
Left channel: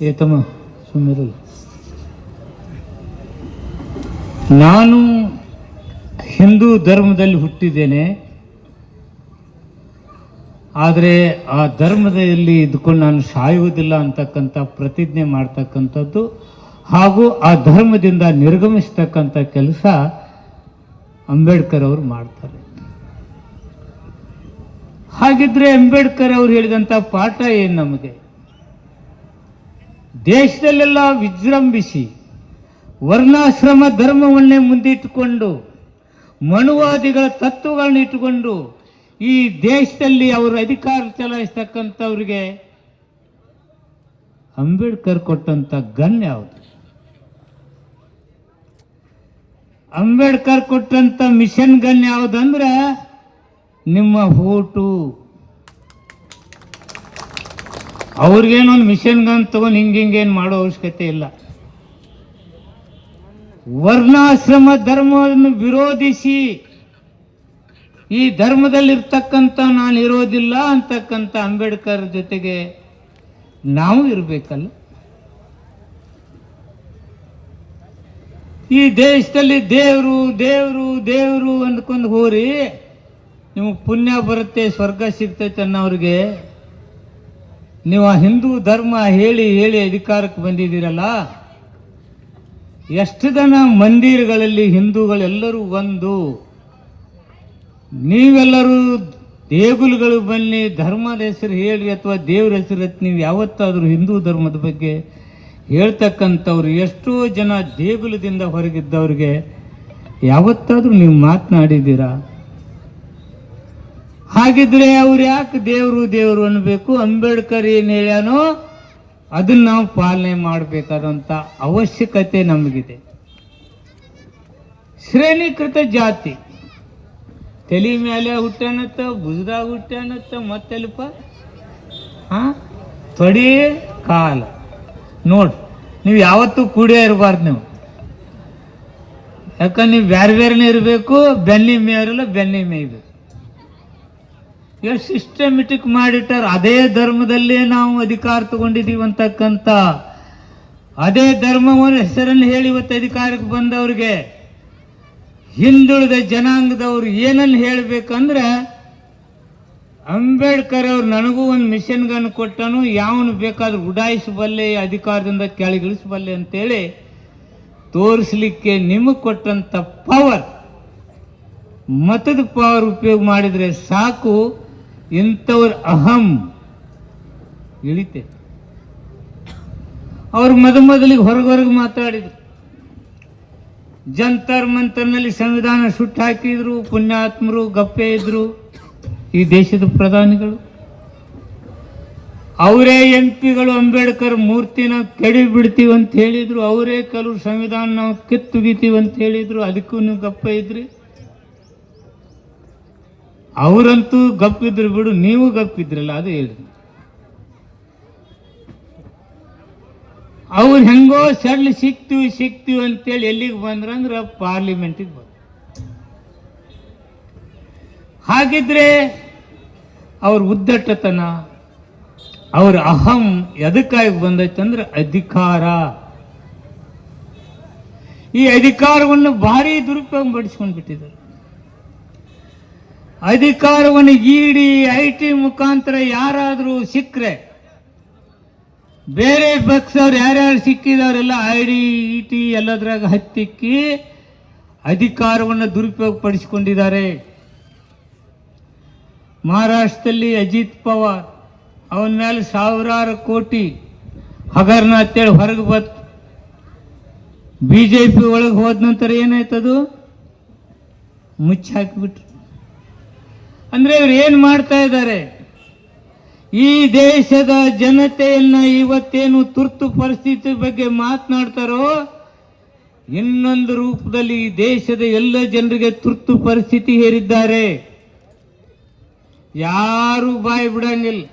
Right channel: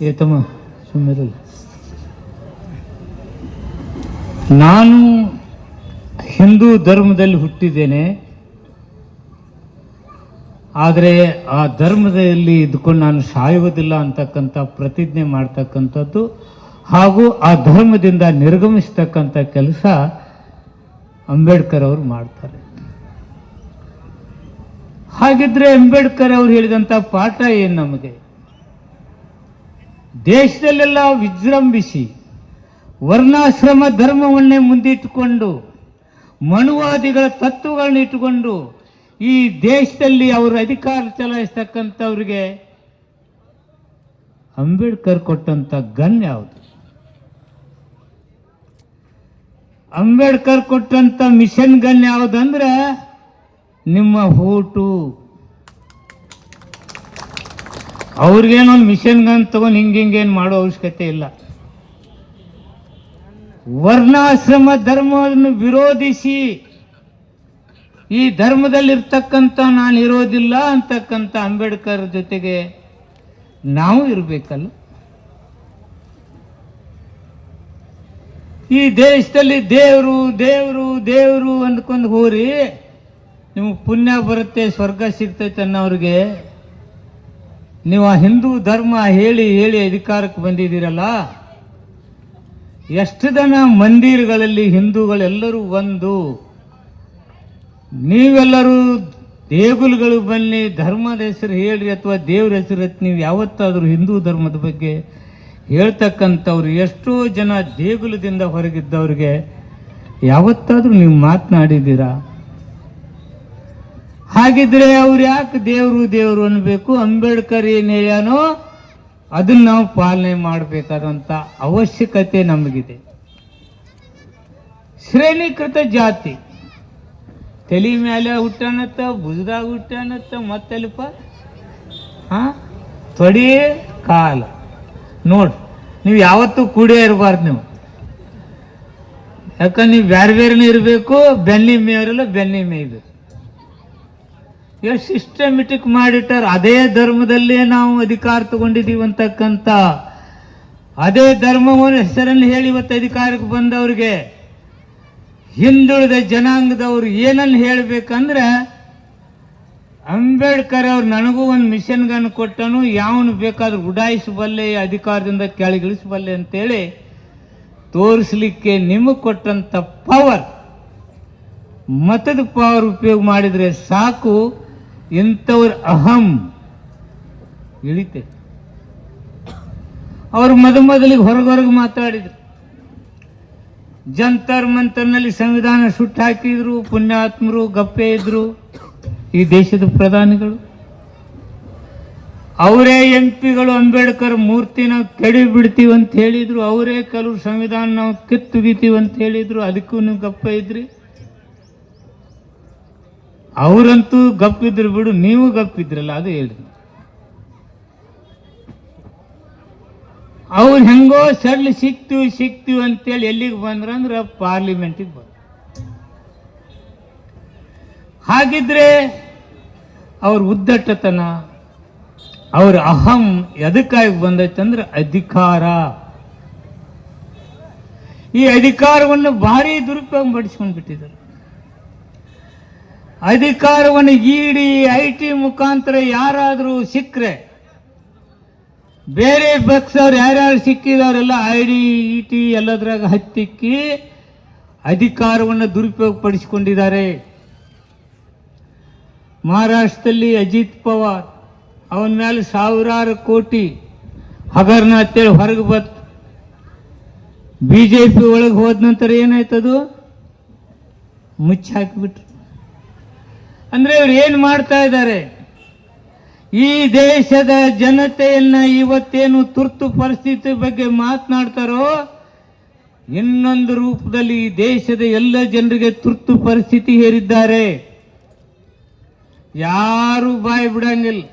ಏತಮ್ಮ ಸುಮ್ಮನೆ ನಾನು ಹಿಂದೂ ಧರ್ಮದಲ್ಲಿ ಹುಟ್ಟಿದ್ದೇನೆ, ಆದರೆ ಆ ಧರ್ಮದಲ್ಲಿ ಇದ್ಕೊಂಡು ನಾನು ಸಾಯುವುದಿಲ್ಲ ಅಂತಕ್ಕಂಥ ಪ್ರತಿಜ್ಞೆ ಮಾಡ್ತಕ್ಕಂಥದ್ದು ಹಾಗೂ ಆ ಧರ್ಮದಿಂದ ನಿರ್ಗಮಿಸ್ತಕ್ಕಂಥ ಕೆಲಸ ಅಂಬೇಡ್ಕರ್ ಅವರು ಮಾಡ್ತಾರೆ. ಹಾಗಿದ್ರೆ ಅಂಬೇಡ್ಕರ್ ಅವರು ಹೇಳಿದಂಥ ಪಾಠ ಏನು ನಮಗೆ? ದೇಶದಲ್ಲೆಲ್ಲ ವಿಜೃಂಭಿಸಿ ವರ್ಣಾಶ್ರಮ ಧರ್ಮವನ್ನೇ ಮುಂದಿಟ್ಟುಕೊಂಡು ಮನುವಾದಿಗಳ ತತ್ವಗಳನ್ನ ಇಟ್ಟುಕೊಂಡು ಈ ದೇಶದಲ್ಲಿ ಅವರ ಅಧಿಕಾರ ಚಲಾಯಿಸ್ತಕ್ಕಂಥವ್ರಿಗೆ ಅಂಬೇಡ್ಕರ್ ಕೊಟ್ಟಂತ ಗನ್ ಯಾವುದು? ಅಂಬೇಡ್ಕರ್ ಕೊಟ್ಟಂತ ಮಿಷನ್ ಗನ್ ಯಾವುದಂದ್ರೆ ನಿಮ್ಮ ಓಟು. ಅವ್ರಿಗೇನೊಂದು ಮಿಷನ್ ಗನ್ ತಗೊಂಡು ಹಿಂಗೇನು ಮಾಡೋ ಅವಶ್ಯಕತೆ ಇಲ್ಲ. ವರ್ಣಾಶ್ರಮ ಧರ್ಮವನ್ನು ವಿರೋಧಿಸಿ ಈ ಧರ್ಮದಲ್ಲಿರ್ತಕ್ಕಂಥ ನಾನು ಇರೋದಿಲ್ಲ ಅಂತಕ್ಕಂಥ ಅಂಬೇಡ್ಕರ್ ಜೊತೆಗೆ ನಾವು ಇರಬೇಕಲ್ಲ. ಈ ದೇಶದಲ್ಲಿ ದೇವರು ದೇವರು ದೇವರು ಅಂದ್ಕೊಂಡು ಹೋರಿ ನಿಮಗೆ ಪುಣ್ಯ ಬರುತ್ತೆ, ಸ್ವರ್ಗ ಸಿಗ್ತೈತೆ ಅನ್ನೋರಿಗೆ ನೀವು ಆ ಹಿಂದೂ ಧರ್ಮ ಹೇಳಿ ಹೇಳಿ ಅಧಿಕಾರಕ್ಕೆ ಬಂದಿದ್ದೀರಲ್ಲ. ಎಷ್ಟು ಜನ ಮಂದಿರಗಳಲ್ಲಿ ಹಿಂದೂಗಳೆಲ್ಲರೂ ಒಂದು, ನೀವೆಲ್ಲರೂ ದೇಗುಲಗಳು ಬನ್ನಿ ಧರ್ಮದ ಹೆಸರು ಹೇಳ್ರಿ ಅಥವಾ ದೇವ್ರ ಹೆಸರು ನೀವು ಯಾವತ್ತಾದರೂ ಹಿಂದೂ ಧರ್ಮದ ಬಗ್ಗೆ ಹೇಳ್ತಕ್ಕಂಥವ್ರು ಎಷ್ಟೋ ಜನ ದೇಗುಲದಿಂದ ಹೊರಗಿದ್ದವ್ರಿಗೆ ಯಾವತ್ತಾದರೂ ನೀವು ಮಾತನಾಡಿದ್ದೀರಾ? ಹಾಗಿದ್ರೆ ಅವ್ರು ಯಾಕೆ ದೇವರು ದೇವರು ಅನ್ಬೇಕು? ಅಂಬೇಡ್ಕರ್ ಏನು ಹೇಳ್ಯಾನೋ ಅದನ್ನ ನಾವು ಪಾಲನೆ ಮಾಡಬೇಕಾದಂಥ ಅವಶ್ಯಕತೆ ನಮಗಿದೆ. ಶ್ರೇಣೀಕೃತ ಜಾತಿ ತಲೆ ಮೇಲೆ ಹುಟ್ಟಾನತ್ತ, ಭುಜದಾಗ ಹುಟ್ಟಾನತ್ತ, ಮತ್ತಲ್ಪ ತೊಡಿ ಕಾಲ ನೋಡ್ರಿ. ನೀವು ಯಾವತ್ತೂ ಕೂಡೇ ಇರಬಾರ್ದು. ನೀವು ಯಾಕಂದ್ರೆ ನೀವು ಬೇರೆ ಬೇರೆನೇ ಇರಬೇಕು. ಬೆನ್ನಿ ಮೇಯರಲ್ಲ, ಬೆನ್ನಿ ಮೇಯ್ಬೇಕು. ಎಷ್ಟು ಸಿಸ್ಟಮೆಟಿಕ್ ಮಾಡಿಟ್ಟಾರ. ಅದೇ ಧರ್ಮದಲ್ಲೇ ನಾವು ಅಧಿಕಾರ ತಗೊಂಡಿದ್ದೀವಿ ಅಂತಕ್ಕಂಥ ಅದೇ ಧರ್ಮವನ್ನು ಹೆಸರನ್ನು ಹೇಳಿ ಇವತ್ತು ಅಧಿಕಾರಕ್ಕೆ ಬಂದವ್ರಿಗೆ ಹಿಂದುಳಿದ ಜನಾಂಗದವ್ರು ಏನನ್ನು ಹೇಳಬೇಕಂದ್ರೆ ಅಂಬೇಡ್ಕರ್ ಅವ್ರು ನನಗೂ ಒಂದು ಮಿಷನ್ ಗನ್ ಕೊಟ್ಟನು, ಯಾವನು ಬೇಕಾದ್ರೂ ಉಡಾಯಿಸಬಲ್ಲೆ, ಅಧಿಕಾರದಿಂದ ಕೆಳಗಿಳಿಸಬಲ್ಲೆ ಅಂತೇಳಿ ತೋರಿಸ್ಲಿಕ್ಕೆ ನಿಮಗೆ ಕೊಟ್ಟಂತ ಪವರ್, ಮತದ ಪವರ್ ಉಪಯೋಗ ಮಾಡಿದ್ರೆ ಸಾಕು, ಇಂಥವ್ರ ಅಹಂ ಇಳಿತೆ. ಅವರು ಮೊದಲಿಗೆ ಹೊರಗೆ ಮಾತಾಡಿದ್ರು. ಜಂತರ್ ಮಂತರ್ನಲ್ಲಿ ಸಂವಿಧಾನ ಸುಟ್ಟು ಹಾಕಿದ್ರು. ಪುಣ್ಯಾತ್ಮರು ಗಪ್ಪೆ ಇದ್ರು ಈ ದೇಶದ ಪ್ರಧಾನಿಗಳು. ಅವರೇ ಎಂಪಿಗಳು ಅಂಬೇಡ್ಕರ್ ಮೂರ್ತಿನ ಕೆಡಿ ಬಿಡ್ತೀವಿ ಅಂತ ಹೇಳಿದ್ರು. ಅವರೇ ಕೆಲವು ಸಂವಿಧಾನ ನಾವು ಕಿತ್ತುಗಿತೀವಿ ಅಂತ ಹೇಳಿದ್ರು. ಅದಕ್ಕೂ ನೀವು ಗಪ್ಪ ಇದ್ರಿ. ಅವರಂತೂ ಗಪ್ಪಿದ್ರು ಬಿಡು, ನೀವು ಗಪ್ಪಿದ್ರಲ್ಲ, ಅದು ಹೇಳಿ. ಅವ್ರು ಹೆಂಗೋ ಸಡ್ಲು ಸಿಕ್ತೀವಿ ಅಂತೇಳಿ ಎಲ್ಲಿಗೆ ಬಂದ್ರಂದ್ರೆ ಪಾರ್ಲಿಮೆಂಟಿಗೆ ಬಂದ್ರು. ಹಾಗಿದ್ರೆ ಅವ್ರ ಉದ್ದಟತನ, ಅವ್ರ ಅಹಂ ಎದಕ್ಕಾಗಿ ಬಂದೈತಂದ್ರೆ ಅಧಿಕಾರ. ಈ ಅಧಿಕಾರವನ್ನು ಭಾರಿ ದುರುಪಯೋಗ ಪಡಿಸ್ಕೊಂಡು ಬಿಟ್ಟಿದ್ದಾರೆ. ಅಧಿಕಾರವನ್ನು ಇಡಿ IT ಮುಖಾಂತರ ಯಾರಾದರೂ ಸಿಕ್ಕರೆ, ಬೇರೆ ಪಕ್ಷದವ್ರು ಯಾರ್ಯಾರು ಸಿಕ್ಕಿದವರೆಲ್ಲ ID ET ಎಲ್ಲದ್ರಾಗ ಹತ್ತಿಕ್ಕಿ ಅಧಿಕಾರವನ್ನು ದುರುಪಯೋಗ ಪಡಿಸಿಕೊಂಡಿದ್ದಾರೆ. ಮಹಾರಾಷ್ಟ್ರದಲ್ಲಿ ಅಜಿತ್ ಪವಾರ್ ಅವನ ಮೇಲೆ ಸಾವಿರಾರು ಕೋಟಿ ಹಗರಣ ಅಂತೇಳಿ ಹೊರಗೆ ಬಂತು. BJP ಒಳಗೆ ಹೋದ ನಂತರ ಏನಾಯ್ತದು ಮುಚ್ಚಿ ಹಾಕಿಬಿಟ್ರು. ಅಂದ್ರೆ ಇವ್ರು ಏನು ಮಾಡ್ತಾ ಇದ್ದಾರೆ? ಈ ದೇಶದ ಜನತೆಯನ್ನ ಇವತ್ತೇನು ತುರ್ತು ಪರಿಸ್ಥಿತಿ ಬಗ್ಗೆ ಮಾತನಾಡ್ತಾರೋ, ಇನ್ನೊಂದು ರೂಪದಲ್ಲಿ ಈ ದೇಶದ ಎಲ್ಲ ಜನರಿಗೆ ತುರ್ತು ಪರಿಸ್ಥಿತಿ ಹೇರಿದ್ದಾರೆ. ಯಾರು ಬಾಯಿ ಬಿಡಂಗಿಲ್ಲ.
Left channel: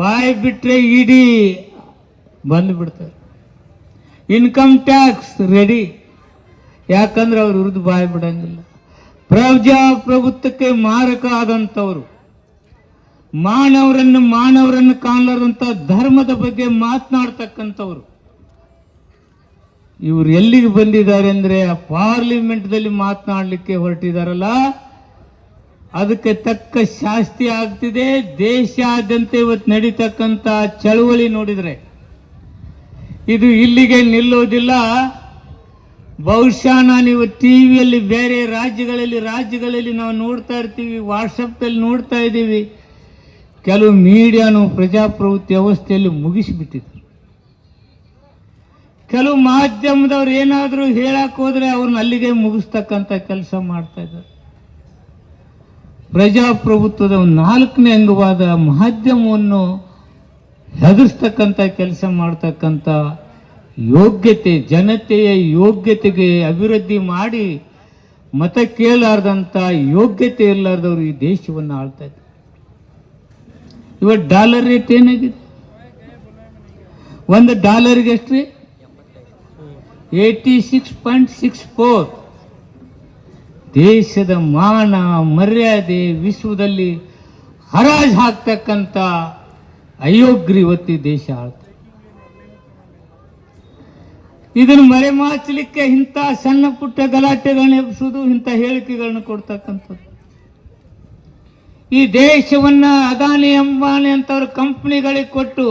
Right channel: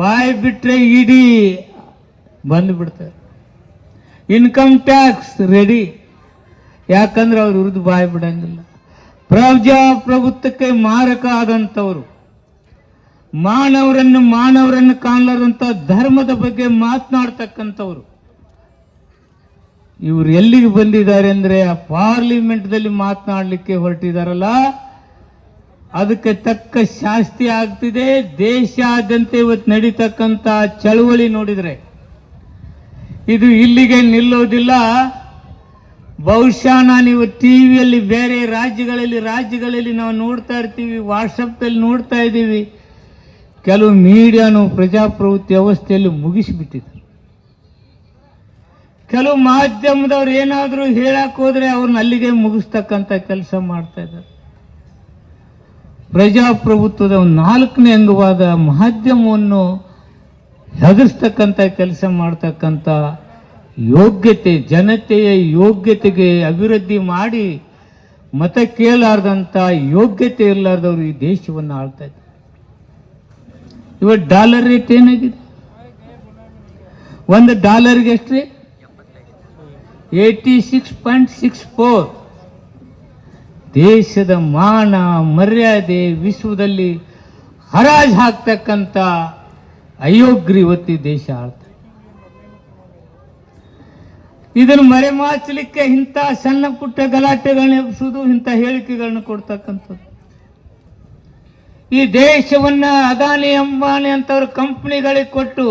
ಬಾಯಿ ಬಿಟ್ರೆ ಇಡೀ ಬಂದು ಬಿಡ್ತಾರೆ. ಇನ್ಕಮ್ ಟ್ಯಾಕ್ಸ್ ರೆಡಿ, ಯಾಕಂದ್ರೆ ಅವ್ರ ವಿರುದ್ಧ ಬಾಯಿ ಬಿಡಂಗಿಲ್ಲ. ಪ್ರಜಾಪ್ರಭುತ್ವಕ್ಕೆ ಮಾರಕ ಆದಂಥವ್ರು, ಮಾನವರನ್ನು ಕಾಣಲಾರಂತ ಧರ್ಮದ ಬಗ್ಗೆ ಮಾತನಾಡ್ತಕ್ಕಂಥವ್ರು ಇವರು ಎಲ್ಲಿಗೆ ಬಂದಿದ್ದಾರೆ ಅಂದ್ರೆ ಪಾರ್ಲಿಮೆಂಟ್ದಲ್ಲಿ ಮಾತನಾಡಲಿಕ್ಕೆ ಹೊರಟಿದಾರಲ್ಲ, ಅದಕ್ಕೆ ತಕ್ಕ ಶಾಸ್ತಿ ಆಗ್ತಿದೆ. ದೇಶಾದ್ಯಂತ ಇವತ್ತು ನಡೀತಕ್ಕಂಥ ಚಳವಳಿ ನೋಡಿದ್ರೆ ಇದು ಇಲ್ಲಿಗೆ ನಿಲ್ಲೋದಿಲ್ಲ. ಬಹುಶಃ ನೀವು ಟಿವಿಯಲ್ಲಿ ಬೇರೆ ರಾಜ್ಯಗಳಲ್ಲಿ ನಾವು ನೋಡ್ತಾ ಇರ್ತೀವಿ, ವಾಟ್ಸಪ್ನಲ್ಲಿ ನೋಡ್ತಾ ಇದ್ದೀವಿ, ಕೆಲವು ಮೀಡಿಯಾನು ಪ್ರಜಾಪ್ರಭುತ್ವ ವ್ಯವಸ್ಥೆಯಲ್ಲಿ ಮುಗಿಸಿಬಿಟ್ಟಿದ್ರು. ಕೆಲವು ಮಾಧ್ಯಮದವ್ರು ಏನಾದರೂ ಹೇಳಕ್ ಹೋದ್ರೆ ಅವ್ರನ್ನ ಅಲ್ಲಿಗೆ ಮುಗಿಸ್ತಕ್ಕಂಥ ಕೆಲಸ ಮಾಡ್ತಾ ಇದ್ದಾರೆ. ಪ್ರಜಾಪ್ರಭುತ್ವದ 4ನೇ ಅಂಗವಾದ ಮಾಧ್ಯಮವನ್ನು ಹೆದರ್ಸ್ತಕ್ಕಂಥ ಕೆಲಸ ಮಾಡ್ತಕ್ಕಂಥ ಯೋಗ್ಯತೆ, ಜನತೆಯ ಯೋಗ್ಯತೆಗೆ ಅಭಿವೃದ್ಧಿ ಮಾಡಿ ಮತ ಕೇಳಾರ್ದಂಥ ಯೋಗ್ಯತೆ ಇರಲಾರ್ದವರು ಈ ದೇಶವನ್ನು ಆಳ್ತಾ ಇದ್ದಾರೆ. ಇವತ್ತು ಡಾಲರ್ ರೇಟ್ ಏನಾಗಿದೆ? $1 ಎಷ್ಟ್ರಿ? 86.64. ದೇಶದ ಮಾನ ಮರ್ಯಾದೆ ವಿಶ್ವದಲ್ಲಿ ಹರಾಜು ಹಾಕ್ತಕ್ಕಂಥ ಅಯೋಗ್ಯ ಇವತ್ತಿ ದೇಶ ಆಳ್ತಾರೆ. ಇದನ್ನು ಮರೆಮಾಚಲಿಕ್ಕೆ ಇಂಥ ಸಣ್ಣ ಪುಟ್ಟ ಗಲಾಟೆಗಳನ್ನ ಎಬ್ಬಿಸುವುದು, ಇಂಥ ಹೇಳಿಕೆಗಳನ್ನ ಕೊಡ್ತಕ್ಕಂಥದ್ದು. ಈ ದೇಶವನ್ನ ಅದಾನಿ ಅಂಬಾನಿ ಅಂತವ್ರ ಕಂಪ್ನಿಗಳಿಗೆ ಕೊಟ್ಟು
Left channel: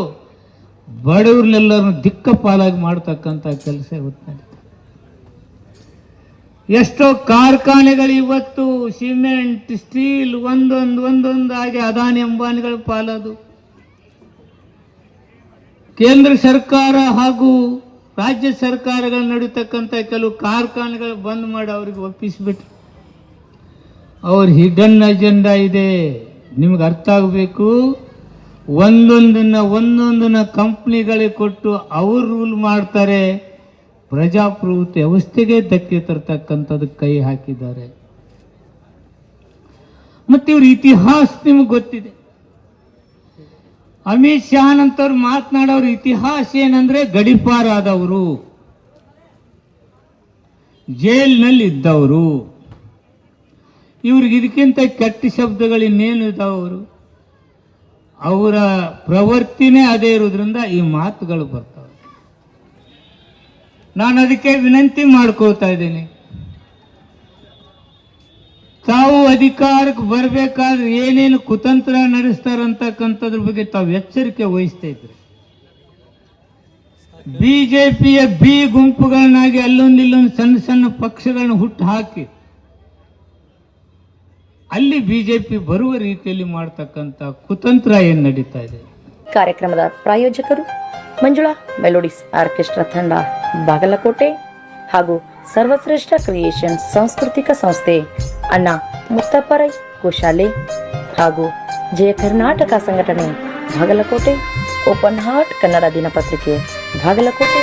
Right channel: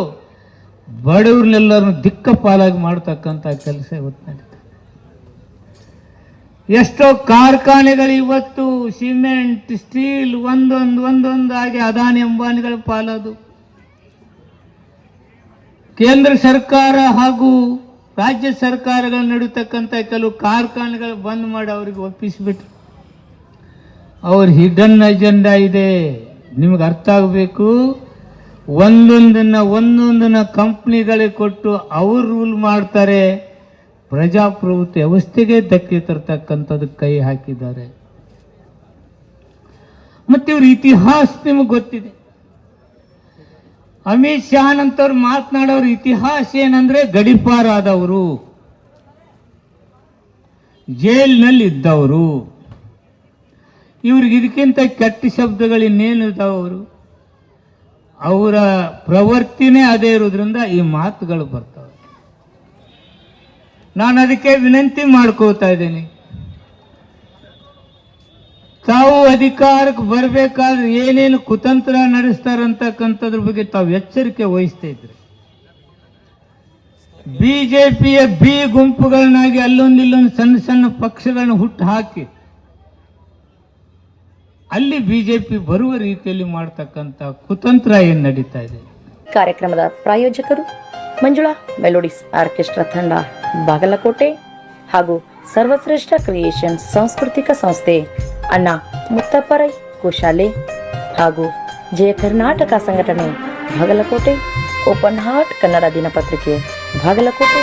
ಬಡವ್ರನ್ನೆಲ್ಲರನ್ನು ದಿಕ್ಕಪಾಲಾಗಿ ಮಾಡ್ತಕ್ಕಂಥ ಕೆಲಸ ಇವತ್ತು ನಡೀತದೆ. ಎಷ್ಟೋ ಕಾರ್ಖಾನೆಗಳು ಇವತ್ತು ಸಿಮೆಂಟ್, ಸ್ಟೀಲ್ ಒಂದೊಂದಾಗಿ ಅದಾನಿ ಅಂಬಾನಿಗಳ ಪಾಲದು. ಕೇಂದ್ರ ಸರ್ಕಾರ ಹಾಗೂ ರಾಜ್ಯ ಸರ್ಕಾರಗಳು ನಡೀತಕ್ಕಂಥ ಕೆಲವು ಕಾರ್ಖಾನೆಗಳು ಬಂದ್ ಮಾಡಿ ಅವರಿಗೆ ಒಪ್ಪಿಸಿಬಿಟ್ರು. ಅವ್ರ ಹಿಡನ್ ಅಜೆಂಡಾ ಇದೆ, ನಿಮ್ಗೆ ಅರ್ಥ ಆಗಬೇಕು. ಒಂದೊಂದನ್ನ ಕಂಪ್ನಿಗಳಿಗೆ ಕೊಟ್ಟು ಅವ್ರು ರೂಲ್ ಮಾಡ್ತಾರೆ. ಪ್ರಜಾಪ್ರಭುತ್ವ ವ್ಯವಸ್ಥೆಗೆ ಧಕ್ಕೆ ತರ್ತಕ್ಕಂಥದ್ದು ಕೈ ಹಾಕಿದ್ದಾರೆ. ಮತ್ತೆ ಇವ್ರ ಇತಿಹಾಸ ನಿಮಗೆ ಗೊತ್ತಿದೆ. ಅಮಿತ್ ಶಾ ಅಂತವ್ರು ಮಾತನಾಡೋರು ಇತಿಹಾಸ ಏನಂದ್ರೆ ಗಡಿಪಾರಾದವರು, ಜೈಲಿನಲ್ಲಿ ಇದ್ದವರು. ಇವ್ರಿಗೆ ಇದಕ್ಕಿಂತ ಕೆಟ್ಟ ಶಬ್ದಗಳು ಇನ್ನೇನು ಇದ್ದಾವರು? ಅವರ ಪ್ರವೃತ್ತಿನೇ ಅದೇ ಇರೋದ್ರಿಂದ ಈ ಮಾತುಗಳು ಬರ್ತವೆ. ನಾನು ಅದಕ್ಕೆ ವಿನಂತಿ ಮಾಡ್ಕೋತಾ ಇದ್ದೀನಿ, ತಾವು ಅಧಿಕಾರಕ್ಕೆ ಬರಬೇಕಾದ್ರೆ ಏನೇನು ಕುತಂತ್ರ ನಡೆಸ್ತಾರಂತಕ್ಕಂಥದ್ರ ಬಗ್ಗೆ ತಾವು ಎಚ್ಚರಿಕೆ ವಹಿಸ್ತಾ ಇದ್ರಿ. ಬಿಜೆಪಿಯ ಬಿ ಗುಂಪುಗಳನ್ನಾಗಿ ಅಲ್ಲೊಂದಿಲ್ಲೊಂದು ಸಣ್ಣ ಪಕ್ಷಗಳನ್ನ ಹುಟ್ಟು ಹಾಕಿ ಅಲ್ಲಿ ಬಿಜೆಪಿ ಬರುವ ರೀತಿಯಲ್ಲಿ ಮಾಡ್ತಕ್ಕಂಥ ಕುತಂತ್ರ ಏನು ನಡೀತಾ ಇದೆ. ಕಾರ್ಯಕ್ರಮದ ಪ್ರಾಯೋಜಕರು ಮಂಜುಳಾ ಮೆಲೋಡಿಸ್ ಆರ್ಕೆಸ್ಟ್ರಾ ತಂಡ ಬಾಗಲಕೋಟೆ ಹಾಗೂ ಸರ್ವಶ್ರೇಷ್ಠ ಕ್ರಿಯೇಷನ್ಸ್ ಸಾಂಸ್ಕೃತಿಕ ಸಂಸ್ಥೆ ಅಣ್ಣ ಮುತ್ತಪ್ಪರೈ ಗೋಶಾಲೆ ಹಾಗೂ ಜಯ ಕರ್ನಾಟಕ ಸಂಘಟನೆ ಬಾಗಲಕೋಟೆ, ಓಪನ್ ಹಾರ್ಟ್ ಕನ್ನಡ ದಿನಪತ್ರಿಕೆ ಬಾಗಲಕೋಟೆ.